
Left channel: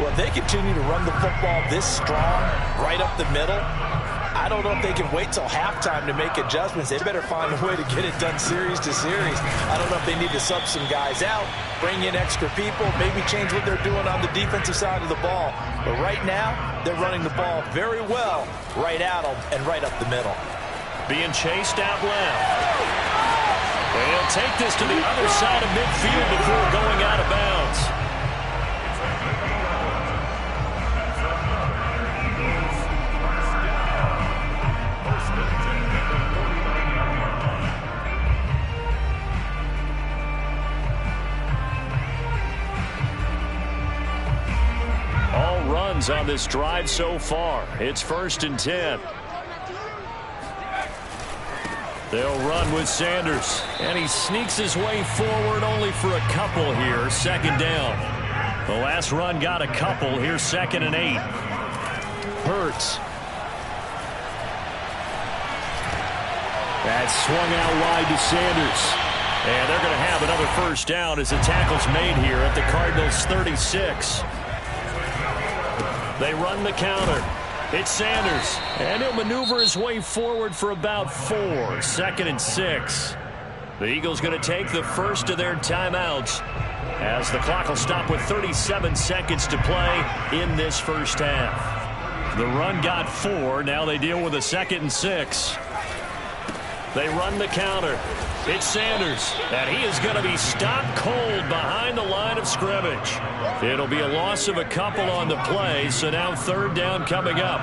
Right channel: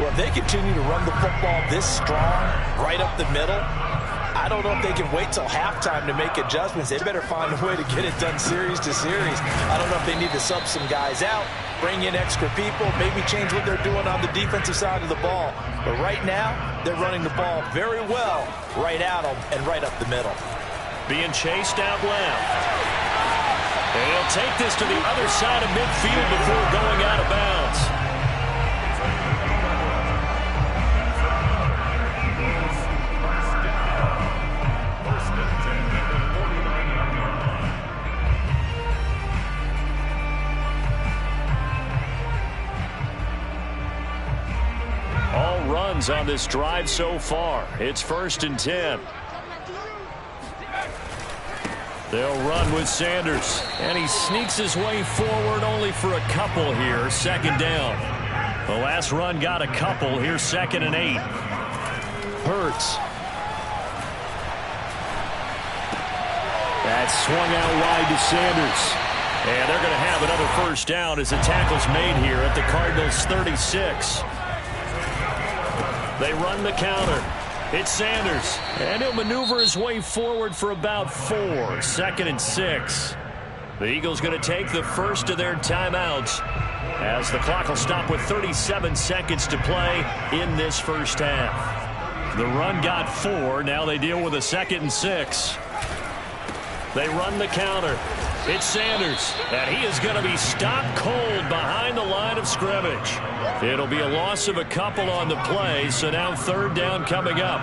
Well, if they continue to run the football this strong, right up the middle, I don't know if they can wait till halftime to make adjustments. They better find a way to get it done series to series. I don't know if they need to sub some guys out, bring in extra people, maybe change what they're doing on the defensive side of the ball. But right now, they're running the ball very well right at them and right up the middle. Being chased out left. And he'll take this to the other side of midfield before going out of bounds. All runs on this drive so far. It's 1st and 10. They'll run with Sanders, and he sneaks his way forward only for a couple here. Second down. The last run got a couple. Here's 2nd and 8. Hurts. That's swung out wide to Sanders. And they're going to have another first down as the tackle's made here at the Cardinals' 36. They run the counter. It's Sanders, and he'll maneuver his way forward for about 4. 2nd and 6. The Eagles going to take the first of their timeouts as the clock will stop with 37 seconds to play in this first half. The run got 4. Now they deal with a 2nd and 6. They run the counter. It's Sanders, and he is going to be stopped cold behind the line of scrimmage. It'll be a loss of a couple on the play, so now 3rd down coming up.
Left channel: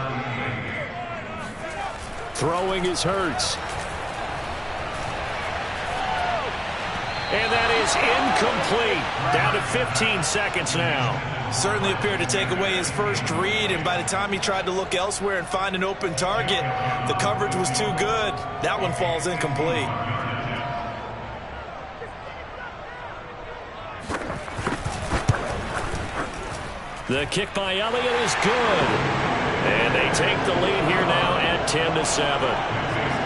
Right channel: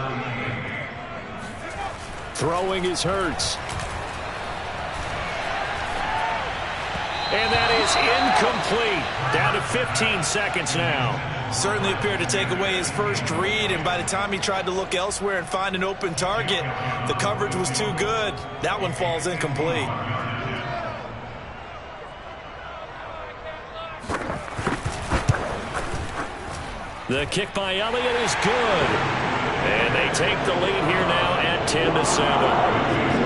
Throwing is Hurts. And that is incomplete. Down to 15 seconds now. Certainly appeared to take away his first read, and by the time he tried to look elsewhere and find an open target, the coverage was too good. That one falls incomplete. The kick by Elliott is good. And they take the lead here now at 10-7.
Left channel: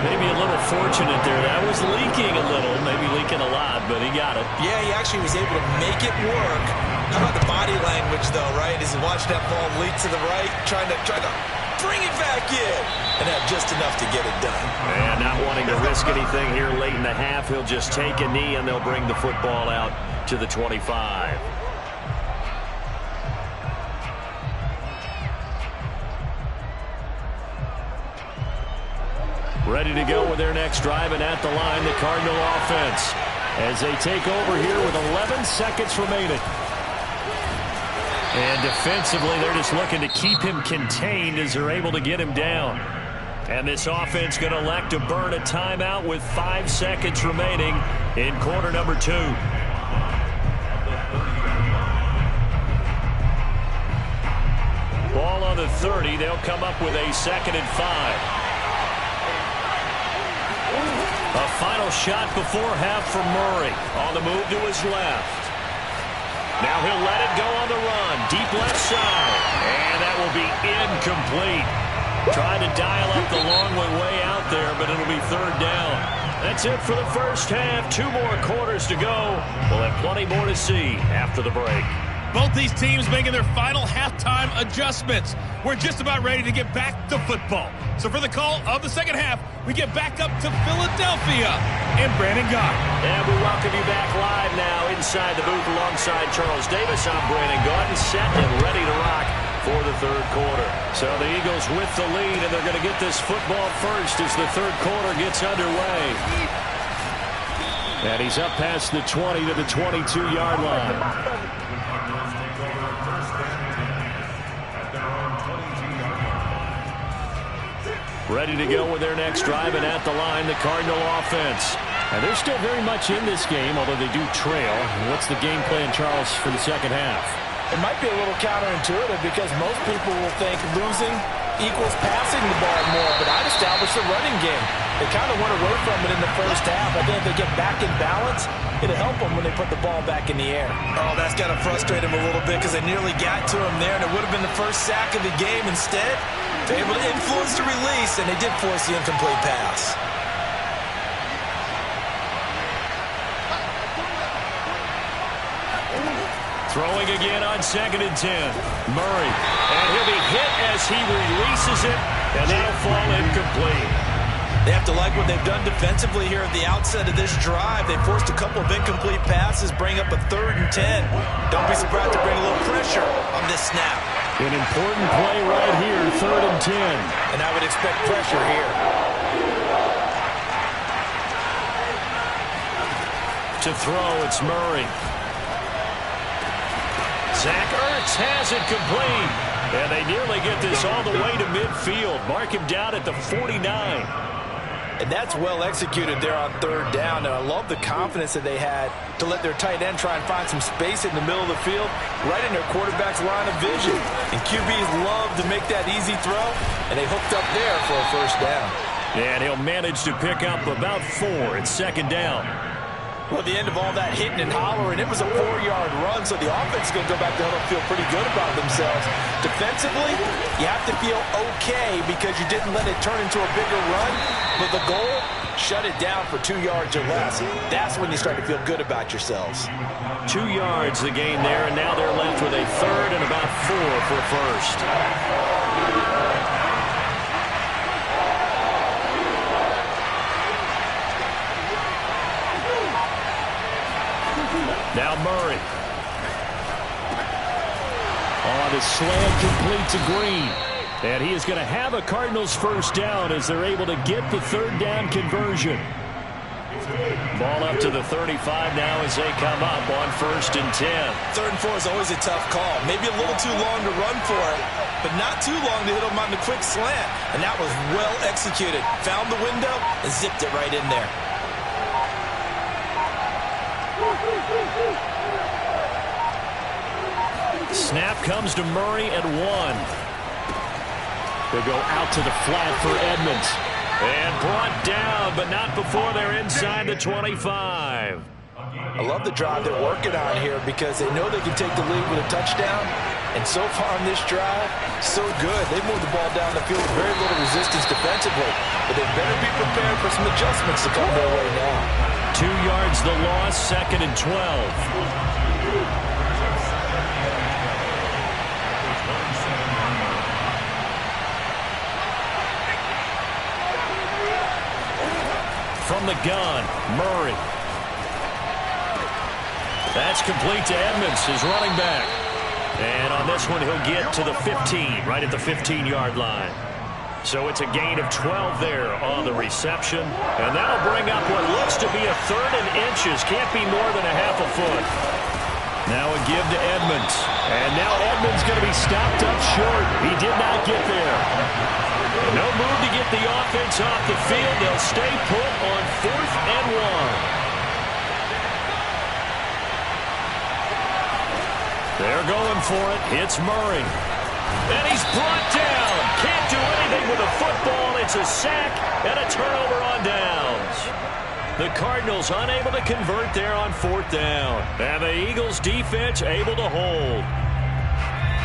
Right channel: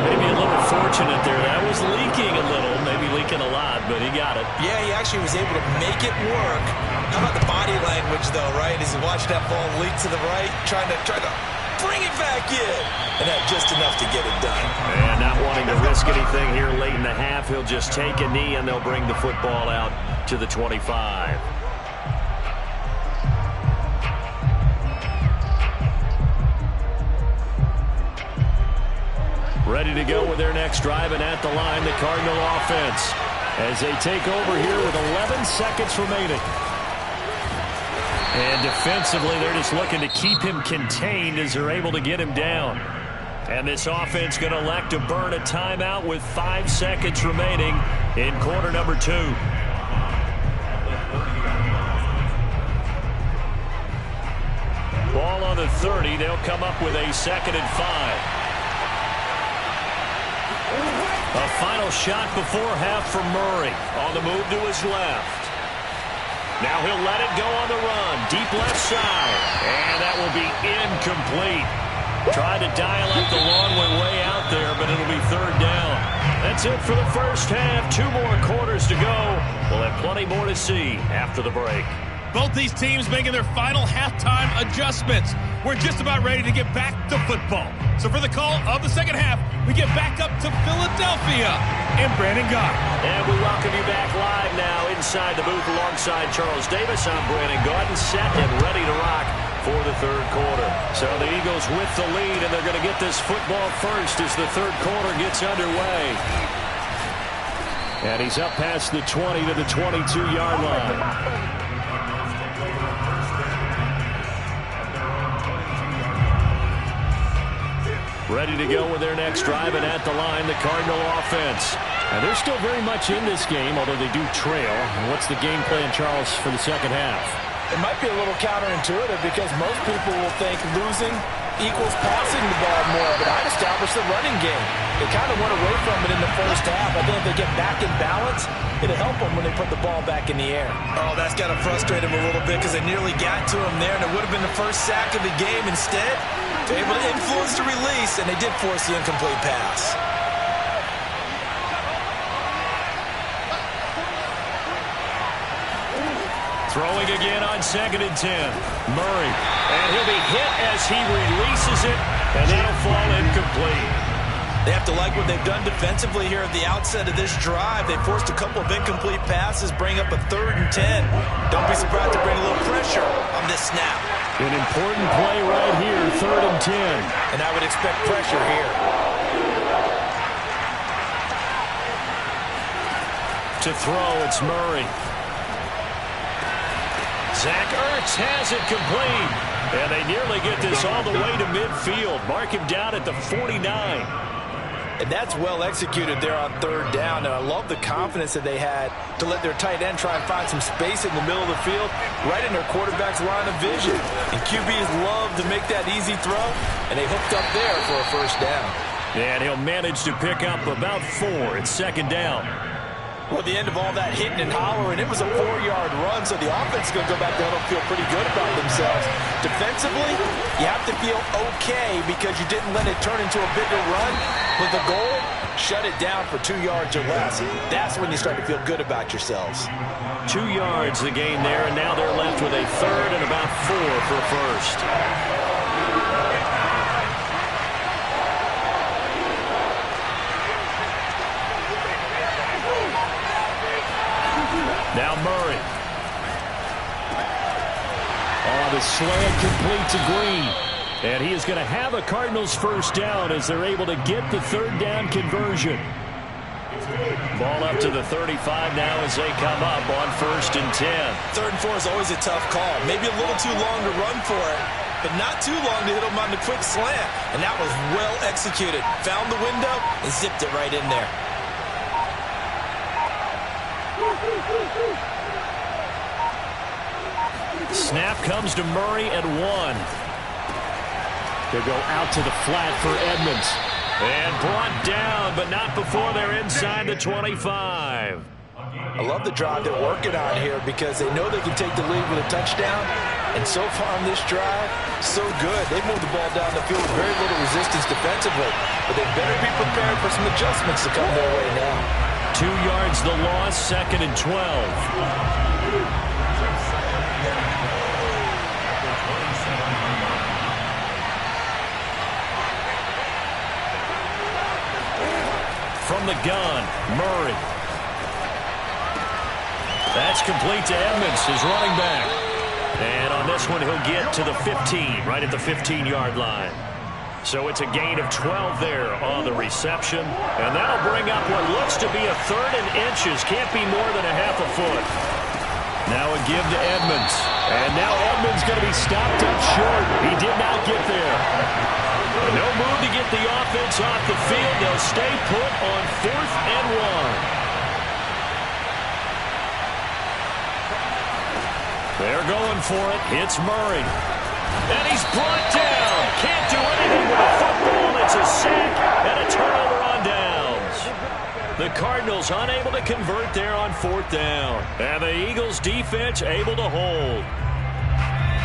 Maybe a little fortunate there. That was leaking a little, maybe leaking a lot, but he got it. Yeah, he actually was able to make it work. How about the body language, though, right? As he watched that ball leak to the right, trying to bring it back in, and had just enough to get it done. And not wanting to risk anything here late in the half, he'll just take a knee, and they'll bring the football out to the 25. Ready to go with their next drive, and at the line, the Cardinal offense as they take over here with 11 seconds remaining. And defensively, they're just looking to keep him contained as they're able to get him down. And this offense going to elect to burn a timeout with 5 seconds remaining in quarter number 2. Ball on the 30. They'll come up with a 2nd and 5. A final shot before half for Murray. On the move to his left. Now he'll let it go on the run. Deep left side. And that will be incomplete. Trying to dial up the long one way out there, but it'll be 3rd down. That's it for the first half. 2 more quarters to go. We'll have plenty more to see after the break. Both these teams making their final halftime adjustments. We're just about ready to get back to football. So for the call of the second half, we get back up to Philadelphia and Brandon Gott. And we welcome you back live now inside the booth alongside Charles Davis. I'm Brandon Gott, set and ready to rock for the 3rd quarter. So the Eagles with the lead, and they're going to get this football first as the 3rd quarter gets underway. And he's up past the 20 to the 22-yard line. Ready to go with their next drive, and at the line, the Cardinal offense. And they're still very much in this game, although they do trail. And what's the game plan, Charles, for the second half? It might be a little counterintuitive because most people will think losing equals passing the ball more, but I'd establish the running game. They kind of went away from it in the first half. I think if they get back in balance, it'll help them when they put the ball back in the air. Oh, that's got to frustrate them a little bit because they nearly got to him there, and it would have been the first sack of the game. Instead, they're able to influence the release, and they did force the incomplete pass. Throwing again on 2nd and 10. Murray. And he'll be hit as he releases it, and that'll fall incomplete. They have to like what they've done defensively here at the outset of this drive. They forced a couple of incomplete passes, bring up a 3rd and 10. Don't be surprised to bring a little pressure on this snap. An important play right here, 3rd and 10. And I would expect pressure here. To throw, it's Murray. Zach Ertz has it complete. And they nearly get this all the way to midfield. Mark him down at the 49. And that's well executed there on 3rd down. And I love the confidence that they had to let their tight end try and find some space in the middle of the field, right in their quarterback's line of vision. And QBs love to make that easy throw, and they hooked up there for a 1st down. And he'll manage to pick up about 4. It's second down. Well, at the end of all that hitting and hollering, it was a 4-yard run, so the offense is going to go back there and feel pretty good about themselves. Defensively, you have to feel okay because you didn't let it turn into a bigger run, but the goal, shut it down for 2 yards or less. That's when you start to feel good about yourselves. 2 yards the gain there, and now they're left with a third and about 4 for first. Now Murray. Oh, the slant complete to Green. And he is going to have a Cardinals first down as they're able to get the third down conversion. Ball up to the 35 now as they come up on 1st and 10. 3rd and 4 is always a tough call. Maybe a little too long to run for it, but not too long to hit him on the quick slant. And that was well executed. Found the window and zipped it right in there. Snap comes to Murray at 1. They'll go out to the flat for Edmonds. And brought down, but not before they're inside the 25. I love the drive they're working on here because they know they can take the lead with a touchdown. And so far on this drive, so good. They moved the ball down the field with very little resistance defensively. But they better be prepared for some adjustments to come their way now. 2 yards the loss, 2nd and 12. From the gun, Murray. That's complete to Edmonds, his running back. And on this one, he'll get to the 15, right at the 15-yard line. So it's a gain of 12 there on the reception. And that'll bring up what looks to be a 3rd and inches. Can't be more than a half a foot. Now a give to Edmonds. And now Edmonds going to be stopped up short. He did not get there. No move to get the offense off the field. They'll stay put on 4th and 1. They're going for it. Hits Murray. And he's brought down. Can't do anything with a football. It's a sack and a turnover on downs. The Cardinals unable to convert there on 4th down. And the Eagles defense able to hold.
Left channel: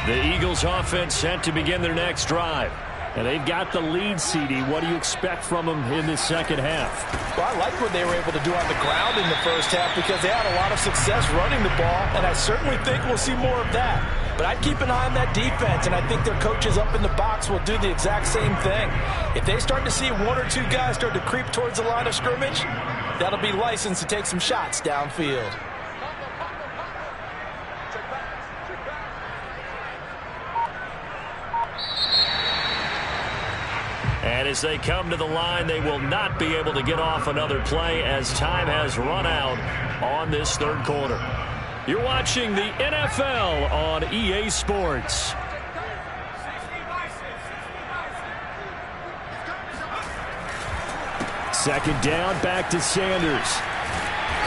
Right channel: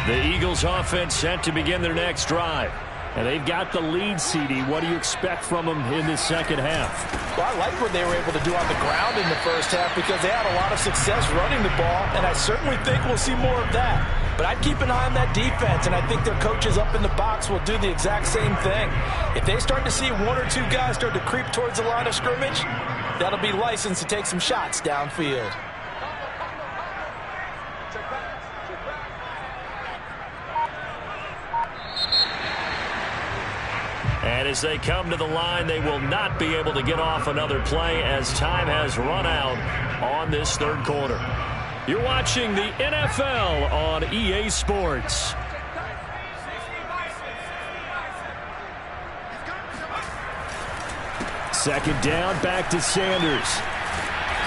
The Eagles offense set to begin their next drive. And they've got the lead, CD. What do you expect from them in the second half? Well, I like what they were able to do on the ground in the first half because they had a lot of success running the ball, and I certainly think we'll see more of that. But I'd keep an eye on that defense, and I think their coaches up in the box will do the exact same thing. If they start to see 1 or 2 guys start to creep towards the line of scrimmage, that'll be licensed to take some shots downfield. And as they come to the line, they will not be able to get off another play as time has run out on this 3rd quarter. You're watching the NFL on EA Sports. Second down, back to Sanders.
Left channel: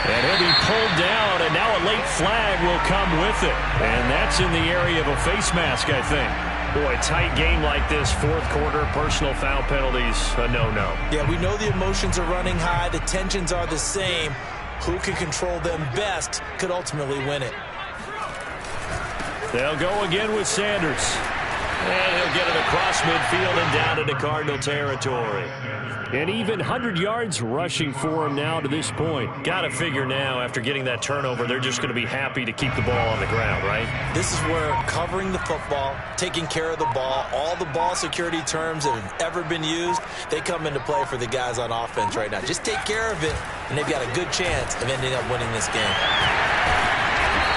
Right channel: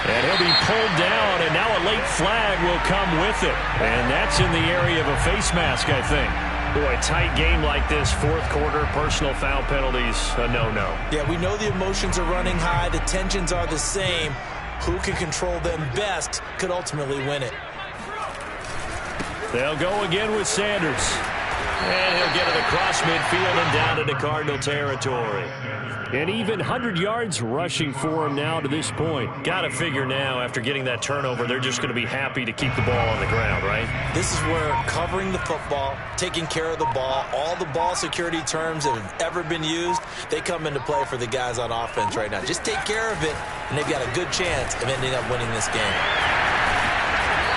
And he'll be pulled down, and now a late flag will come with it. And that's in the area of a face mask, I think. Boy, tight game like this, 4th quarter, personal foul penalties, a no-no. Yeah, we know the emotions are running high. The tensions are the same. Who can control them best could ultimately win it. They'll go again with Sanders. And he'll get it across midfield and down into Cardinal territory. And even 100 yards rushing for him now to this point. Got to figure now, after getting that turnover, they're just going to be happy to keep the ball on the ground, right? This is where covering the football, taking care of the ball, all the ball security terms that have ever been used, they come into play for the guys on offense right now. Just take care of it, and they've got a good chance of ending up winning this game.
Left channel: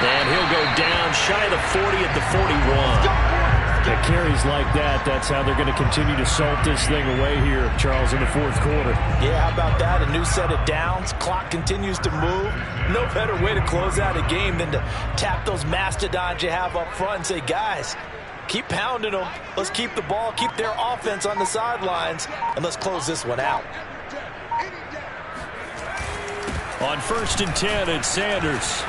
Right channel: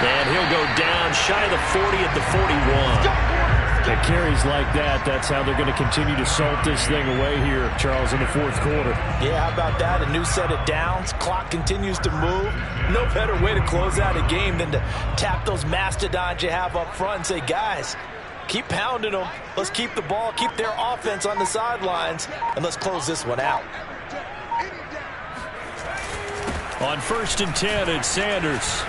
And he'll go down shy of the 40 at the 41. At carries like that, that's how they're going to continue to salt this thing away here, Charles, in the 4th quarter. Yeah, how about that? A new set of downs. Clock continues to move. No better way to close out a game than to tap those mastodons you have up front and say, guys, keep pounding them. Let's keep the ball, keep their offense on the sidelines, and let's close this one out. On 1st and 10, it's Sanders.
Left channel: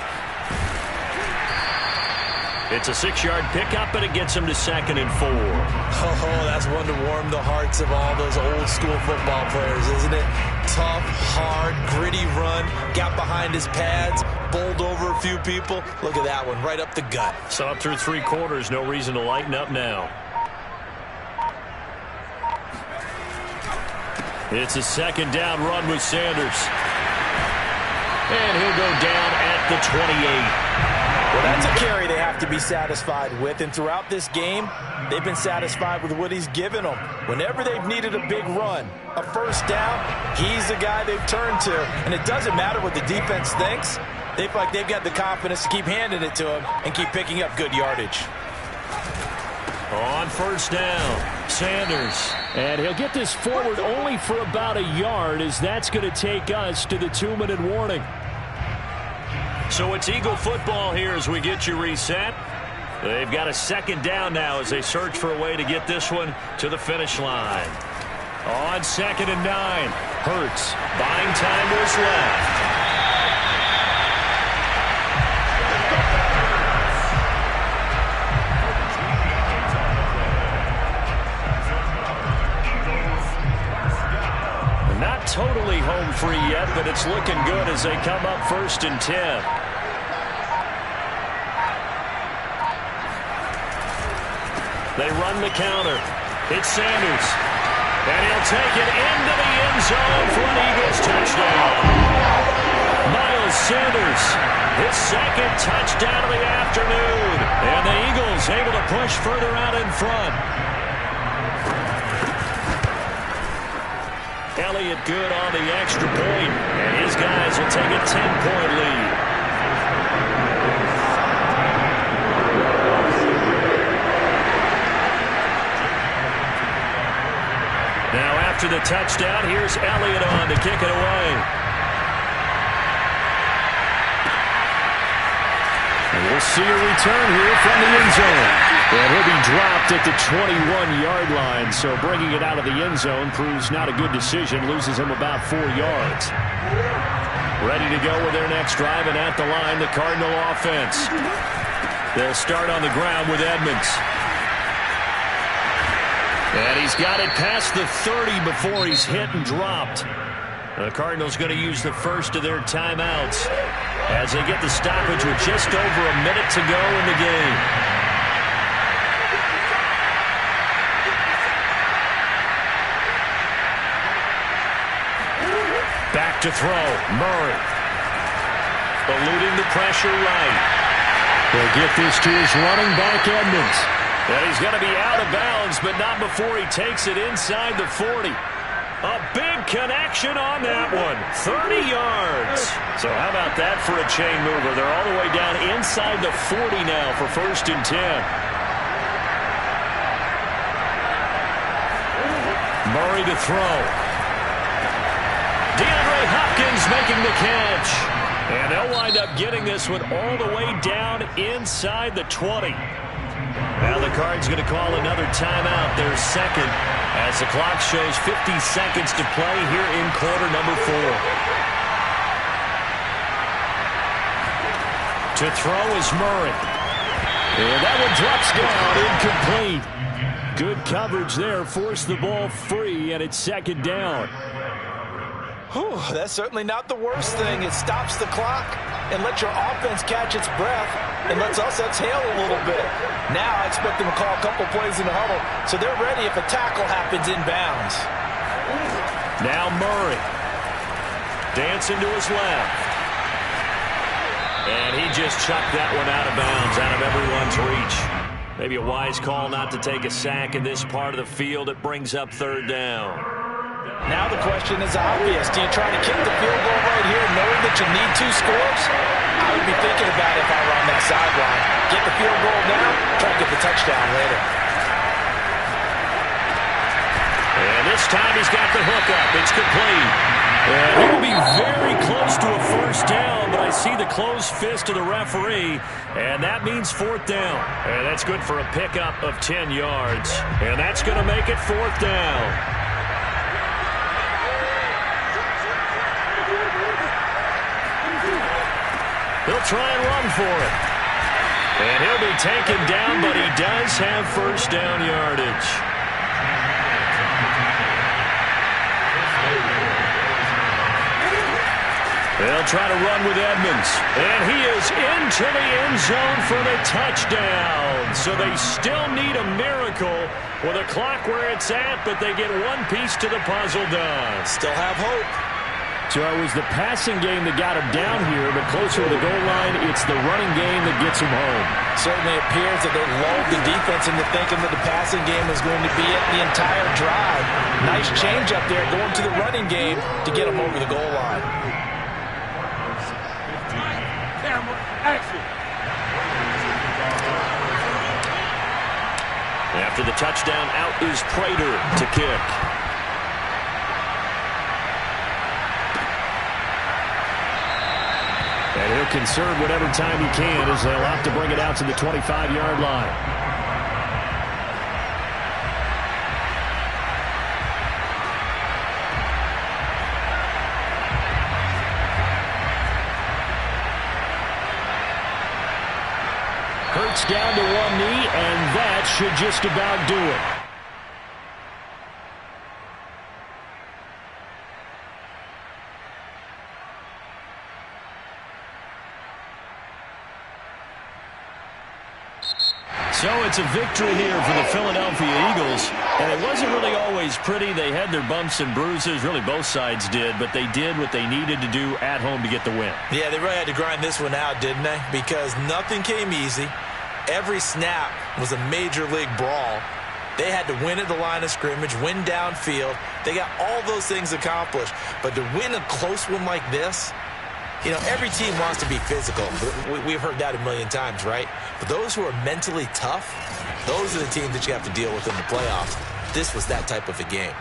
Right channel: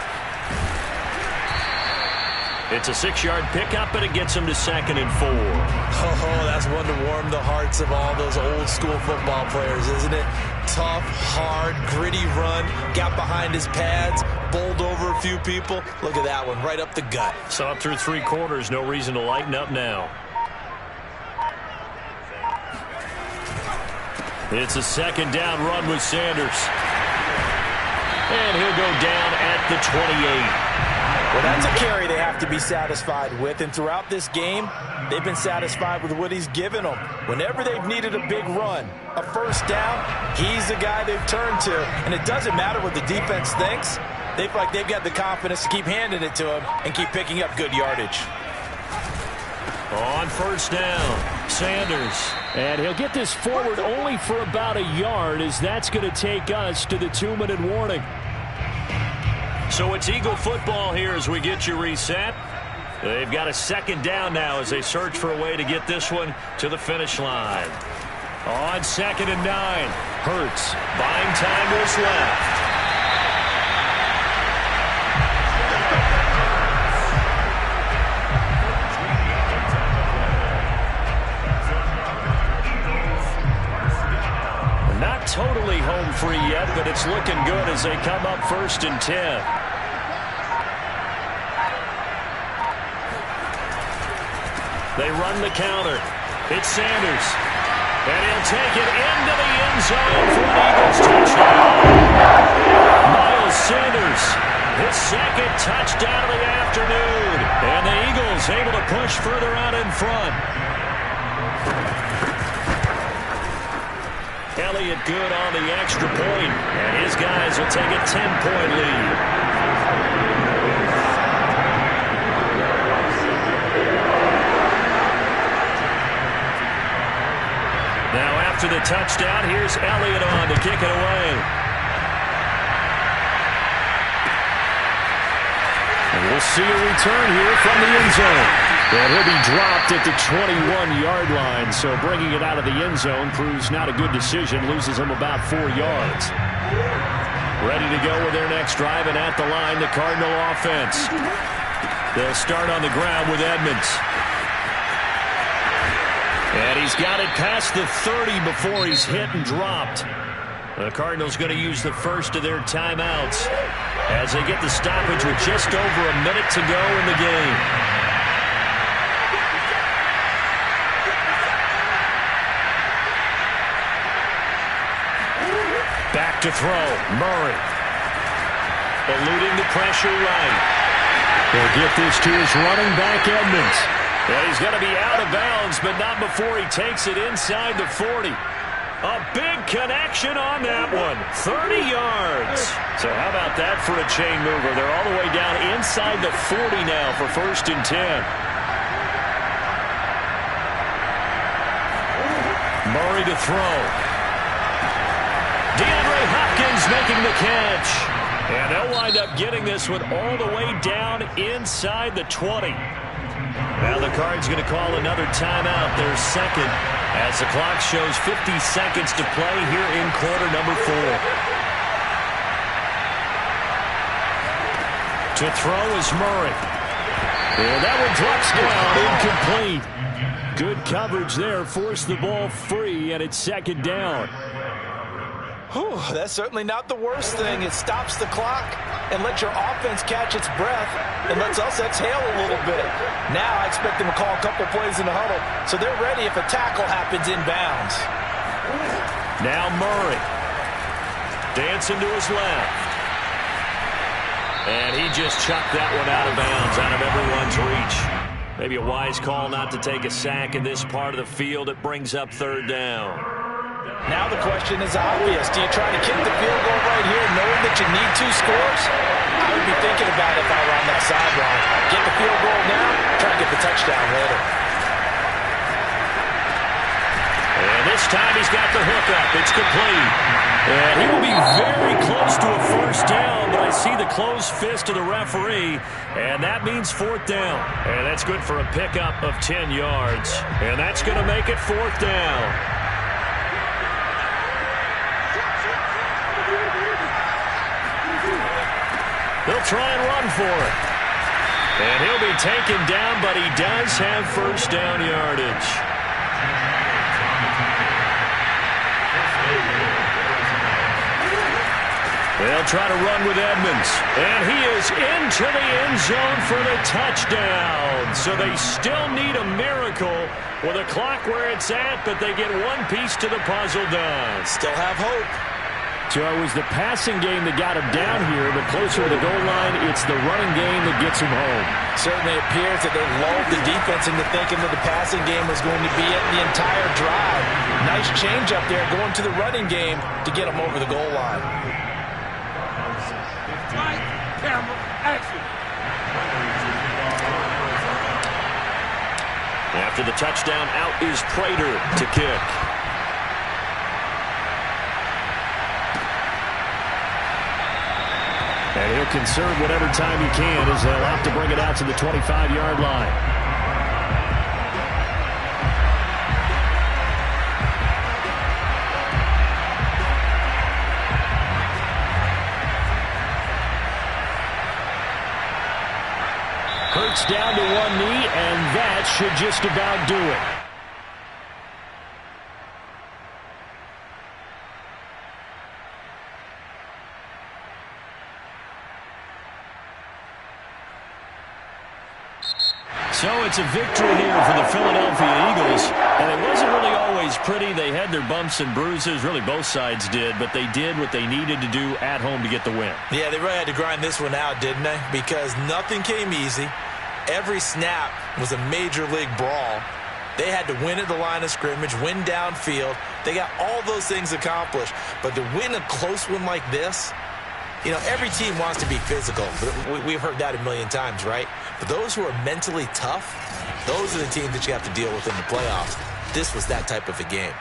It's a 6-yard pickup, and it gets him to 2nd and 4. Oh, that's one to warm the hearts of all those old-school football players, isn't it? Tough, hard, gritty run, got behind his pads, bowled over a few people. Look at that one, right up the gut. Saw it through 3 quarters, no reason to lighten up now. It's a 2nd down run with Sanders. And he'll go down at the 28. Well, that's a carry they have to be satisfied with. And throughout this game, they've been satisfied with what he's given them. Whenever they've needed a big run, a first down, he's the guy they've turned to. And it doesn't matter what the defense thinks. They feel like they've got the confidence to keep handing it to him and keep picking up good yardage. On 1st down, Sanders. And he'll get this forward only for about a yard, as that's going to take us to the 2-minute warning. So it's Eagle football here as we get you reset. They've got a 2nd down now as they search for a way to get this one to the finish line. On 2nd and 9, Hurts buying time to his left. Not totally home free yet, but it's looking good as they come up 1st and 10. They run the counter. It's Sanders. And he'll take it into the end zone for an Eagles touchdown. Miles Sanders, his 2nd touchdown of the afternoon. And the Eagles able to push further out in front. Elliott good on the extra point, and his guys will take a 10-point lead. Now after the touchdown, here's Elliott on to kick it away. And we'll see a return here from the end zone. And he'll be dropped at the 21-yard line, so bringing it out of the end zone proves not a good decision, loses him about 4 yards. Ready to go with their next drive, and at the line, the Cardinal offense. They'll start on the ground with Edmonds. And he's got it past the 30 before he's hit and dropped. The Cardinals going to use the first of their timeouts as they get the stoppage with just over a minute to go in the game. Back to throw, Murray. Eluding the pressure right. He'll get this to his running back, Edmonds. And he's going to be out of bounds, but not before he takes it inside the 40. A big connection on that one. 30 yards. So how about that for a chain mover? They're all the way down inside the 40 now for 1st and 10. Murray to throw. DeAndre Hopkins making the catch. And they'll wind up getting this one all the way down inside the 20. Now the Cards going to call another timeout, their 2nd, as the clock shows 50 seconds to play here in quarter number 4. To throw is Murray. And that one drops down, incomplete. Good coverage there, forced the ball free, and it's 2nd down. Whew, that's certainly not the worst thing. It stops the clock and lets your offense catch its breath and lets us exhale a little bit. Now I expect them to call a couple plays in the huddle so they're ready if a tackle happens inbounds. Now Murray. Dancing to his left. And he just chucked that one out of bounds, out of everyone's reach. Maybe a wise call not to take a sack in this part of the field. It brings up 3rd down. Now the question is obvious. Do you try to kick the field goal right here knowing that you need 2 scores? I would be thinking about it if I were on that sideline. Get the field goal now, try to get the touchdown later. And this time he's got the hook up. It's complete. And he will be very close to a 1st down, but I see the closed fist of the referee, and that means 4th down. And that's good for a pickup of 10 yards. And that's going to make it 4th down. They'll try and run for it. And he'll be taken down, but he does have first down yardage. They'll try to run with Edmonds. And he is into the end zone for the touchdown. So they still need a miracle with a clock where it's at, but they get one piece to the puzzle done. Still have hope. So it was the passing game that got him down here, but closer to the goal line, it's the running game that gets him home. Certainly appears that they lulled the defense into thinking that the passing game was going to be it the entire drive. Nice change up there going to the running game to get him over the goal line. Camera, action. After the touchdown, out is Prater to kick. And he'll conserve whatever time he can as they'll opt to bring it out to the 25-yard line. Hurts down to one knee, and that should just about do it. So it's a victory here for the Philadelphia Eagles, and it wasn't really always pretty. They had their bumps and bruises, really both sides did, but they did what they needed to do at home to get the win. Yeah, they really had to grind this one out, didn't they? Because nothing came easy. Every snap was a major league brawl. They had to win at the line of scrimmage, win downfield. They got all those things accomplished, but to win a close one like this, you know, every team wants to be physical. We've heard that a million times, right? But those who are mentally tough, those are the teams that you have to deal with in the playoffs. This was that type of a game.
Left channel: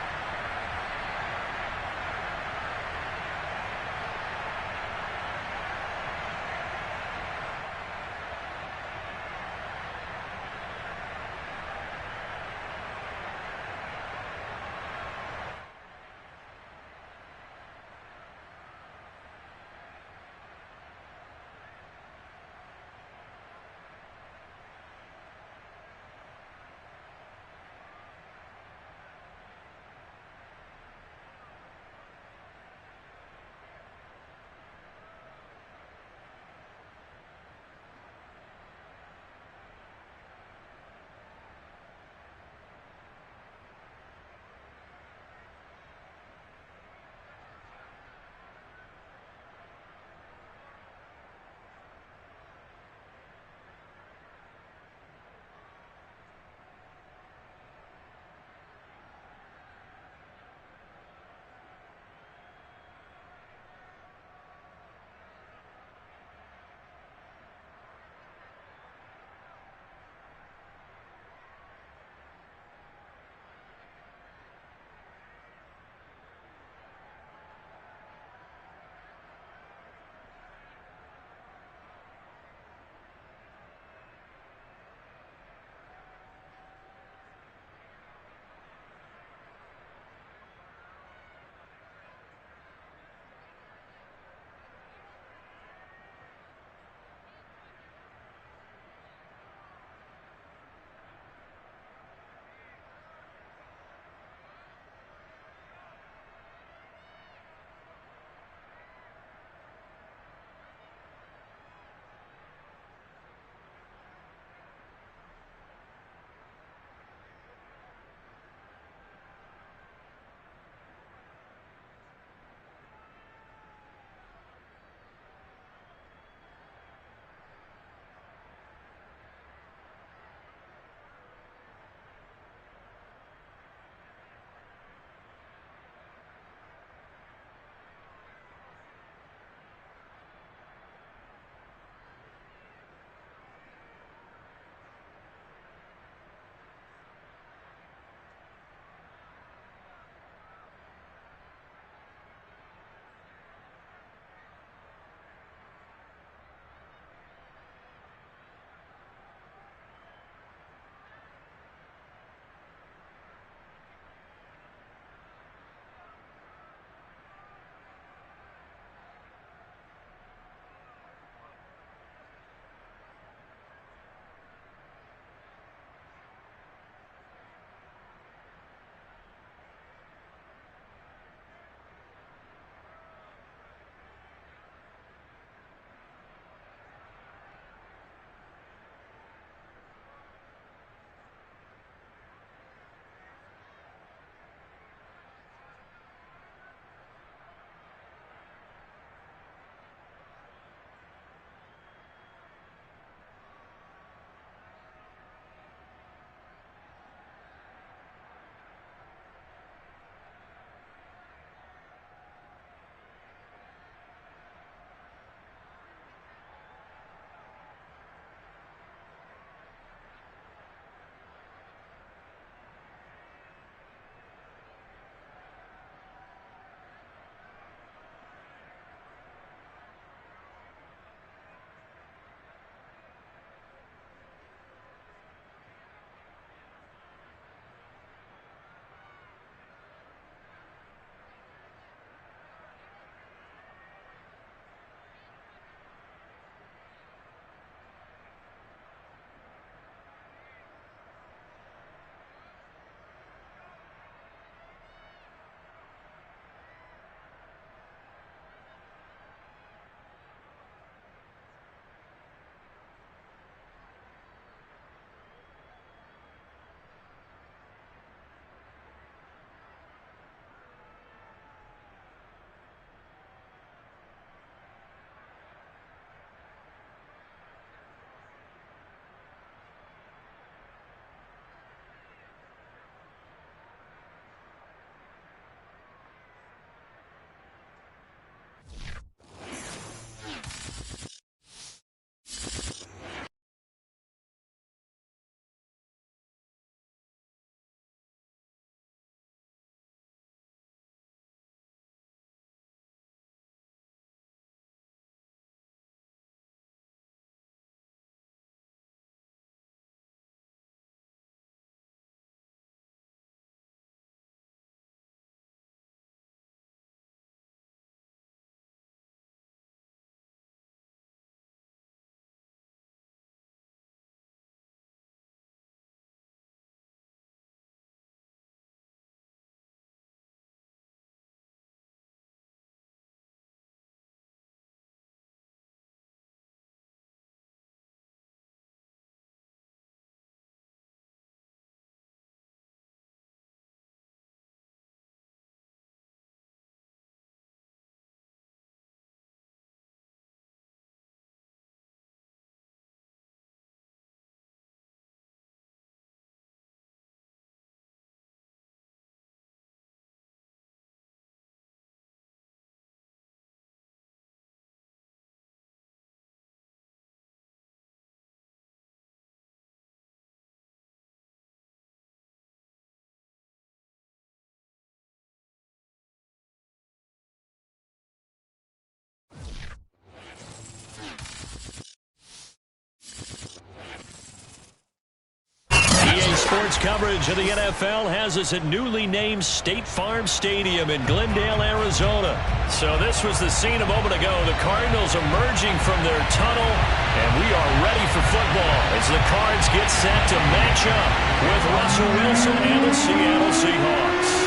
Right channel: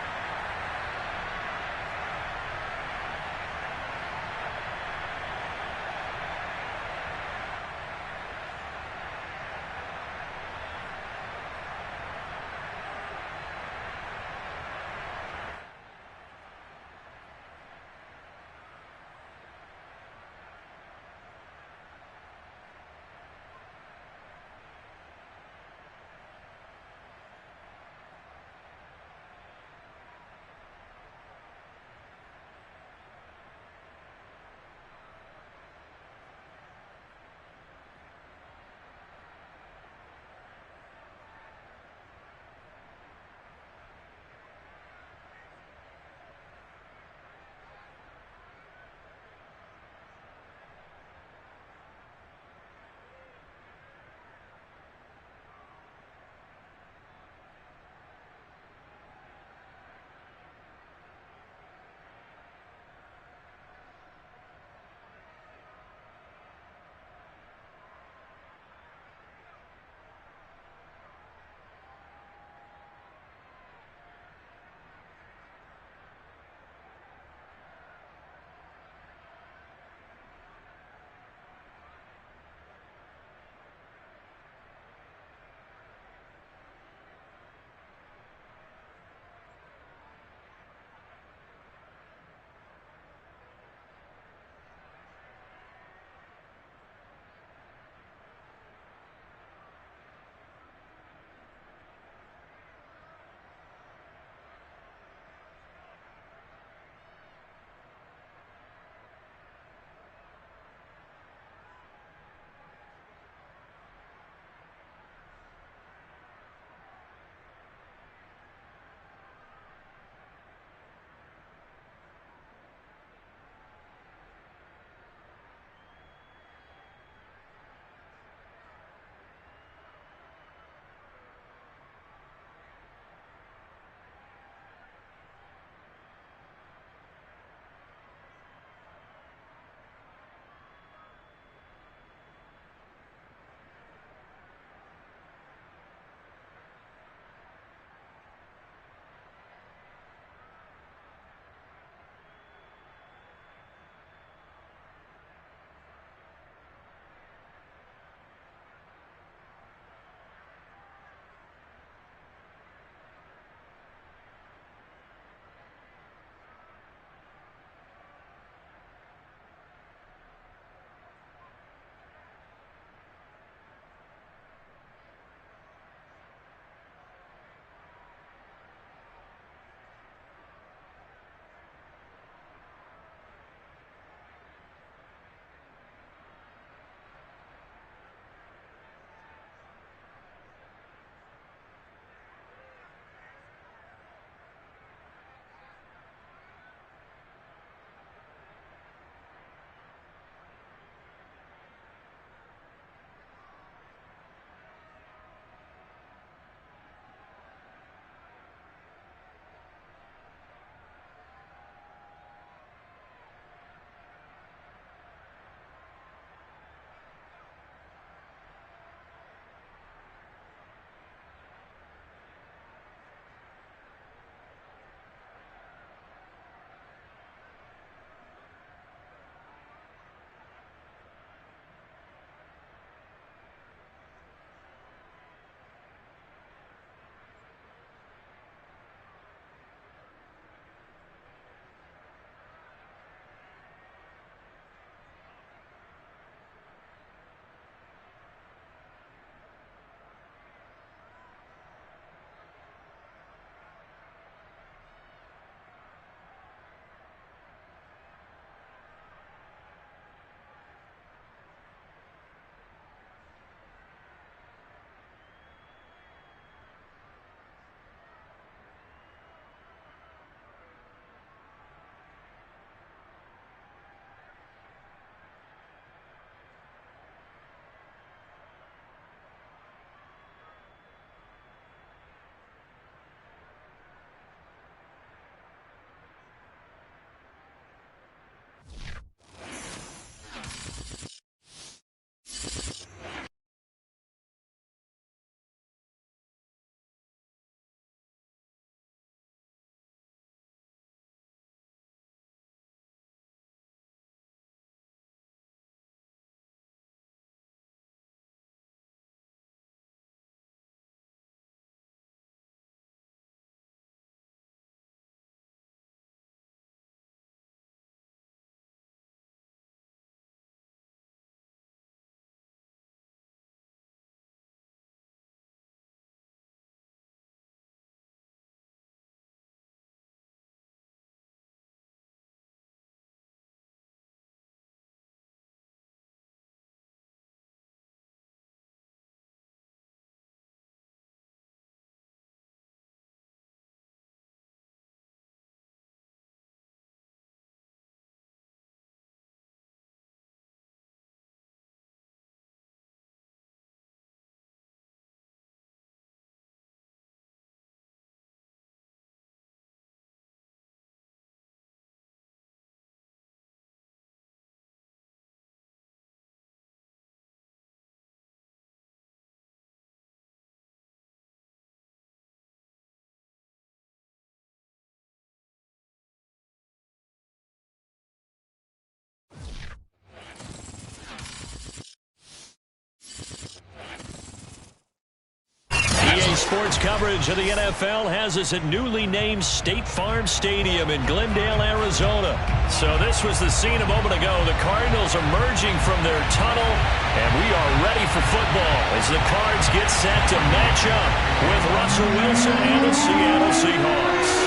Sports coverage of the NFL has us at newly named State Farm Stadium in Glendale, Arizona. So this was the scene a moment ago. The Cardinals emerging from their tunnel, and we are ready for football as the Cards get set to match up with Russell Wilson and the Seattle Seahawks.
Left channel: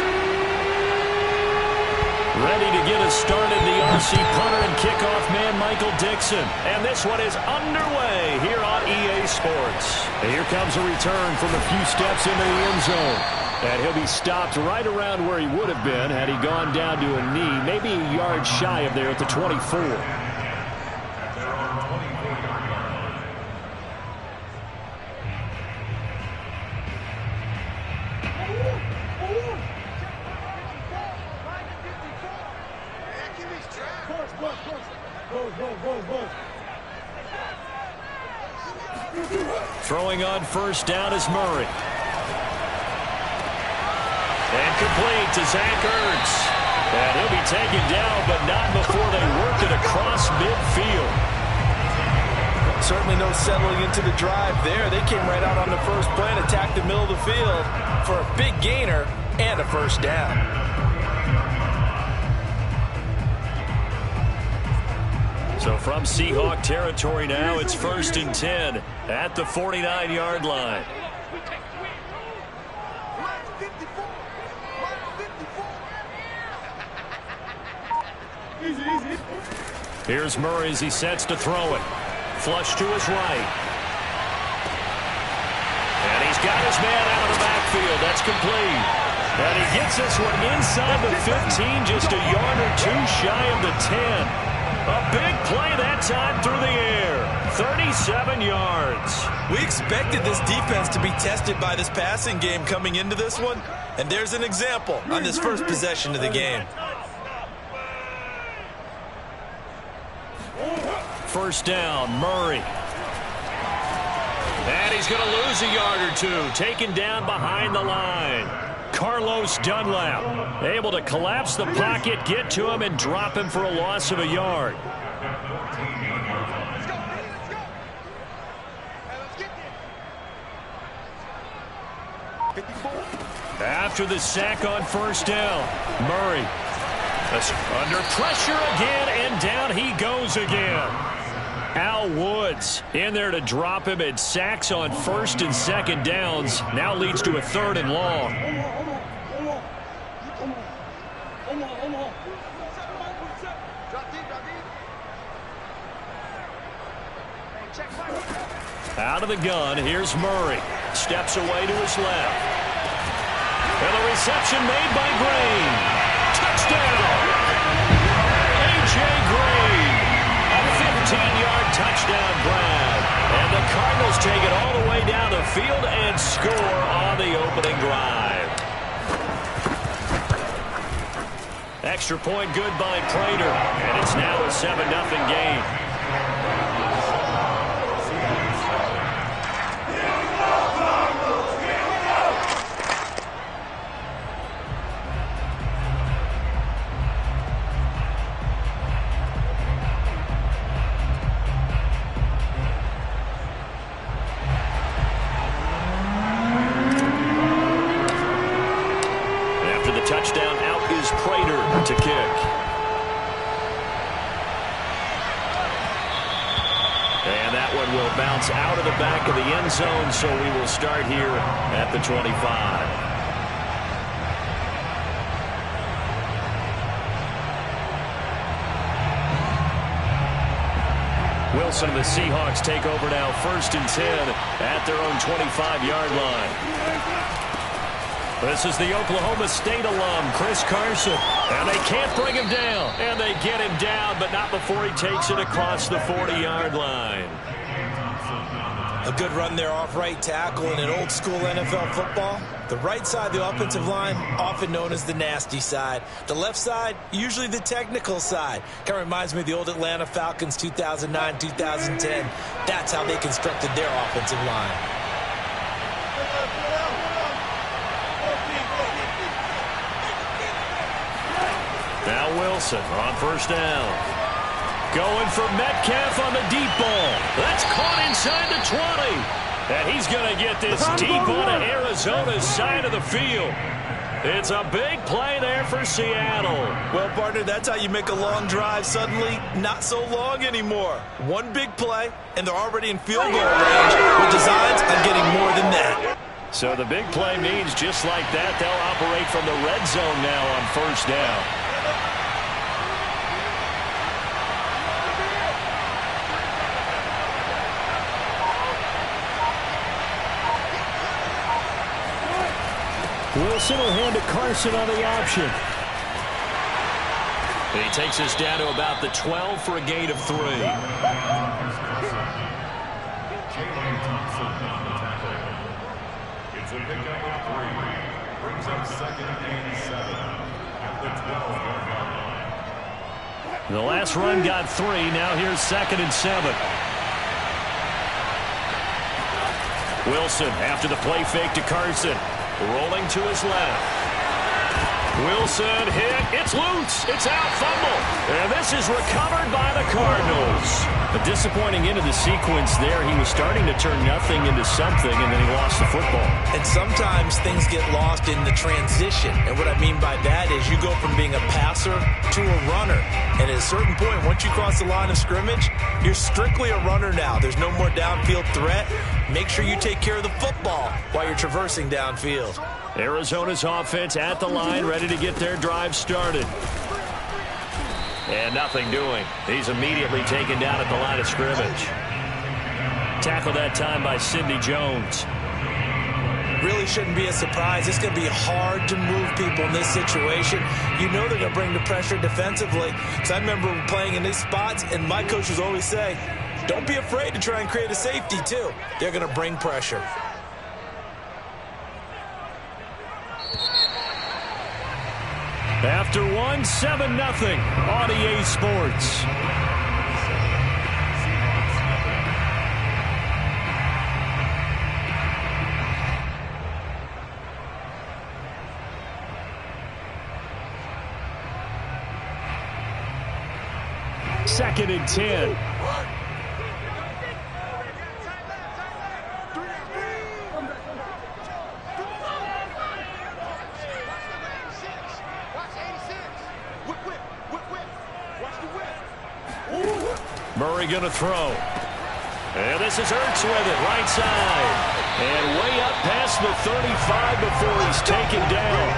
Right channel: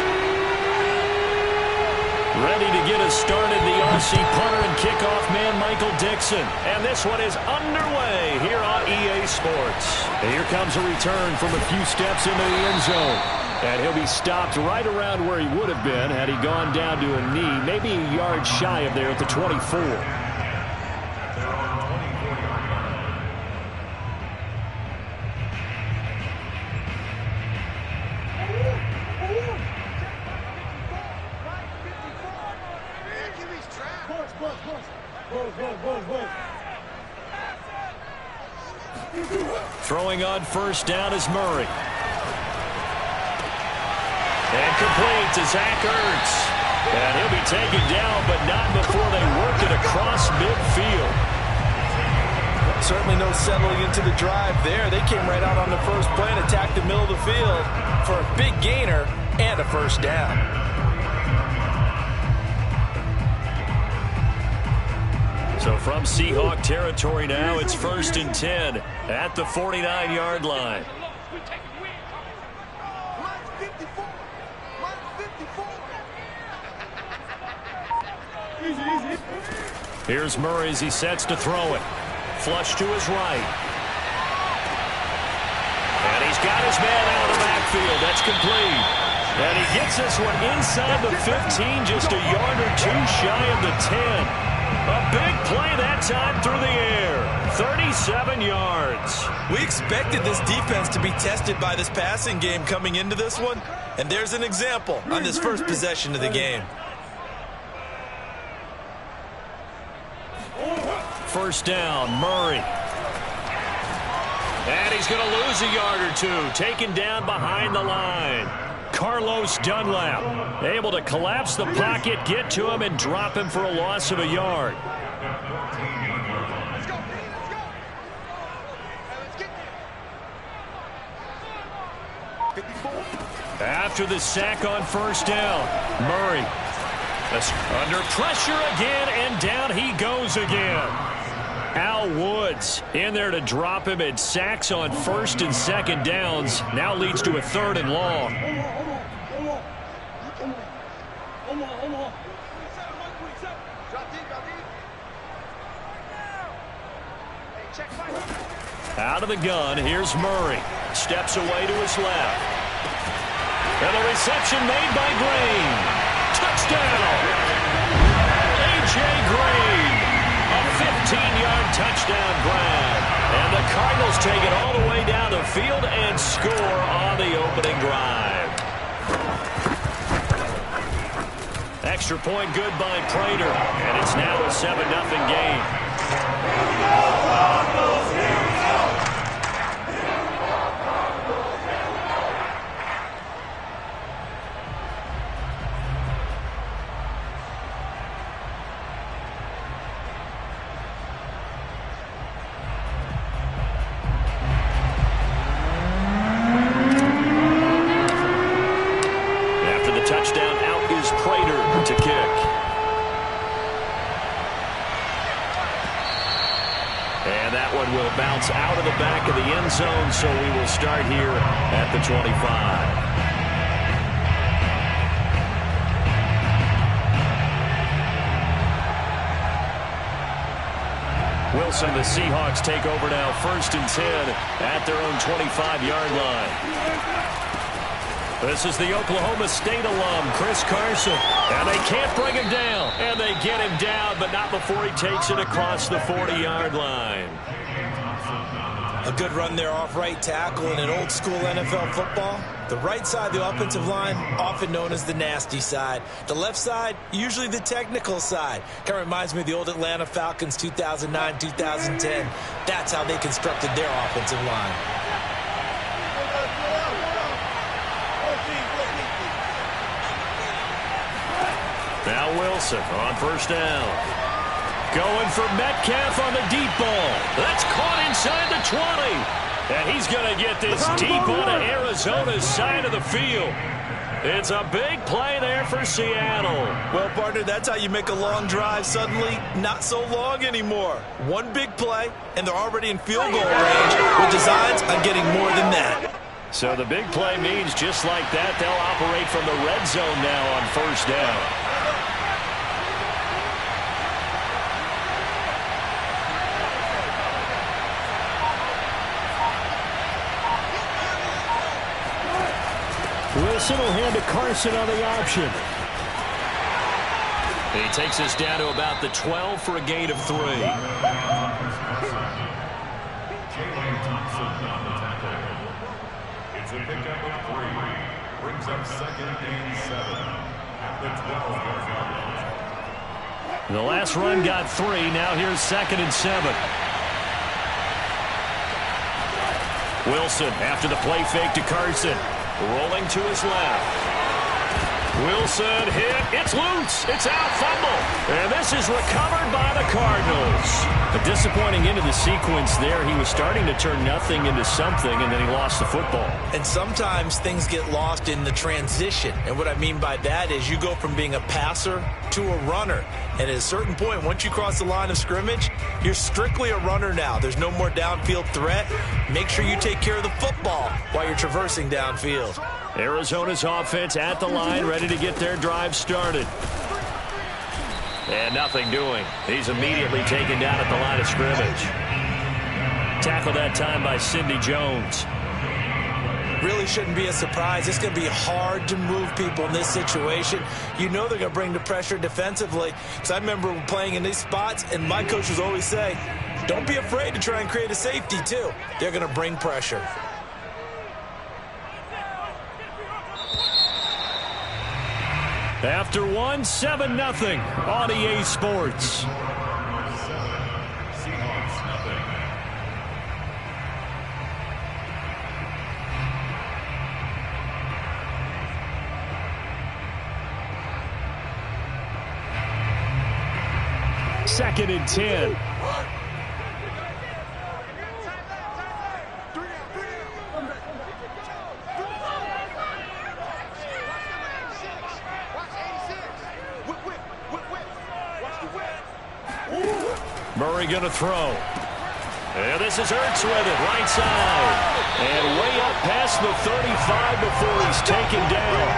Ready to get us started, the RC punter and kickoff man, Michael Dixon. And this one is underway here on EA Sports. And here comes a return from a few steps into the end zone. And he'll be stopped right around where he would have been had he gone down to a knee, maybe a yard shy of there at the 24. Throwing on first down is Murray. And complete to Zach Ertz. And he'll be taken down, but not before they work it across midfield. Certainly no settling into the drive there. They came right out on the first play and attacked the middle of the field for a big gainer and a first down. So from Seahawk territory now, it's 1st and 10 at the 49-yard line. Here's Murray as he sets to throw it. Flush to his right. And he's got his man out of the backfield. That's complete. And he gets this one inside the 15, just a yard or two shy of the 10. A big play that time through the air. 37 yards. We expected this defense to be tested by this passing game coming into this one. And there's an example on this first possession of the game. First down, Murray. And he's going to lose a yard or two. Taken down behind the line. Carlos Dunlap able to collapse the pocket, get to him, and drop him for a loss of a yard. Let's go. Hey, let's get there. 54. After the sack on first down, Murray under pressure again, and down he goes again. Al Woods in there to drop him. At sacks on first and second downs. Now leads to a 3rd and long. Out of the gun, here's Murray. Steps away to his left. And the reception made by Green. Touchdown! A.J. Green. A 15-yard touchdown grab. And the Cardinals take it all the way down the field and score on the opening drive. Extra point good by Prater. And it's now a 7-0 game. Touchdown, out is Prater to kick. And that one will bounce out of the back of the end zone, so we will start here at the 25. Wilson and the Seahawks take over now, 1st and 10 at their own 25-yard line. This is the Oklahoma State alum, Chris Carson. And they can't bring him down. And they get him down, but not before he takes it across the 40-yard line. A good run there off right tackle in an old-school NFL football. The right side of the offensive line, often known as the nasty side. The left side, usually the technical side. Kind of reminds me of the old Atlanta Falcons 2009, 2010. That's how they constructed their offensive line. Now Wilson on first down. Going for Metcalf on the deep ball. That's caught inside the 20. And he's going to get this deep onto Arizona's side of the field. It's a big play there for Seattle. Well, partner, that's how you make a long drive suddenly not so long anymore. One big play, and they're already in field goal range with designs on getting more than that. So the big play means just like that, they'll operate from the red zone now on first down. Wilson will hand to Carson on the option. He takes us down to about the 12 for a gain of 3. It's a pickup of 3. Brings up 2nd and 7 at the 12-yard line. The last run got 3. Now here's 2nd and 7. Wilson after the play fake to Carson. Rolling to his left. Wilson hit. It's loose. It's out. Fumble. And this is recovered by the Cardinals. A disappointing end of the sequence there. He was starting to turn nothing into something, and then he lost the football. And sometimes things get lost in the transition. And what I mean by that is you go from being a passer to a runner. And at a certain point, once you cross the line of scrimmage, you're strictly a runner now. There's no more downfield threat. Make sure you take care of the football while you're traversing downfield. Arizona's offense at the line, ready to get their drive started. And nothing doing. He's immediately taken down at the line of scrimmage. Tackled that time by Sidney Jones. Really shouldn't be a surprise. It's going to be hard to move people in this situation. You know they're going to bring the pressure defensively. Because I remember playing in these spots, and my coaches always say, don't be afraid to try and create a safety, too. They're going to bring pressure. After 7-0 on EA Sports. Second and 10. Murray going to throw. And this is Ertz with it, right side. And way up past the 35 before he's taken down.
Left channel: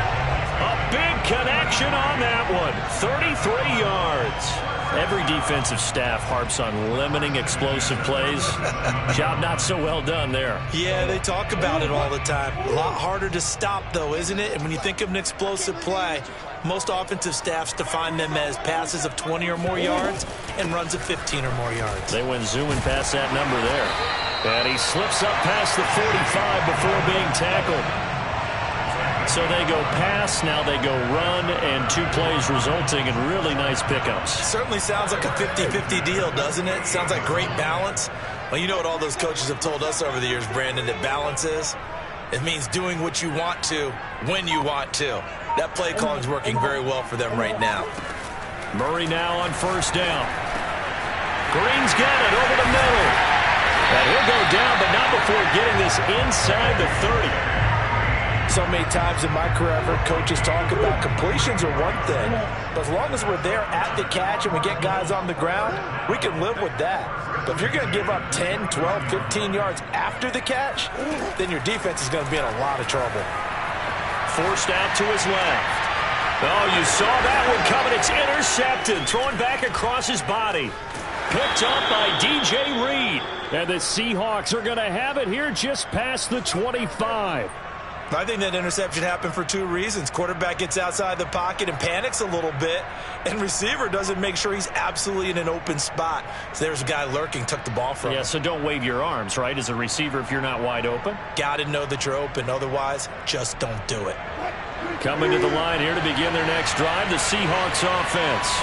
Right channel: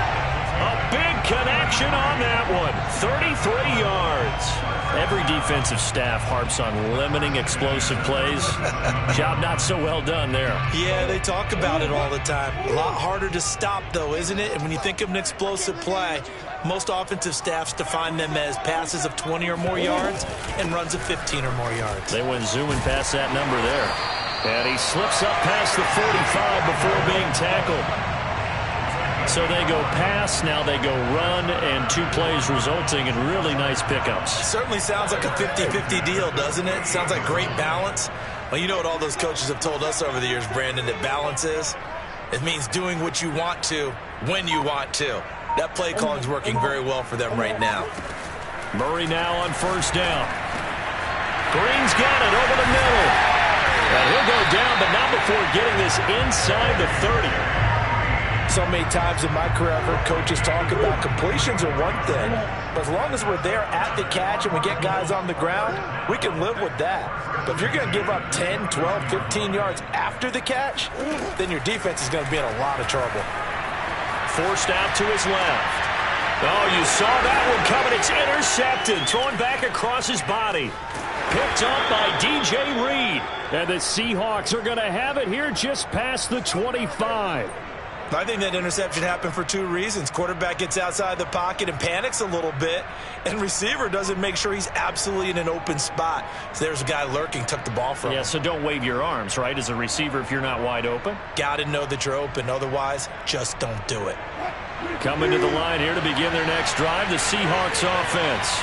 A big connection on that one. 33 yards. Every defensive staff harps on limiting explosive plays. Job not so well done there. Yeah, they talk about it all the time. A lot harder to stop, though, isn't it? And when you think of an explosive play, most offensive staffs define them as passes of 20 or more yards and runs of 15 or more yards. They went zooming past that number there. And he slips up past the 45 before being tackled. So they go pass, now they go run, and 2 plays resulting in really nice pickups. Certainly sounds like a 50-50 deal, doesn't it? Sounds like great balance. Well, you know what all those coaches have told us over the years, Brandon, that balance is? It means doing what you want to when you want to. That play calling is working very well for them right now. Murray now on first down. Green's got it over the middle. And he'll go down, but not before getting this inside the 30. So many times in my career, I've heard coaches talk about completions are one thing, but as long as we're there at the catch and we get guys on the ground, we can live with that. But if you're going to give up 10, 12, 15 yards after the catch, then your defense is going to be in a lot of trouble. Forced out to his left. Oh, you saw that one coming. It's intercepted. Thrown back across his body. Picked up by DJ Reed. And the Seahawks are going to have it here just past the 25. I think that interception happened for 2 reasons. Quarterback gets outside the pocket and panics a little bit, and receiver doesn't make sure he's absolutely in an open spot. So there's a guy lurking, took the ball from him. Yeah, so don't wave your arms, right, as a receiver if you're not wide open. Got to know that you're open. Otherwise, just don't do it. Coming to the line here to begin their next drive, the Seahawks offense.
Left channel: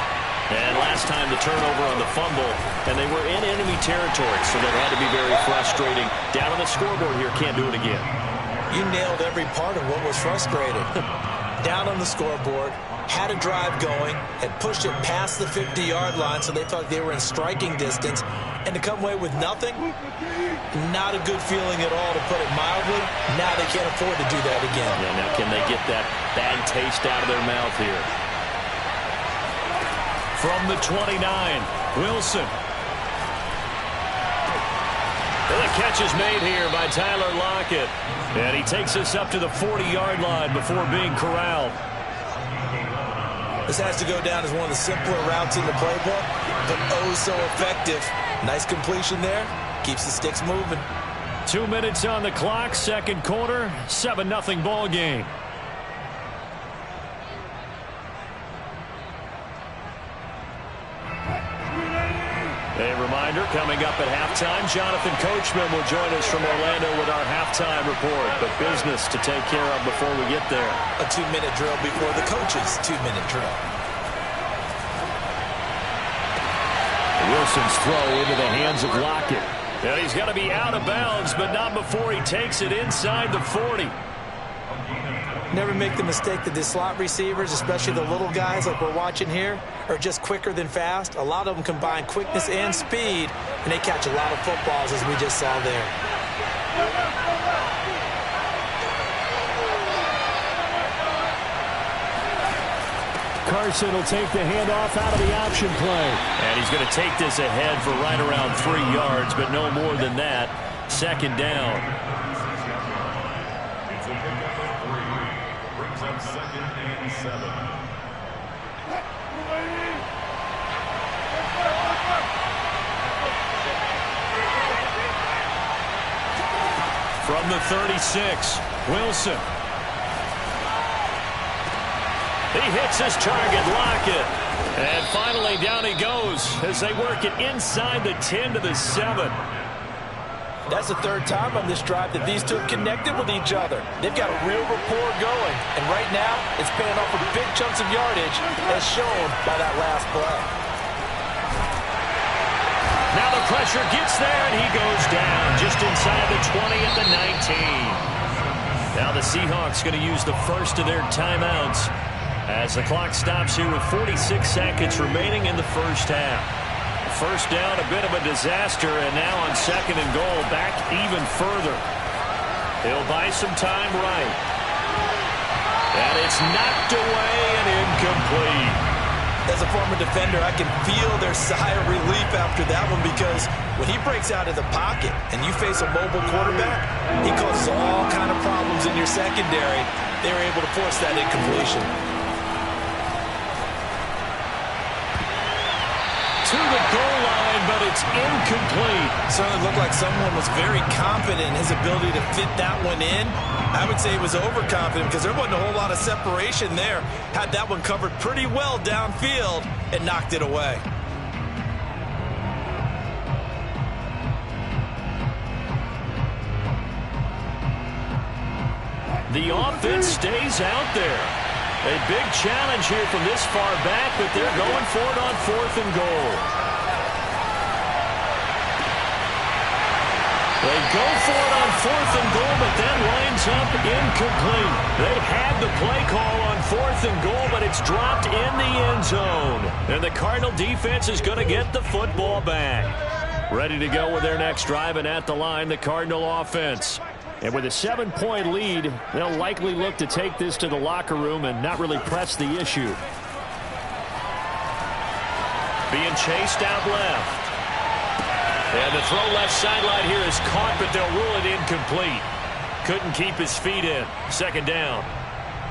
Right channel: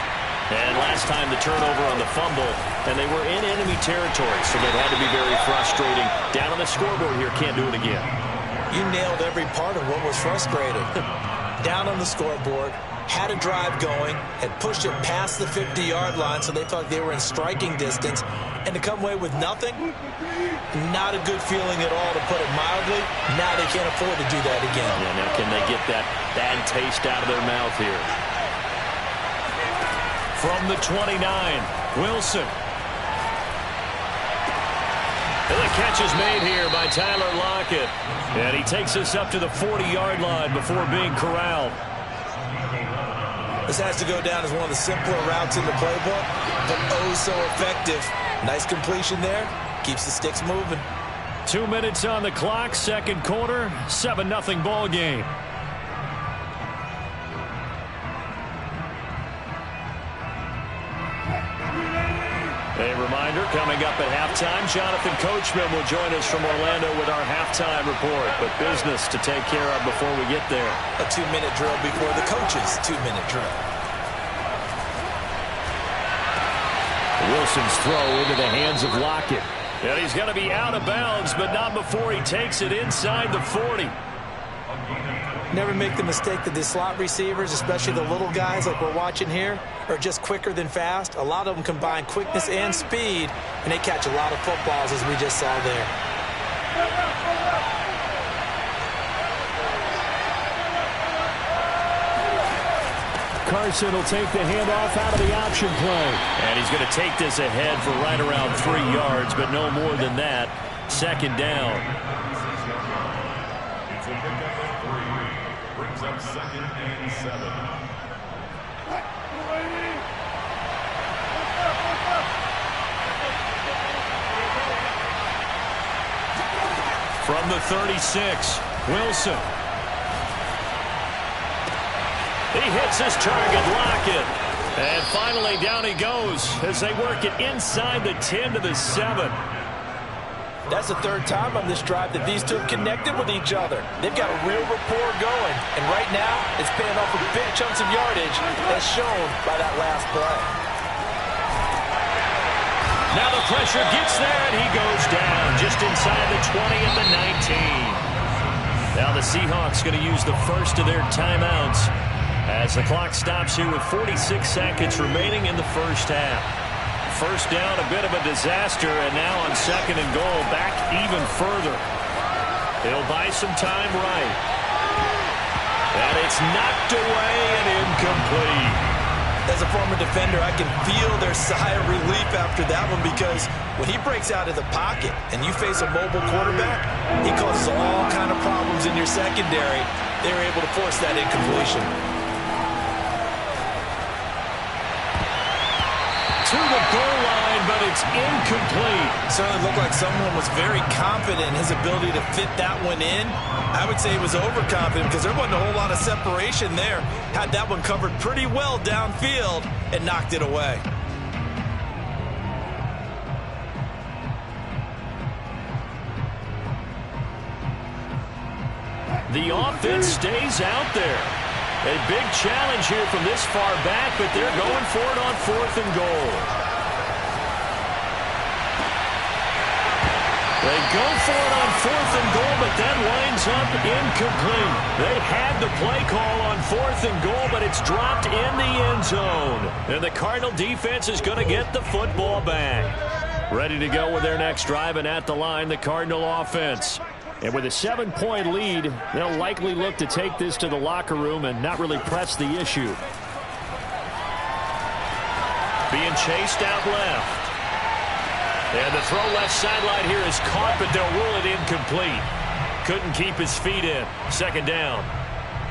And last time the turnover on the fumble, and they were in enemy territory, so that had to be very frustrating. Down on the scoreboard here, can't do it again. You nailed every part of what was frustrating. down on the scoreboard, had a drive going, had pushed it past the 50-yard line so they felt like they were in striking distance, and to come away with nothing, not a good feeling at all, to put it mildly. Now they can't afford to do that again. Yeah, now can they get that bad taste out of their mouth here? From the 29, Wilson. And the catch is made here by Tyler Lockett. And he takes us up to the 40-yard line before being corralled. This has to go down as one of the simpler routes in the playbook, but oh so effective. Nice completion there. Keeps the sticks moving. 2 minutes on the clock, second quarter, 7-0 ball game. A reminder, coming up at halftime, Jonathan Coachman will join us from Orlando with our halftime report. But business to take care of before we get there. A 2-minute drill before the coach's 2-minute drill. Wilson's throw into the hands of Lockett. And he's going to be out of bounds, but not before he takes it inside the 40. Never make the mistake that the slot receivers, especially the little guys like we're watching here, are just quicker than fast. A lot of them combine quickness and speed, and they catch a lot of footballs, as we just saw there. Carson will take the handoff out of the option play. And he's going to take this ahead for right around 3 yards, but no more than that. Second down. It's a pickup of 3. Brings up second and 7. From the 36, Wilson. He hits his target, Lockett. And finally down he goes as they work it inside the 10 to the 7. That's the third time on this drive that these two have connected with each other. They've got a real rapport going. And right now, it's paying off with big chunks of yardage, as shown by that last play. Now the pressure gets there, and he goes down just inside the 20 at the 19. Now the Seahawks going to use the first of their timeouts as the clock stops here with 46 seconds remaining in the first half. First down, a bit of a disaster, and now on second and goal, back even further. He'll buy some time right. And it's knocked away and incomplete. As a former defender, I can feel their sigh of relief after that one, because when he breaks out of the pocket and you face a mobile quarterback, he causes all kind of problems in your secondary. They were able to force that incompletion. To the goal line, but it's incomplete. Certainly looked like someone was very confident in his ability to fit that one in. I would say he was overconfident because there wasn't a whole lot of separation there. Had that one covered pretty well downfield and knocked it away. The offense stays out there. A big challenge here from this far back, but they're going for it on 4th and goal. They go for it on 4th and goal, but that lines up incomplete. They had the play call on 4th and goal, but it's dropped in the end zone. And the Cardinal defense is going to get the football back. Ready to go with their next drive, and at the line, the Cardinal offense. And with a 7-point lead, they'll likely look to take this to the locker room and not really press the issue. Being chased out left. And the throw left sideline here is caught, but they'll rule it incomplete. Couldn't keep his feet in. Second down.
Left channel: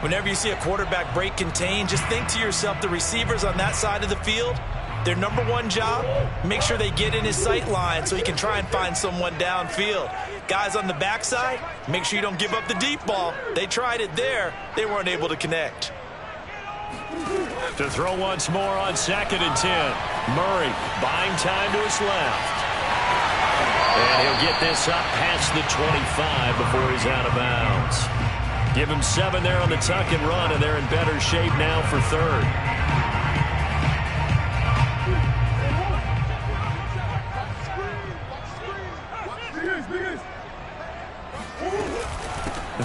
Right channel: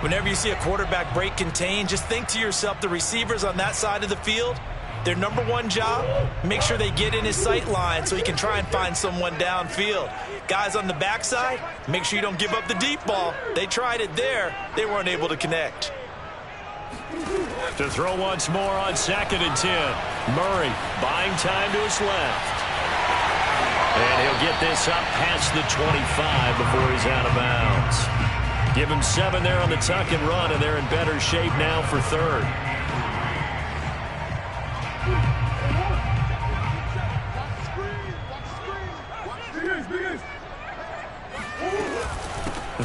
Whenever you see a quarterback break contain, just think to yourself, the receivers on that side of the field, their number one job, make sure they get in his sight line so he can try and find someone downfield. Guys on the backside, make sure you don't give up the deep ball. They tried it there. They weren't able to connect. To throw once more on 2nd and 10. Murray buying time to his left. And he'll get this up past the 25 before he's out of bounds. Give him 7 there on the tuck and run, and they're in better shape now for 3rd.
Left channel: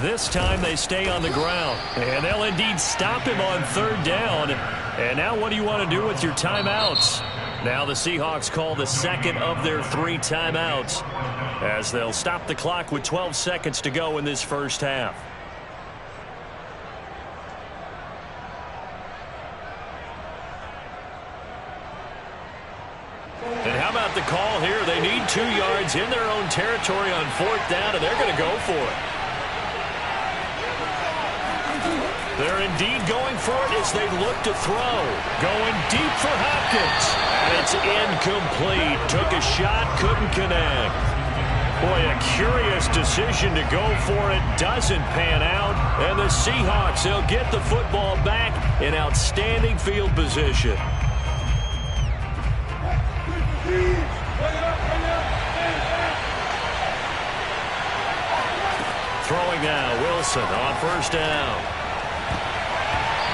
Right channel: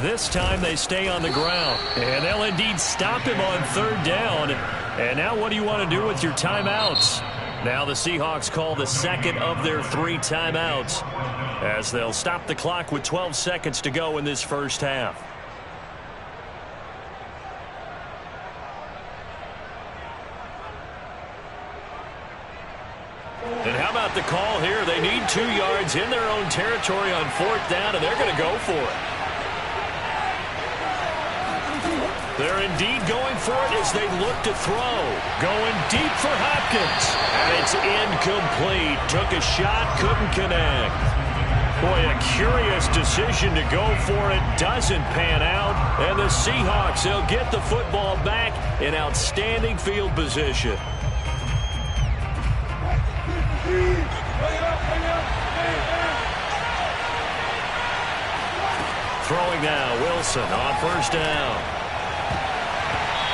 This time they stay on the ground. And they'll indeed stop him on third down. And now what do you want to do with your timeouts? Now the Seahawks call the second of their 3 timeouts as they'll stop the clock with 12 seconds to go in this first half. And how about the call here? They need 2 yards in their own territory on 4th down, and they're going to go for it. They're indeed going for it as they look to throw. Going deep for Hopkins. And it's incomplete. Took a shot, couldn't connect. Boy, a curious decision to go for it. Doesn't pan out. And the Seahawks, they'll get the football back in outstanding field position. Throwing now, Wilson on 1st down.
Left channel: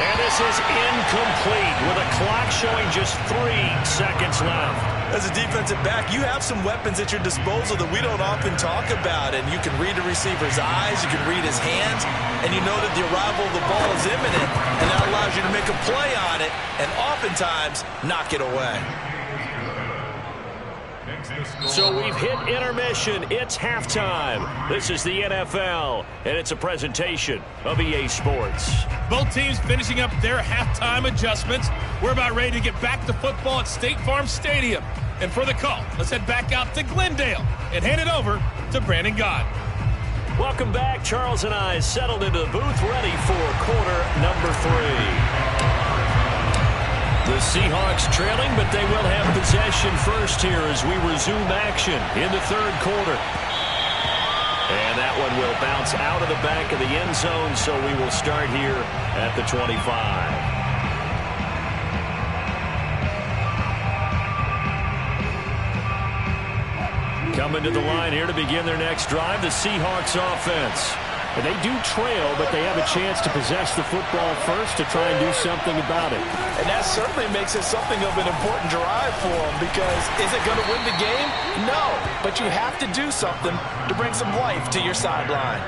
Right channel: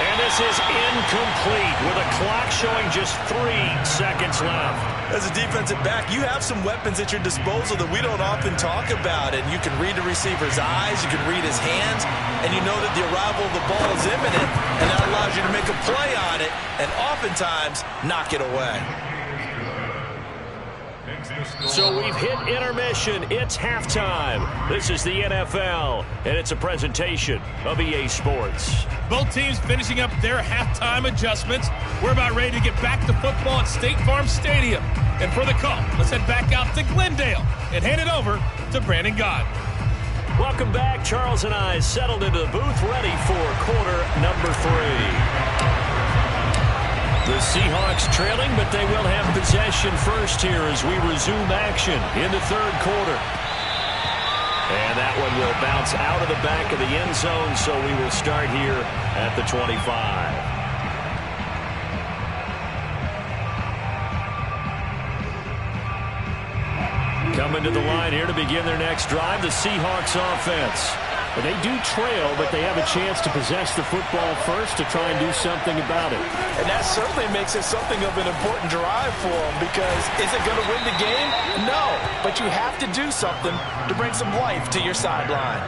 And this is incomplete with a clock showing just 3 seconds left. As a defensive back, you have some weapons at your disposal that we don't often talk about. And you can read the receiver's eyes, you can read his hands, and you know that the arrival of the ball is imminent, and that allows you to make a play on it and oftentimes knock it away. So we've hit intermission. It's halftime. This is the NFL, and it's a presentation of EA Sports. Both teams finishing up their halftime adjustments. We're about ready to get back to football at State Farm Stadium. And for the call, let's head back out to Glendale and hand it over to Brandon Gott. Welcome back. Charles and I settled into the booth, ready for quarter number 3. The Seahawks trailing, but they will have possession first here as we resume action in the 3rd quarter. And that one will bounce out of the back of the end zone, so we will start here at the 25. Coming to the line here to begin their next drive, the Seahawks offense. They do trail, but they have a chance to possess the football first to try and do something about it. And that certainly makes it something of an important drive for them, because is it going to win the game? No, but you have to do something to bring some life to your sideline.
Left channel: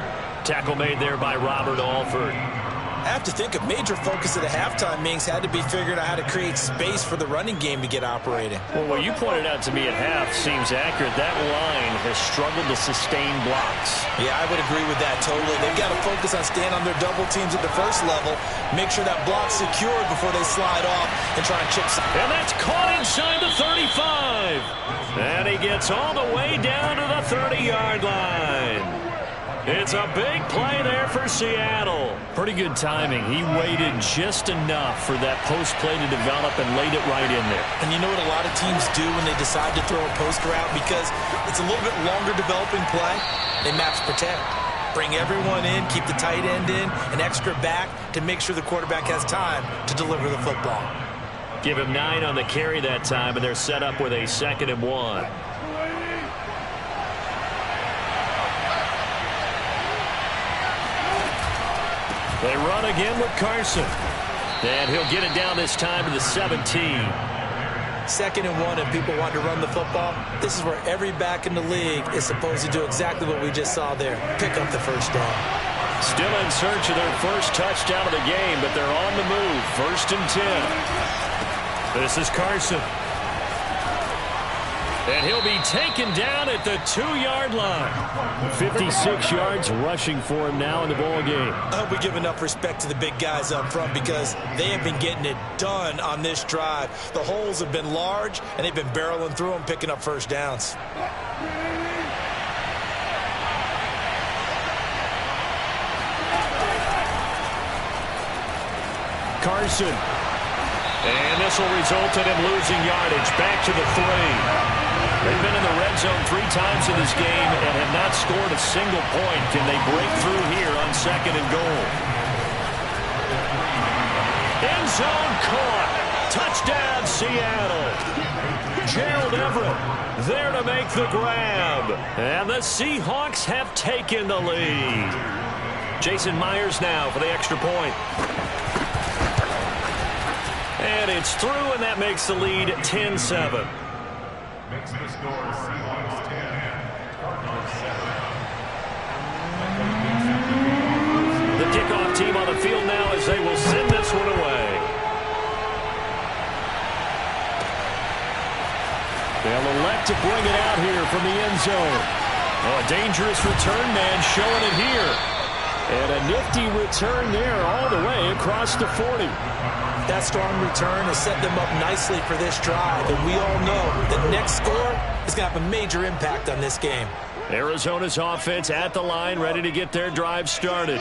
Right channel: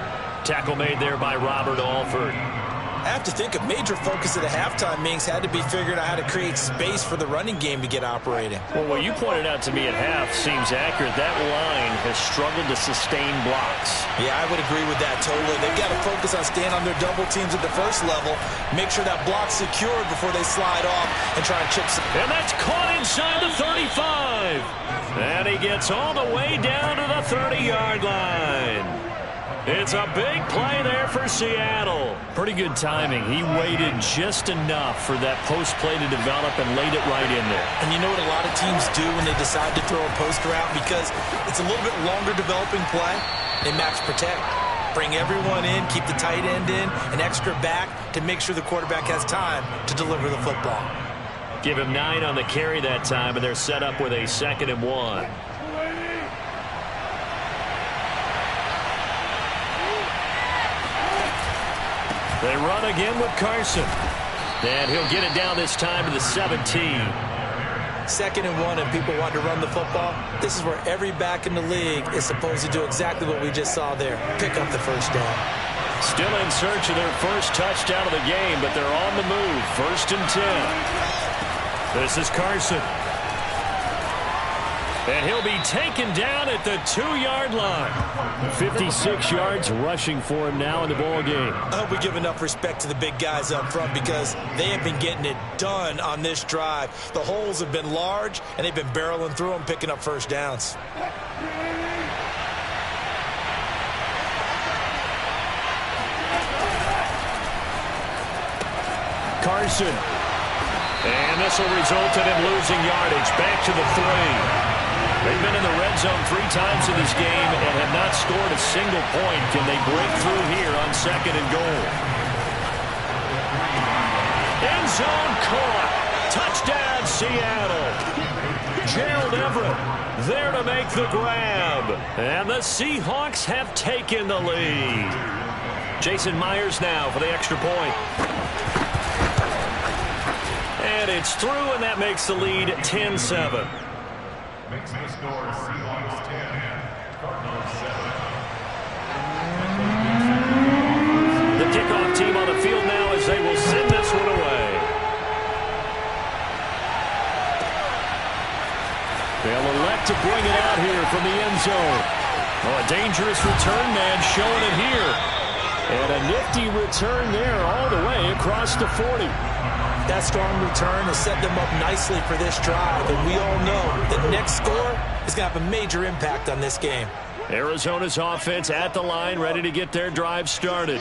Tackle made there by Robert Alford. I have to think a major focus of the halftime meetings had to be figuring out how to create space for the running game to get operating. Well, what you pointed out to me at half seems accurate. That line has struggled to sustain blocks. Yeah, I would agree with that totally. They've got to focus on staying on their double teams at the first level, make sure that block's secured before they slide off and try and chip some. And that's caught inside the 35. And he gets all the way down to the 30-yard line. It's a big play there for Seattle. Pretty good timing. He waited just enough for that post play to develop and laid it right in there. And you know what a lot of teams do when they decide to throw a post route? Because it's a little bit longer developing play, they max protect. Bring everyone in, keep the tight end in, an extra back to make sure the quarterback has time to deliver the football. Give him 9 on the carry that time, and they're set up with a 2nd and 1. They run again with Carson. And he'll get it down this time to the 17. 2nd and 1, and people want to run the football. This is where every back in the league is supposed to do exactly what we just saw there. Pick up the first down. Still in search of their first touchdown of the game, but they're on the move. 1st and 10. This is Carson. And he'll be taken down at the 2-yard line. 56 yards rushing for him now in the ball game. I hope we give enough respect to the big guys up front, because they have been getting it done on this drive. The holes have been large, and they've been barreling through them, picking up first downs. Carson. And this will result in him losing yardage. Back to the 3. They've been in the red zone 3 times in this game and have not scored a single point. Can they break through here on 2nd and goal? End zone caught. Touchdown, Seattle. Gerald Everett there to make the grab. And the Seahawks have taken the lead. Jason Myers now for the extra point. And it's through, and that makes the lead 10-7. Makes the score Seahawks 10, Cardinals 7. back to bring it out here from the end zone. Oh, a dangerous return man showing it here. And a nifty return there all the way across the 40. That strong return has set them up nicely for this drive, and we all know the next score is going to have a major impact on this game. Arizona's offense at the line, ready to get their drive started.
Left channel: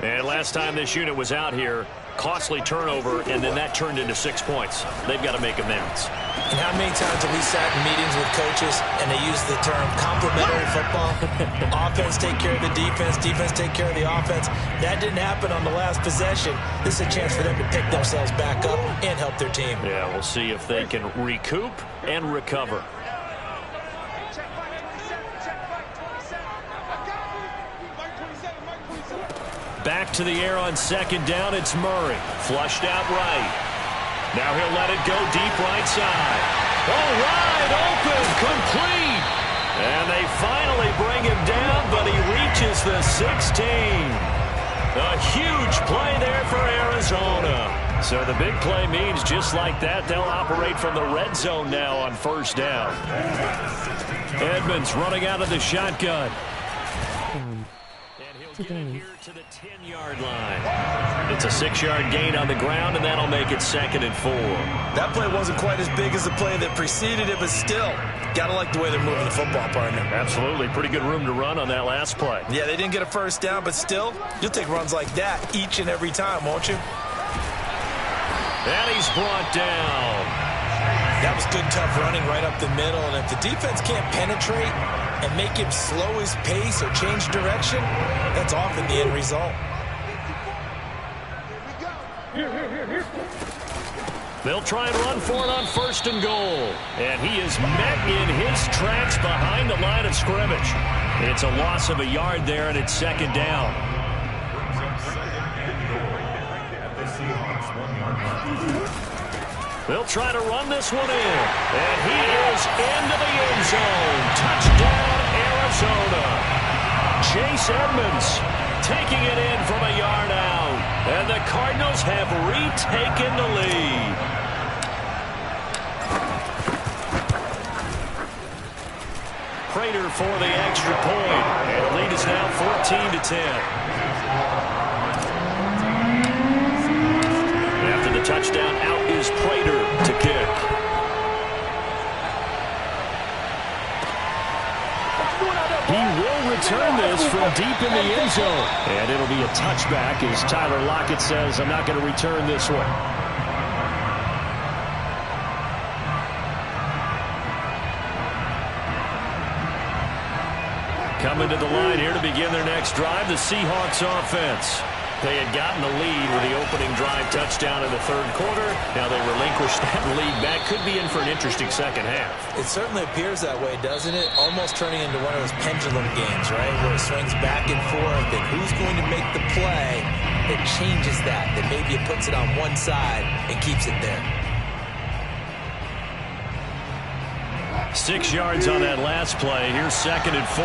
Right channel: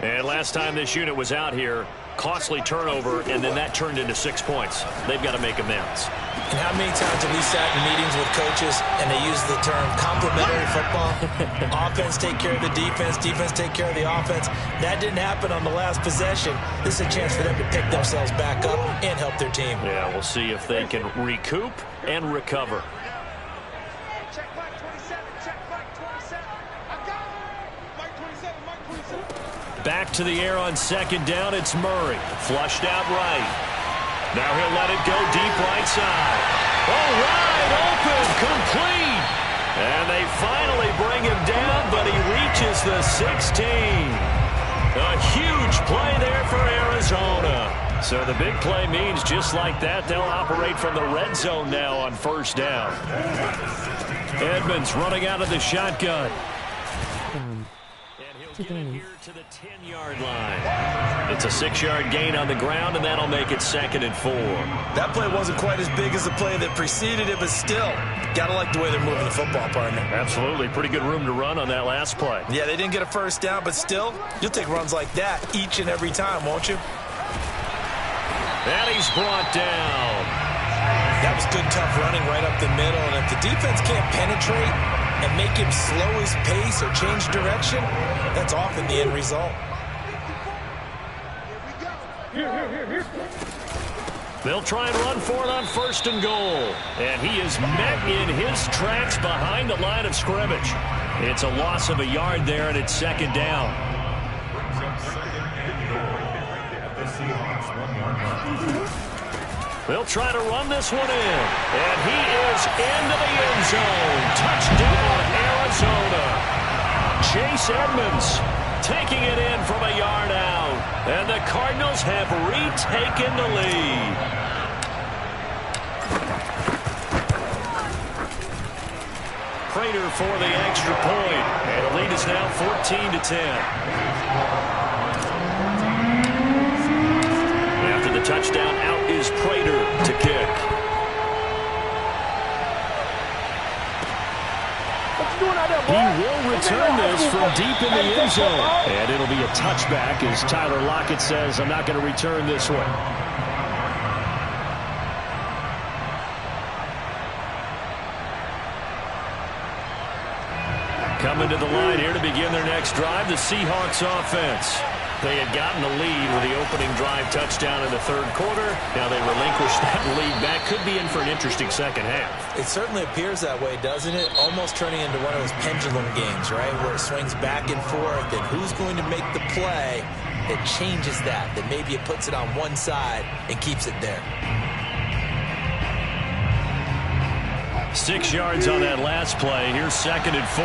And last time this unit was out here, costly turnover, and then that turned into 6 points. They've got to make amends. And how many times have we sat in meetings with coaches and they use the term complementary football? Offense take care of the defense, defense take care of the offense. That didn't happen on the last possession. This is a chance for them to pick themselves back up and help their team. Yeah, we'll see if they can recoup and recover. Check Mike 27. Check Mike 27. I got you. Mike 27. Mike 27. Back to the air on second down. It's Murray. Flushed out right. Now he'll let it go deep right side. Oh, wide open. Complete. And they finally bring him down, but he reaches the 16. A huge play there for Arizona. So the big play means just like that, they'll operate from the red zone now on first down. Edmonds running out of the shotgun. Get it here to the 10-yard line. It's a 6-yard gain on the ground, and that'll make it 2nd and 4. That play wasn't quite as big as the play that preceded it, but still, gotta like the way they're moving the football, partner. Absolutely. Pretty good room to run on that last play. Yeah, they didn't get a first down, but still, you'll take runs like that each and every time, won't you? And he's brought down. That was good, tough running right up the middle, and if the defense can't penetrate and make him slow his pace or change direction, that's often the end result. Here. They'll try and run for it on 1st and goal. And he is met in his tracks behind the line of scrimmage. It's a loss of a yard there, and it's 2nd down. Brings up 2nd and goal at the Seahawks 1 yard line. They'll try to run this one in. And he is into the end zone. Touchdown, Arizona. Chase Edmonds taking it in from a yard out. And the Cardinals have retaken the lead. Prater for the extra point. And the lead is now 14-10. After the touchdown, out is Prater to kick. He will return this from deep in the end zone. And it'll be a touchback as Tyler Lockett says, I'm not going to return this one. Coming to the line here to begin their next drive, the Seahawks offense. They had gotten the lead with the opening drive touchdown in the 3rd quarter. Now they relinquish that lead back. Could be in for an interesting second half. It certainly appears that way, doesn't it? Almost turning into one of those pendulum games, right? Where it swings back and forth, and who's going to make the play that changes that? That maybe it puts it on one side and keeps it there. 6 yards on that last play. Here's 2nd and 4.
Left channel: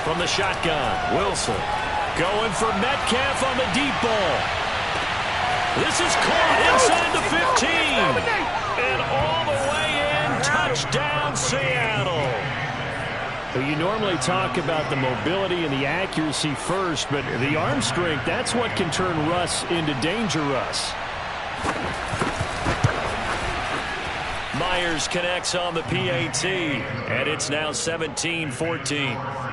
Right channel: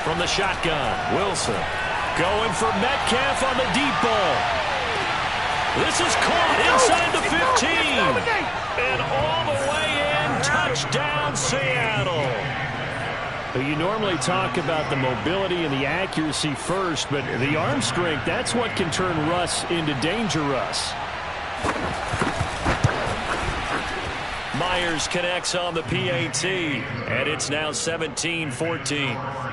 From the shotgun, Wilson going for Metcalf on the deep ball. This is caught inside the 15. And all the way in, touchdown Seattle. You normally talk about the mobility and the accuracy first, but the arm strength, that's what can turn Russ into Danger Russ. Myers connects on the PAT, and it's now 17-14.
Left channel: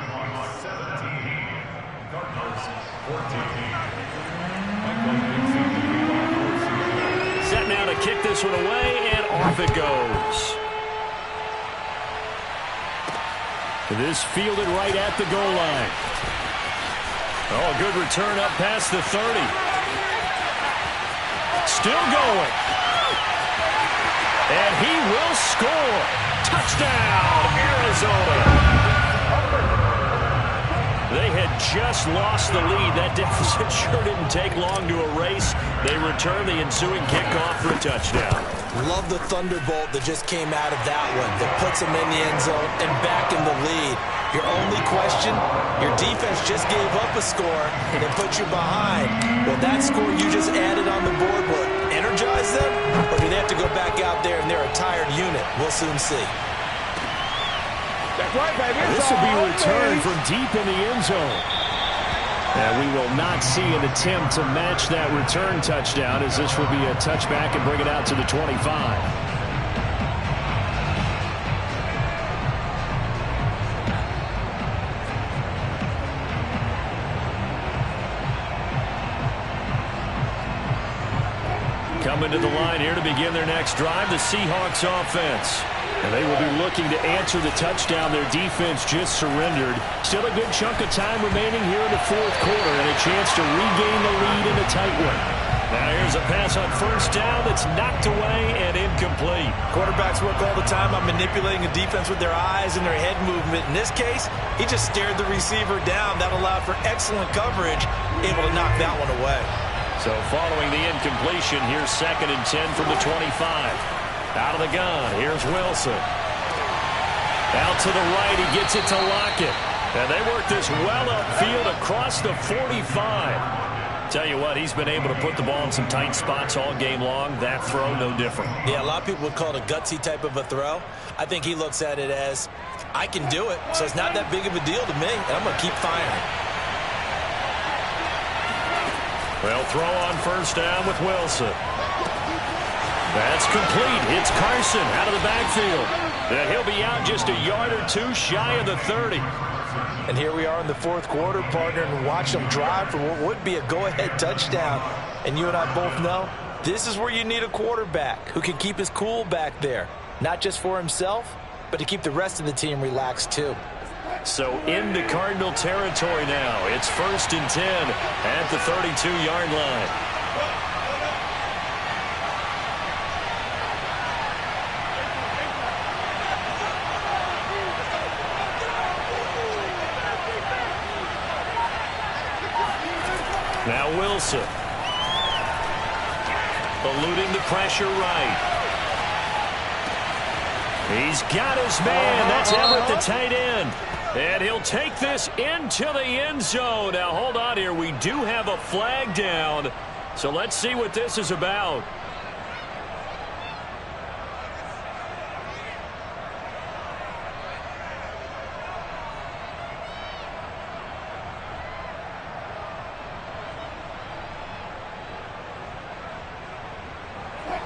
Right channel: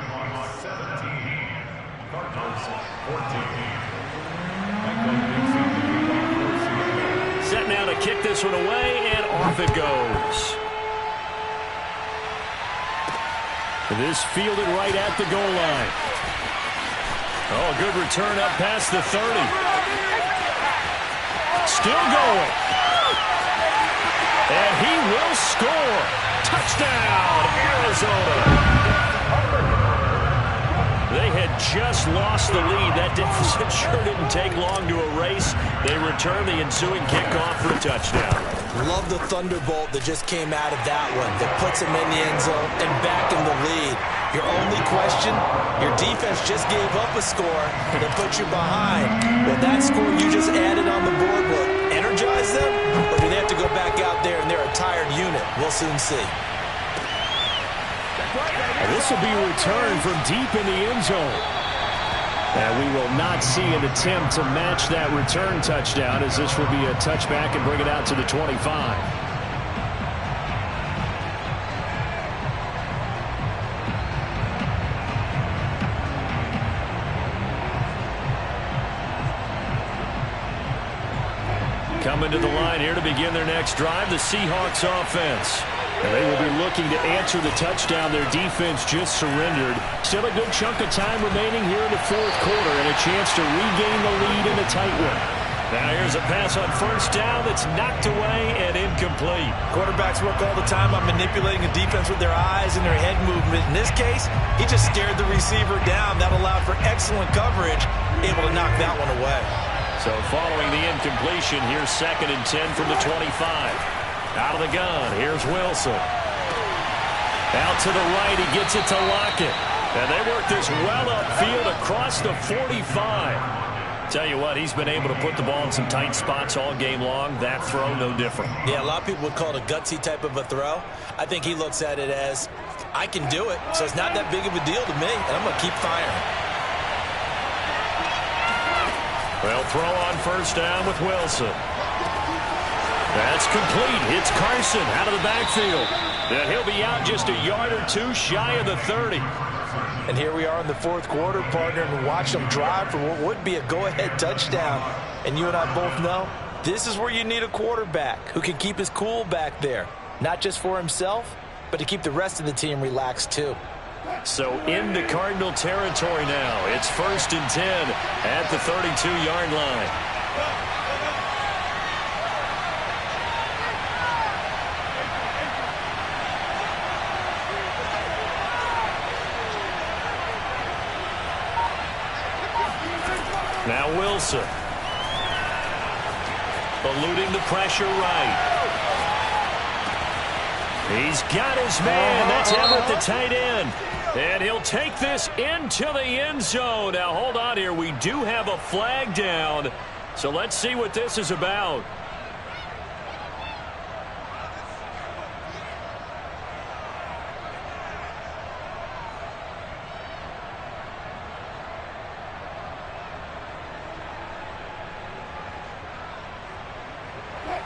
Set now to kick this one away, and off it goes. This fielded right at the goal line. Oh, a good return up past the 30. Still going. And he will score. Touchdown, Arizona. They had just lost the lead. That deficit sure didn't take long to erase. They return the ensuing kickoff for a touchdown. Love the thunderbolt that just came out of that one. That puts them in the end zone and back in the lead. Your only question, your defense just gave up a score that put you behind. Well, that score you just added on the board will energize re-energize them, or do they have to go back out there and they're a tired unit? We'll soon see. This will be returned from deep in the end zone. And we will not see an attempt to match that return touchdown, as this will be a touchback and bring it out to the 25. Coming to the line here to begin their next drive, the Seahawks offense. And they will be looking to answer the touchdown their defense just surrendered. Still a good chunk of time remaining here in the fourth quarter and a chance to regain the lead in a tight one. Now here's a pass on first down that's knocked away and incomplete. Quarterbacks work all the time on manipulating a defense with their eyes and their head movement. In this case, he just stared the receiver down. That allowed for excellent coverage, able to knock that one away. So following the incompletion, here's 2nd and 10 from the 25. Out of the gun, here's Wilson. Out to the right, he gets it to Lockett. And they work this well upfield across the 45. Tell you what, he's been able to put the ball in some tight spots all game long. That throw, no different. Yeah, a lot of people would call it a gutsy type of a throw. I think he looks at it as, I can do it, so it's not that big of a deal to me, and I'm going to keep firing. Well, throw on first down with Wilson. That's complete. It's Carson out of the backfield. And he'll be out just a yard or two shy of the 30. And here we are in the fourth quarter, partner, and watch them drive for what would be a go-ahead touchdown. And you and I both know this is where you need a quarterback who can keep his cool back there. Not just for himself, but to keep the rest of the team relaxed too. So into Cardinal territory now. It's 1st and 10 at the 32-yard line. Now Wilson. Eluding the pressure right. He's got his man. That's Everett, the tight end. And he'll take this into the end zone. Now, hold on here. We do have a flag down. So let's see what this is about.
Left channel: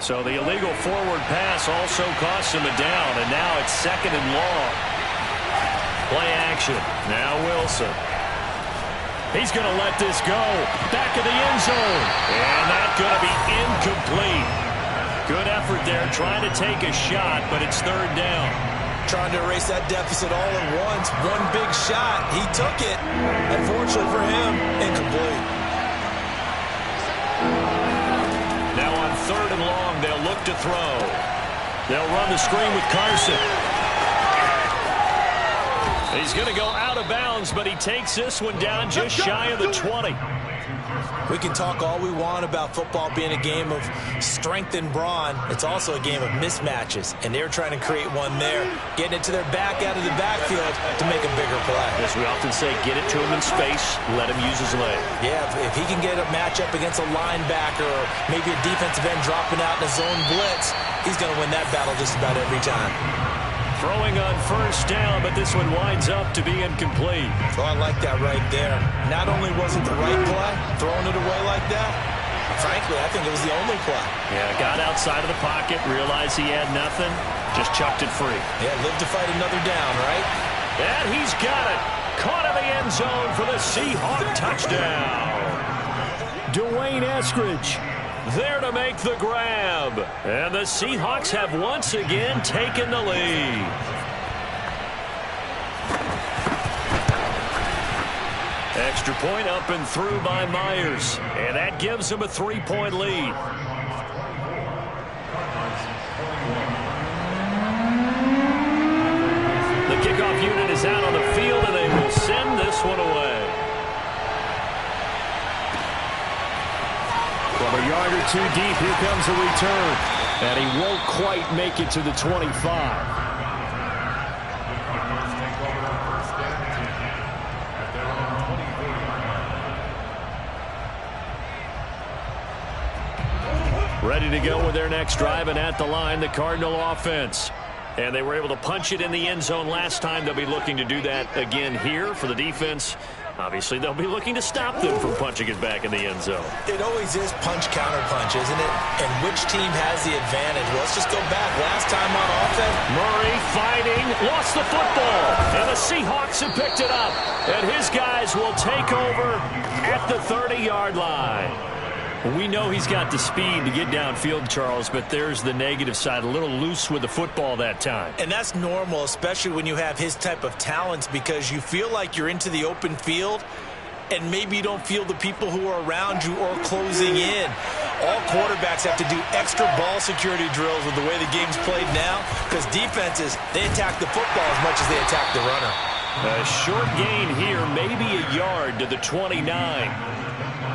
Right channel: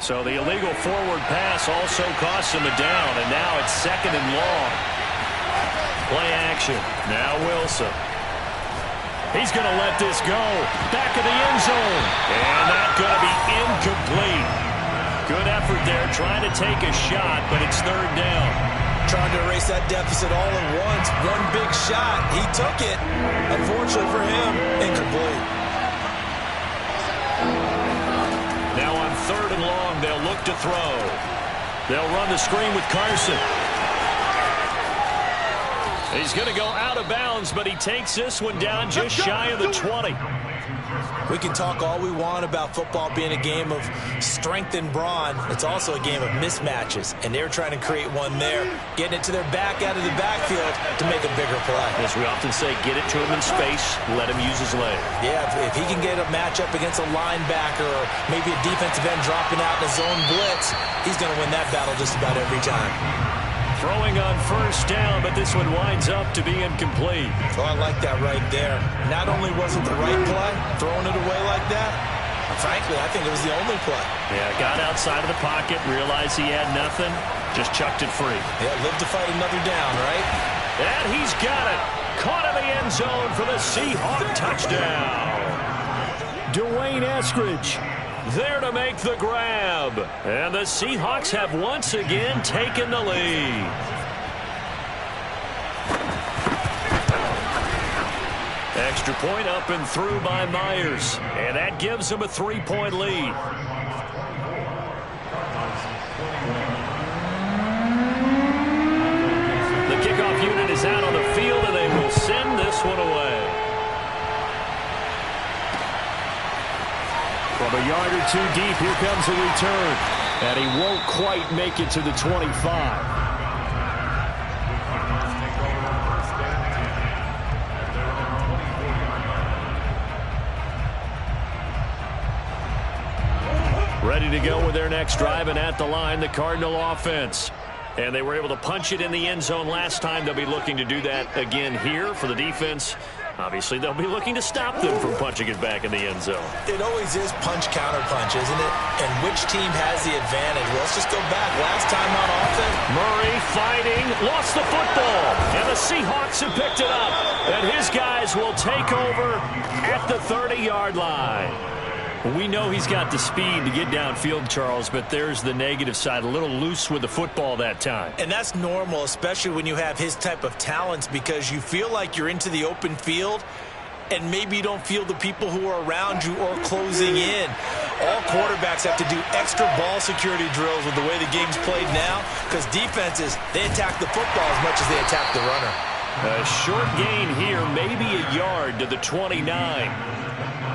So the illegal forward pass also costs him a down, and now it's 2nd and long. Play action. Now Wilson. He's going to let this go. Back of the end zone. And that's going to be incomplete. Good effort there trying to take a shot, but it's 3rd down. Trying to erase that deficit all at once. One big shot. He took it. Unfortunately for him, incomplete. Now on 3rd and long, they'll look to throw. They'll run the screen with Carson. He's going to go out of bounds, but he takes this one down just shy of the 20. We can talk all we want about football being a game of strength and brawn. It's also a game of mismatches, and they're trying to create one there, getting it to their back out of the backfield to make a bigger play. As we often say, get it to him in space, let him use his leg. Yeah, if he can get a matchup against a linebacker or maybe a defensive end dropping out in a zone blitz, he's going to win that battle just about every time. Throwing on first down, but this one winds up to be incomplete. Oh, I like that right there. Not only was it the right play, throwing it away like that, frankly, I think it was the only play. Yeah, got outside of the pocket, realized he had nothing, just chucked it free. Yeah, live to fight another down, right? And he's got it. Caught in the end zone for the Seahawk touchdown. Dwayne Eskridge there to make the grab. And the Seahawks have once again taken the lead. Extra point up and through by Myers. And that gives them a 3-point lead. The kickoff unit is out on the field, and they will send this one away. From a yard or two deep, here comes a return. And he won't quite make it to the 25. Ready to go with their next drive, and at the line, the Cardinal offense. And they were able to punch it in the end zone last time. They'll be looking to do that again here for the defense. Obviously, they'll be looking to stop them from punching it back in the end zone. It always is punch-counter-punch, isn't it? And which team has the advantage? Well, let's just go back. Last time on offense, Murray fighting, lost the football. And the Seahawks have picked it up. And his guys will take over at the 30-yard line. We know he's got the speed to get downfield, Charles, but there's the negative side, a little loose with the football that time. And that's normal, especially when you have his type of talents, because you feel like you're into the open field and maybe you don't feel the people who are around you or closing in. All quarterbacks have to do extra ball security drills with the way the game's played now, because defenses, they attack the football as much as they attack the runner. A short gain here, maybe a yard to the 29.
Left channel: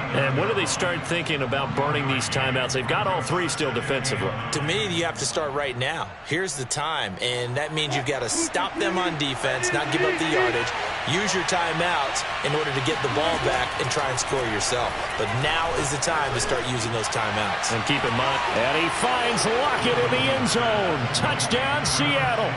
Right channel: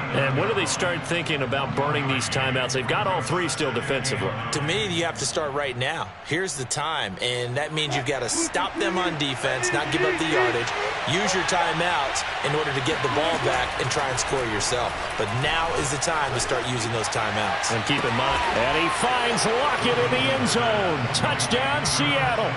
And when do they start thinking about burning these timeouts? They've got all three still defensively. To me, you have to start right now. Here's the time, and that means you've got to stop them on defense, not give up the yardage, use your timeouts in order to get the ball back and try and score yourself. But now is the time to start using those timeouts. And keep in mind, and he finds Lockett in the end zone. Touchdown, Seattle.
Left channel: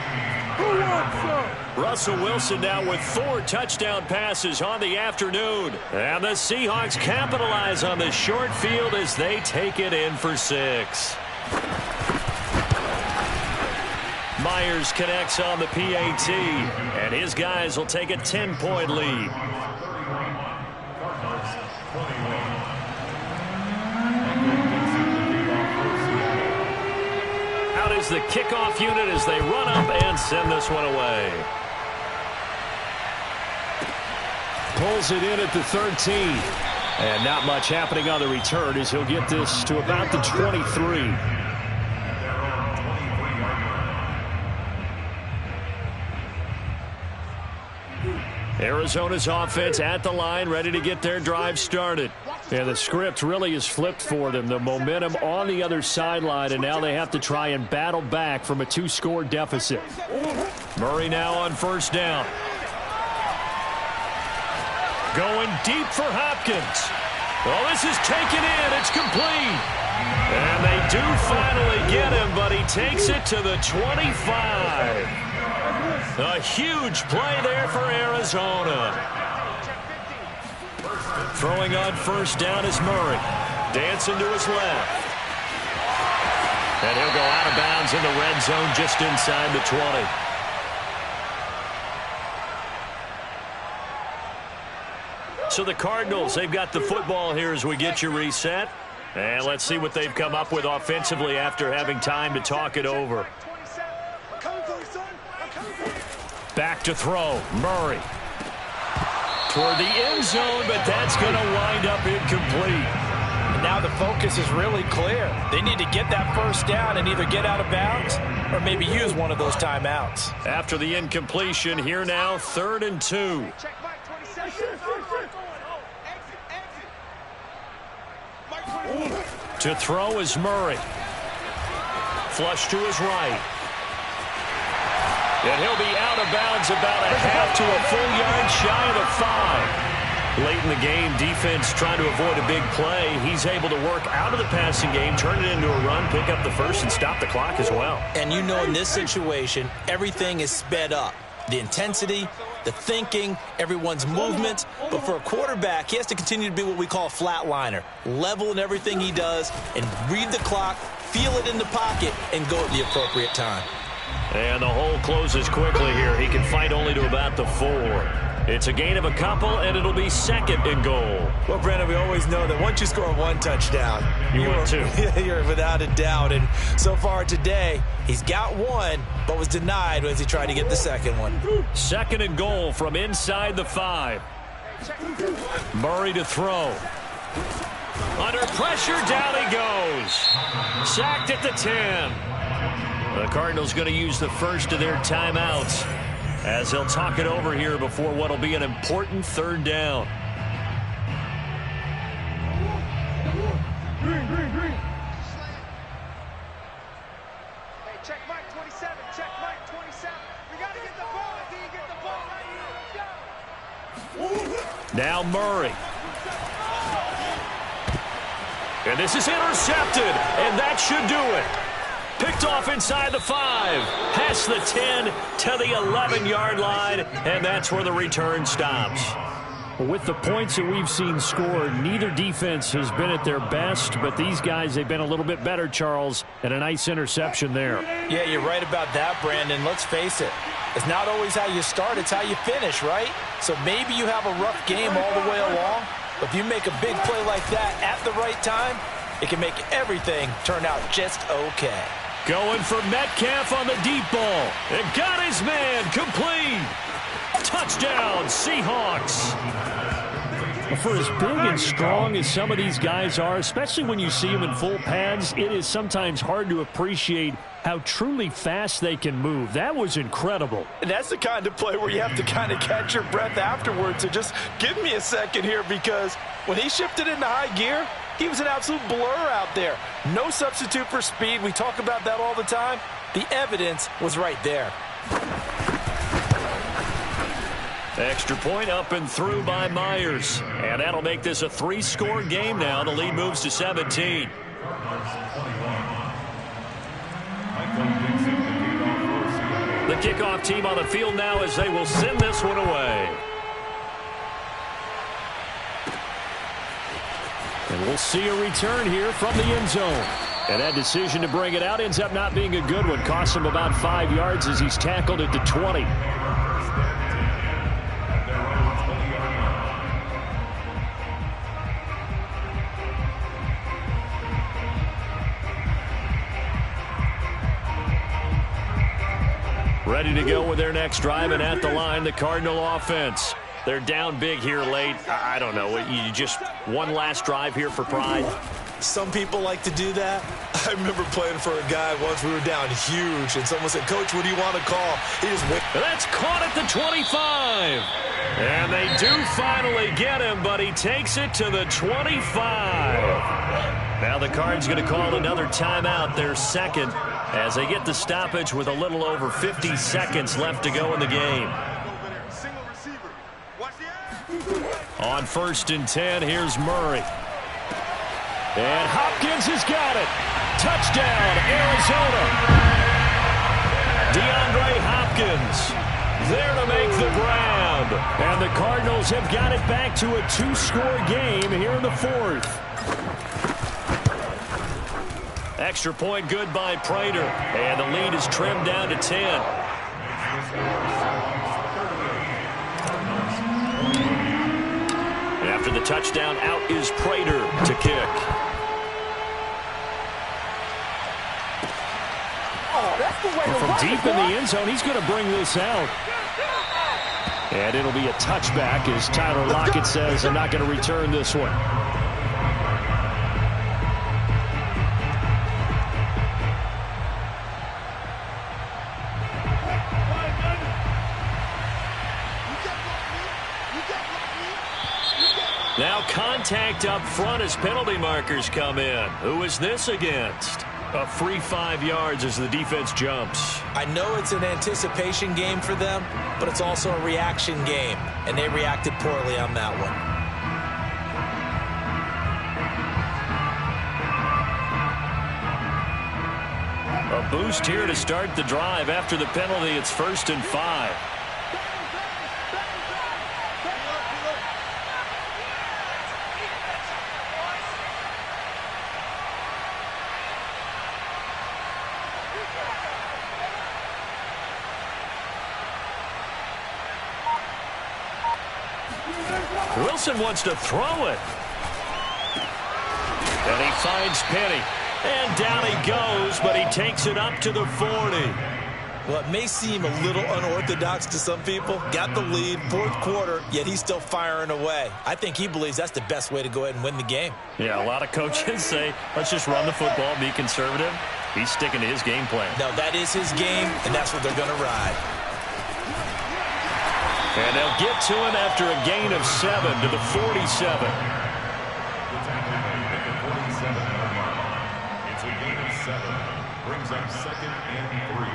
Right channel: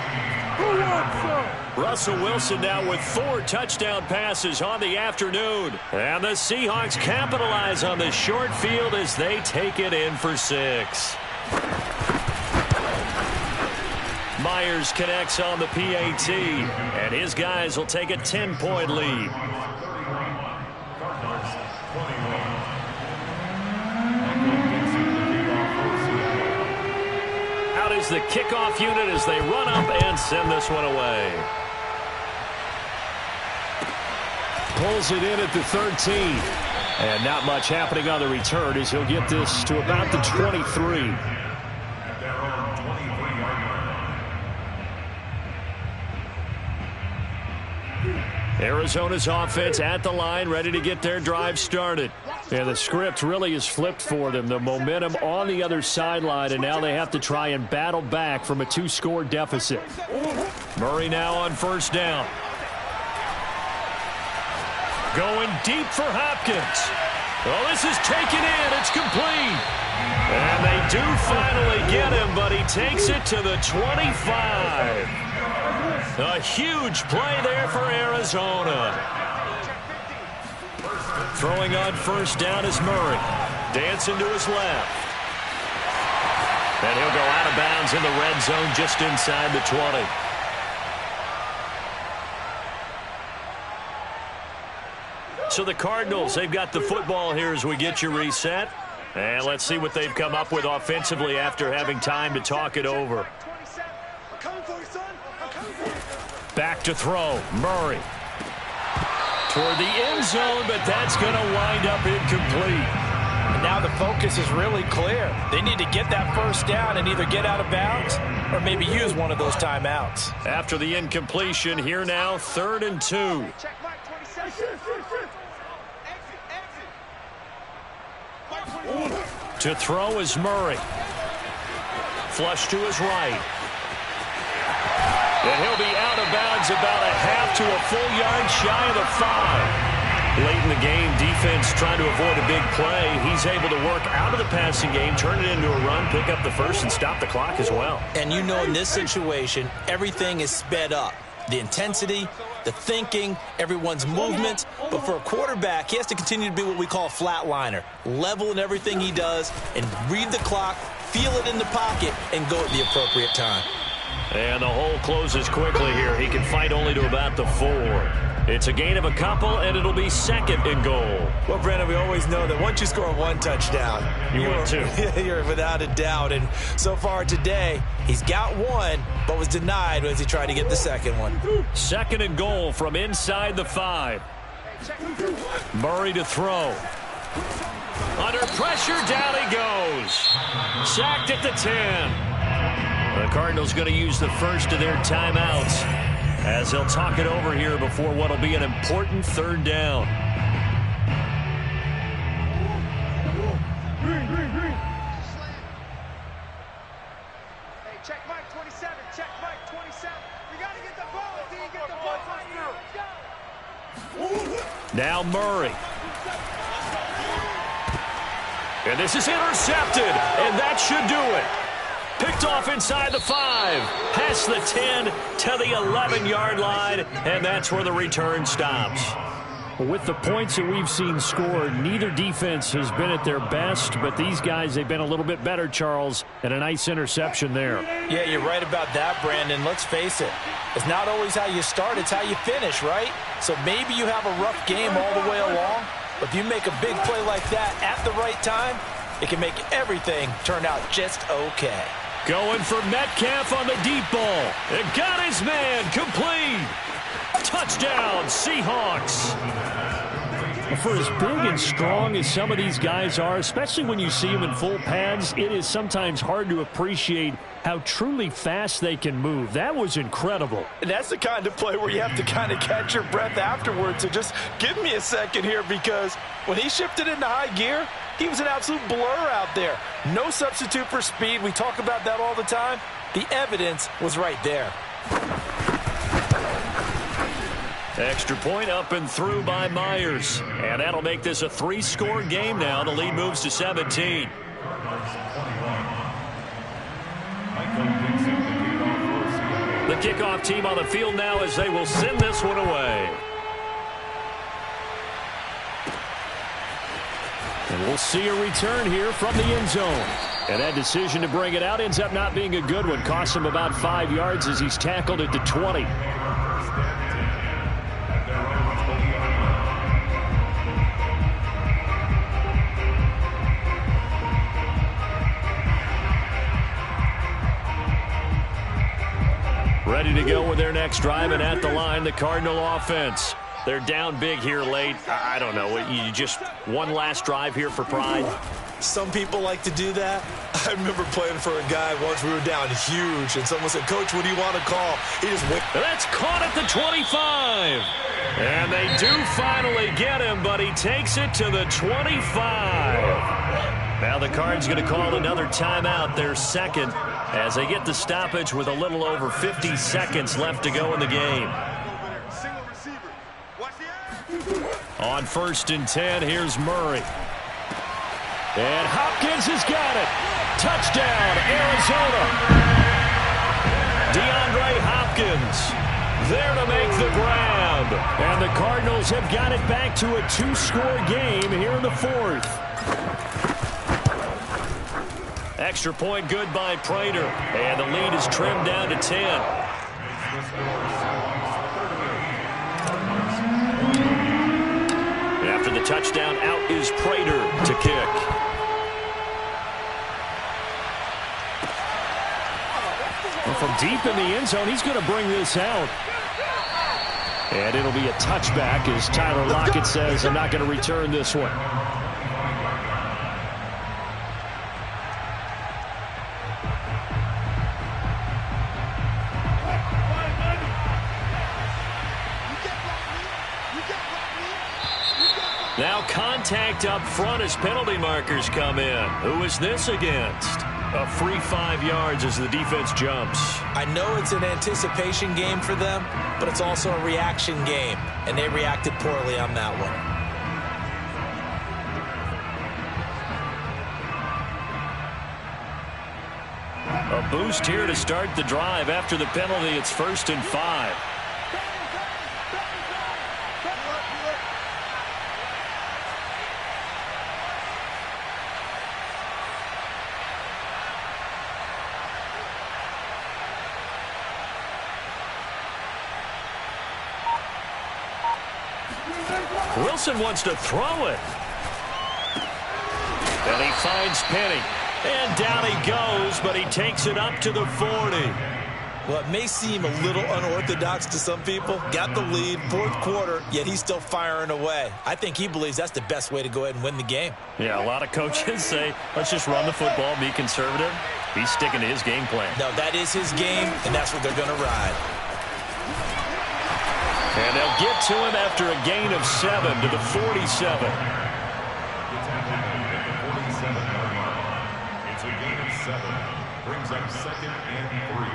Russell Wilson now with 4 touchdown passes on the afternoon. And the Seahawks capitalize on the short field as they take it in for 6. Myers connects on the PAT, and his guys will take a 10-point lead. Out is the kickoff unit as they run up and send this one away. Pulls it in at the 13. And not much happening on the return as he'll get this to about the 23. Arizona's offense at the line, ready to get their drive started. And the script really is flipped for them. The momentum on the other sideline, and now they have to try and battle back from a 2-score deficit. Murray now on first down. Going deep for Hopkins. Well, this is taken in. It's complete. And they do finally get him, but he takes it to the 25. A huge play there for Arizona. Throwing on first down is Murray. Dancing to his left. And he'll go out of bounds in the red zone just inside the 20. So the Cardinals, they've got the football here as we get you reset. And let's see what they've come up with offensively after having time to talk it over. Back to throw. Murray. Toward the end zone, but that's going to wind up incomplete. And now the focus is really clear. They need to get that first down and either get out of bounds or maybe use one of those timeouts. After the incompletion, here now, 3rd and 2. To throw is Murray. Flush to his right. And he'll be out of bounds about a half to a full yard shy of the 5. Late in the game, defense trying to avoid a big play. He's able to work out of the passing game, turn it into a run, pick up the first, and stop the clock as well. And you know in this situation, everything is sped up. The intensity, the thinking, everyone's movement. But for a quarterback, he has to continue to be what we call a flatliner. Level in everything he does and read the clock, feel it in the pocket, and go at the appropriate time. And the hole closes quickly here. He can fight only to about the 4. It's a gain of a couple, and it'll be 2nd and goal. Well, Brandon, we always know that once you score 1 touchdown, you're without a doubt. And so far today, he's got 1, but was denied as he tried to get the 2nd one. 2nd and goal from inside the 5. Murray to throw. Under pressure, down he goes. Sacked at the 10. The Cardinals going to use the first of their timeouts as they'll talk it over here before what will be an important 3rd down. Hey, check Mike 27. Check Mike 27. We got to get the ball. D, get the ball right here. Let's go. Now Murray. And this is intercepted, and that should do it. Picked off inside the 5, past the 10 to the 11-yard line, and that's where the return stops. With the points that we've seen scored, neither defense has been at their best, but these guys, they've been a little bit better, Charles, and a nice interception there. Yeah, you're right about that, Brandon. Let's face it. It's not always how you start, it's how you finish, right? So maybe you have a rough game all the way along, but if you make a big play like that at the right time, it can make everything turn out just okay. Going for Metcalf on the deep ball. It got his man complete. Touchdown, Seahawks. For as big and strong as some of these guys are, especially when you see them in full pads, it is sometimes hard to appreciate how truly fast they can move. That was incredible. And that's the kind of play where you have to kind of catch your breath afterwards. So just give me a second here, because when he shifted into high gear, he was an absolute blur out there. No substitute for speed. We talk about that all the time. The evidence was right there. Extra point up and through by Myers. And that'll make this a 3-score game now. The lead moves to 17. The kickoff team on the field now as they will send this one away. And we'll see a return here from the end zone. And that decision to bring it out ends up not being a good one. Costs him about 5 yards as he's tackled at the 20. Ready to go with their next drive, and at the line, the Cardinal offense. They're down big here late. I don't know. You just one last drive here for pride. Some people like to do that. I remember playing for a guy once. We were down huge, and someone said, "Coach, what do you want to call?" He just went. That's caught at the 25. And they do finally get him, but he takes it to the 25. Now the Cards going to call another timeout, their second, as they get the stoppage with a little over 50 seconds left to go in the game. On 1st and 10, here's Murray. And Hopkins has got it. Touchdown, Arizona. DeAndre Hopkins there to make the grab. And the Cardinals have got it back to a 2-score game here in the 4th. Extra point good by Prater. And the lead is trimmed down to 10. After the touchdown, out is Prater to kick. Well, from deep in the end zone, he's going to bring this out. And it'll be a touchback as Tyler Lockett says, "I'm not going to return this one." Now contact up front as penalty markers come in. Who is this against? A free 5 yards as the defense jumps. I know it's an anticipation game for them, but it's also a reaction game, and they reacted poorly on that one. A boost here to start the drive. After the penalty, it's 1st and 5. Wilson wants to throw it. And he finds Penny. And down he goes, but he takes it up to the 40. Well, it may seem a little unorthodox to some people. Got the lead, 4th quarter, yet he's still firing away. I think he believes that's the best way to go ahead and win the game. Yeah, a lot of coaches say, let's just run the football, be conservative. He's sticking to his game plan. No, that is his game, and that's what they're going to ride. And they'll get to him after a gain of 7 to the 47. It's a gain of 7. Brings up 2nd and 3.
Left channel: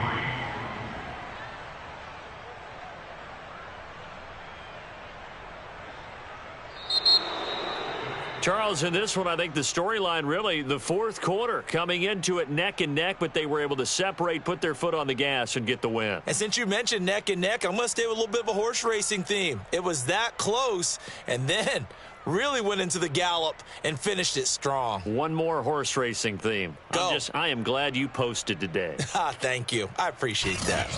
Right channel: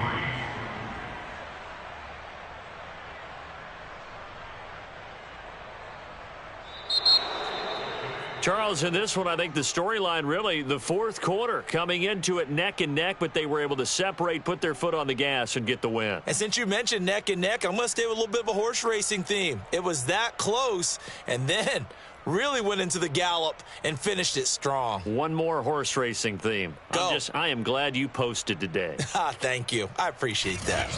Charles, in this one, I think the storyline really, the fourth quarter, coming into it neck and neck, but they were able to separate, put their foot on the gas, and get the win. And since you mentioned neck and neck, I'm going to stay with a little bit of a horse racing theme. It was that close, and then really went into the gallop and finished it strong. One more horse racing theme. Go. I am glad you posted today. Thank you. I appreciate that.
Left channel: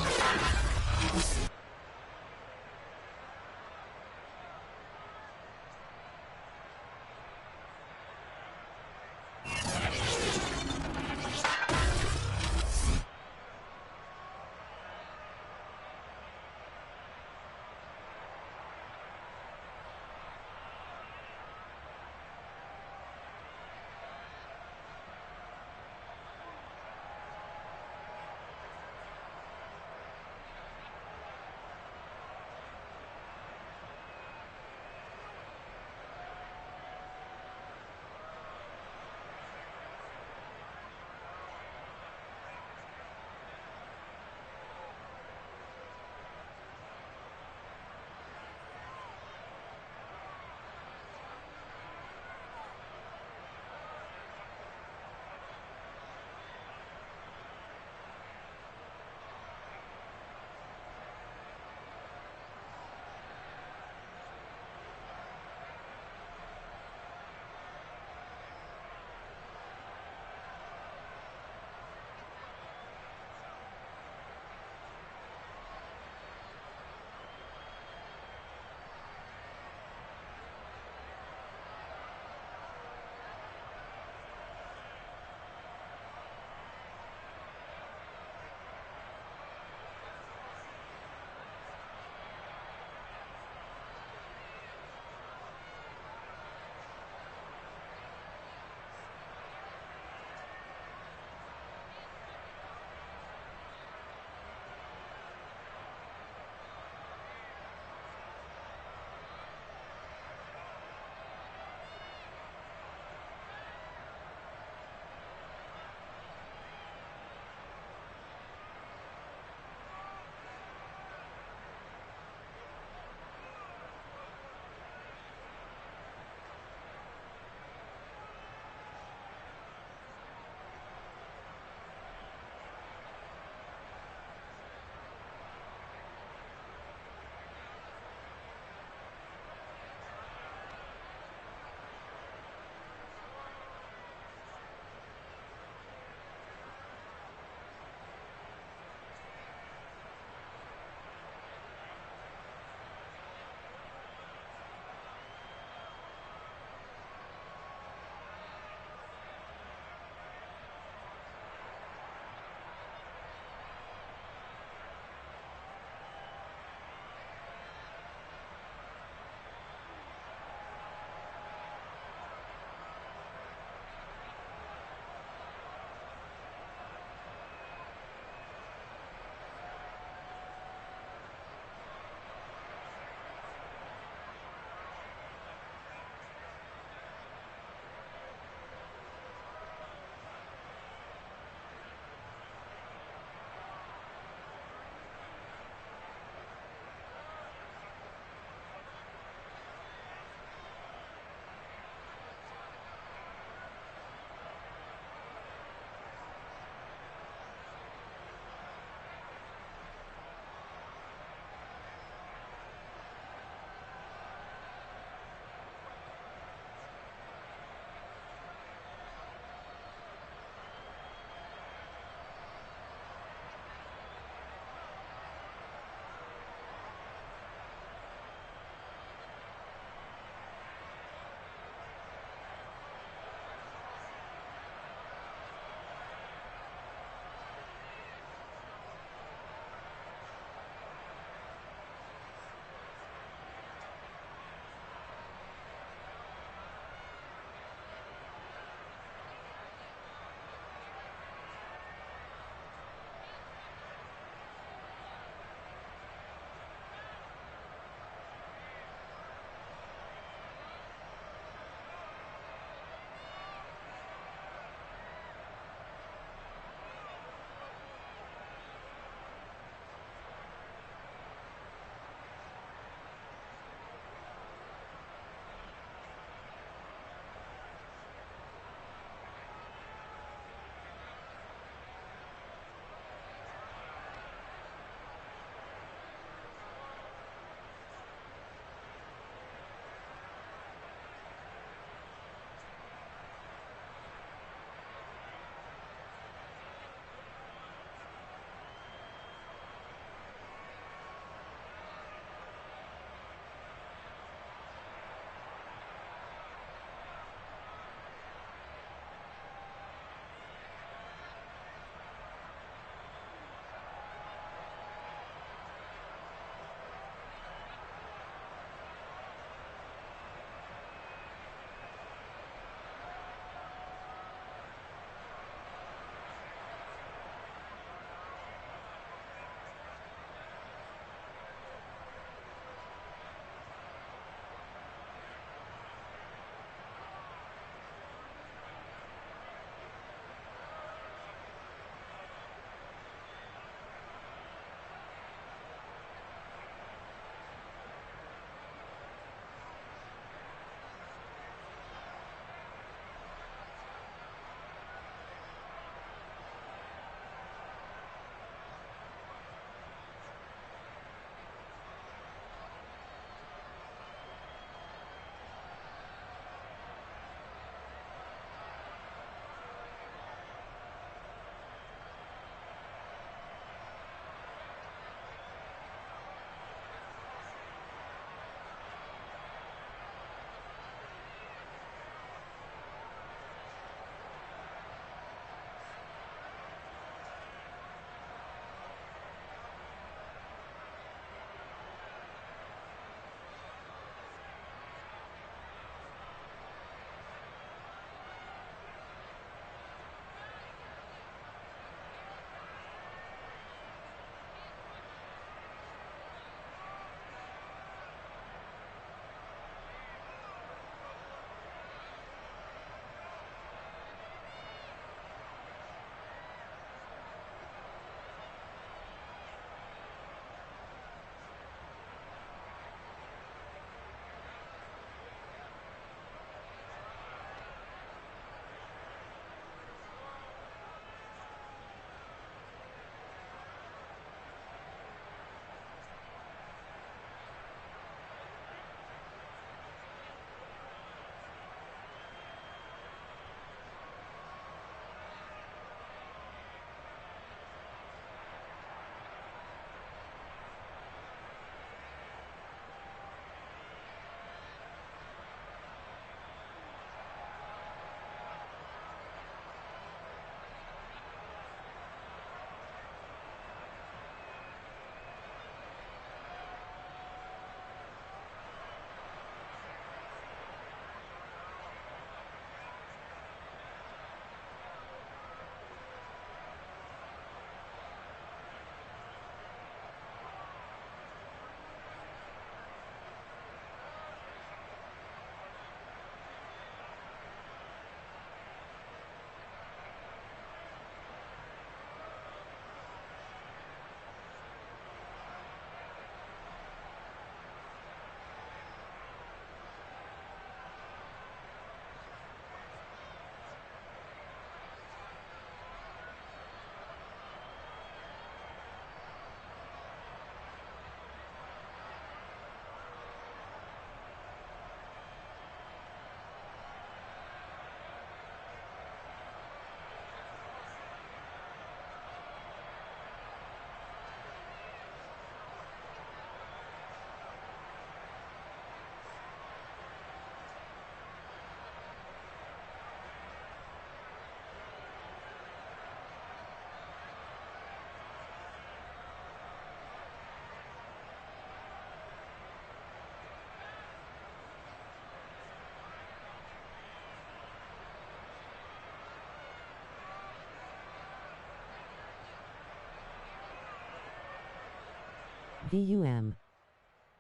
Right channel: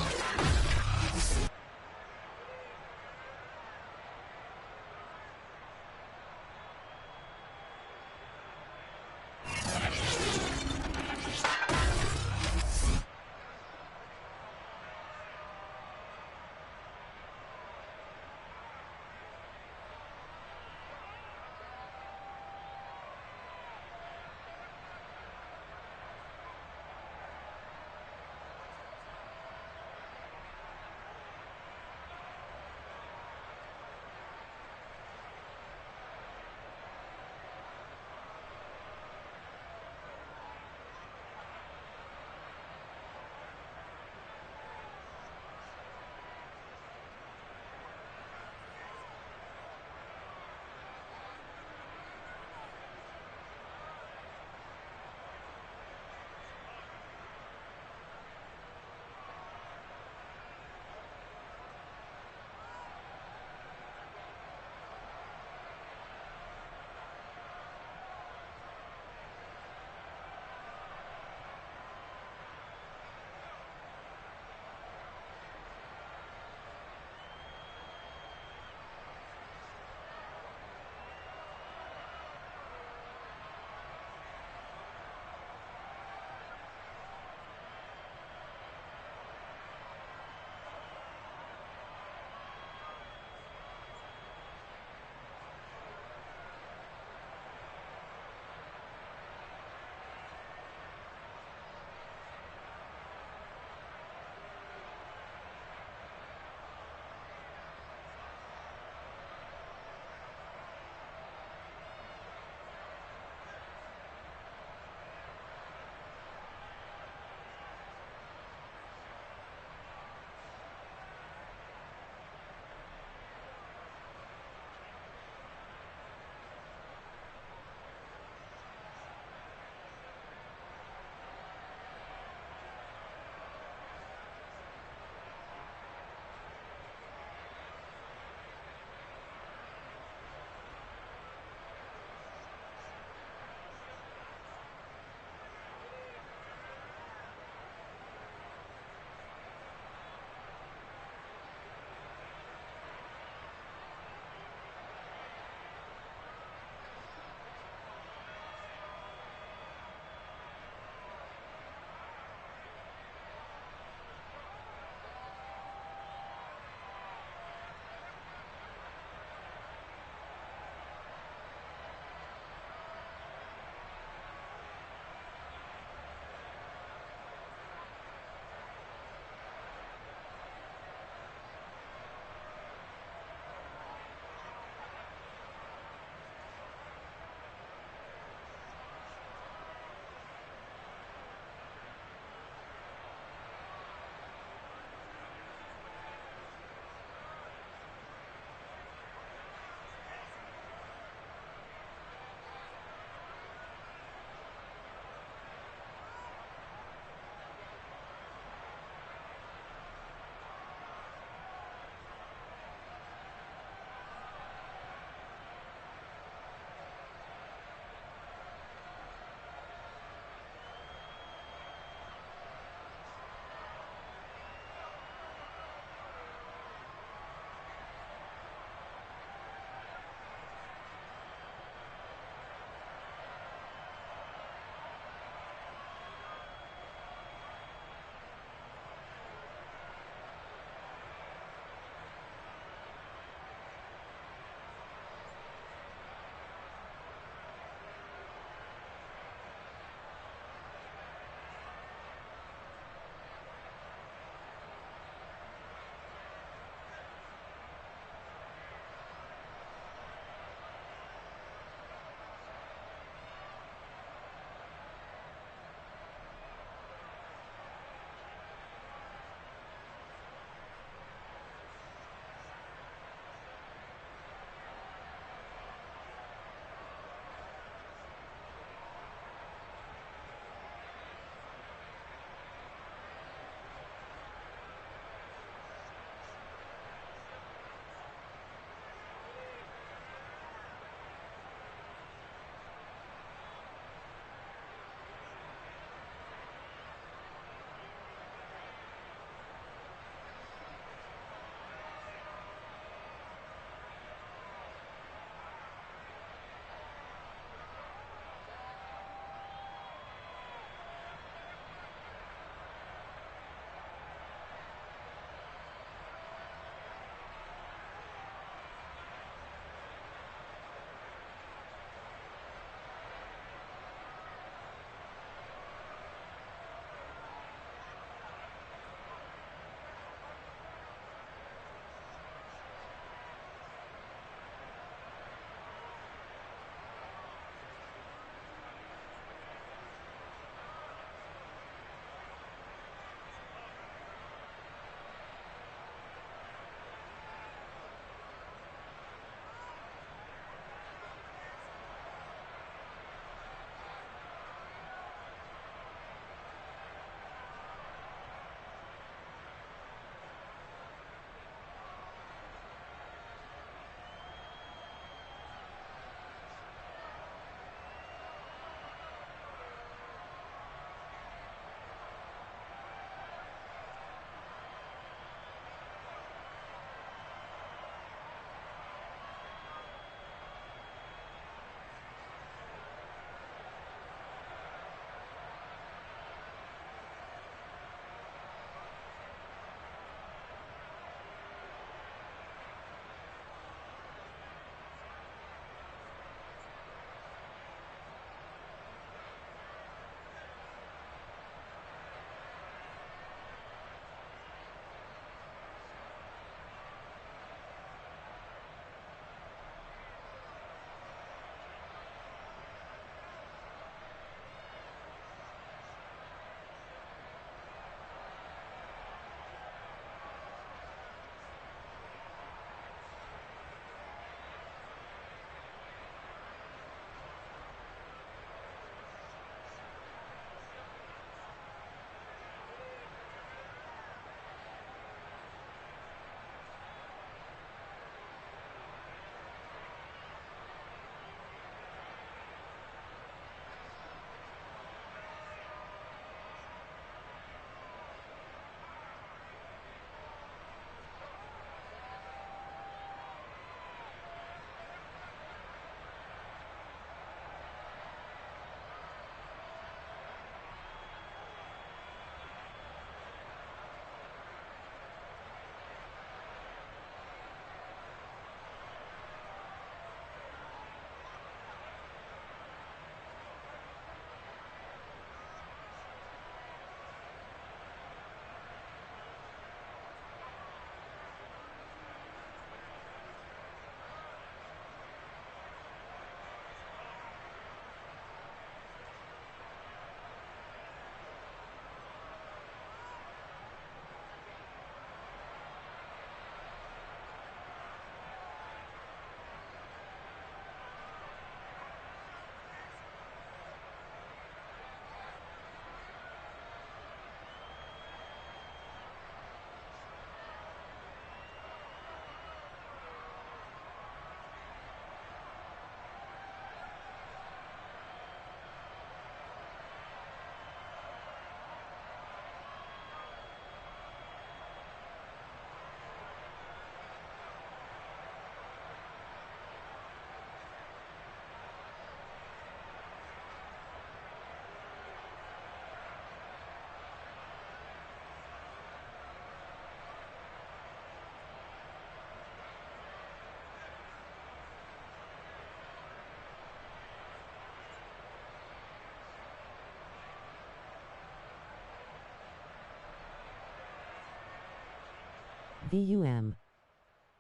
VUM.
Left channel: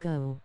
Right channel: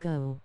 Go.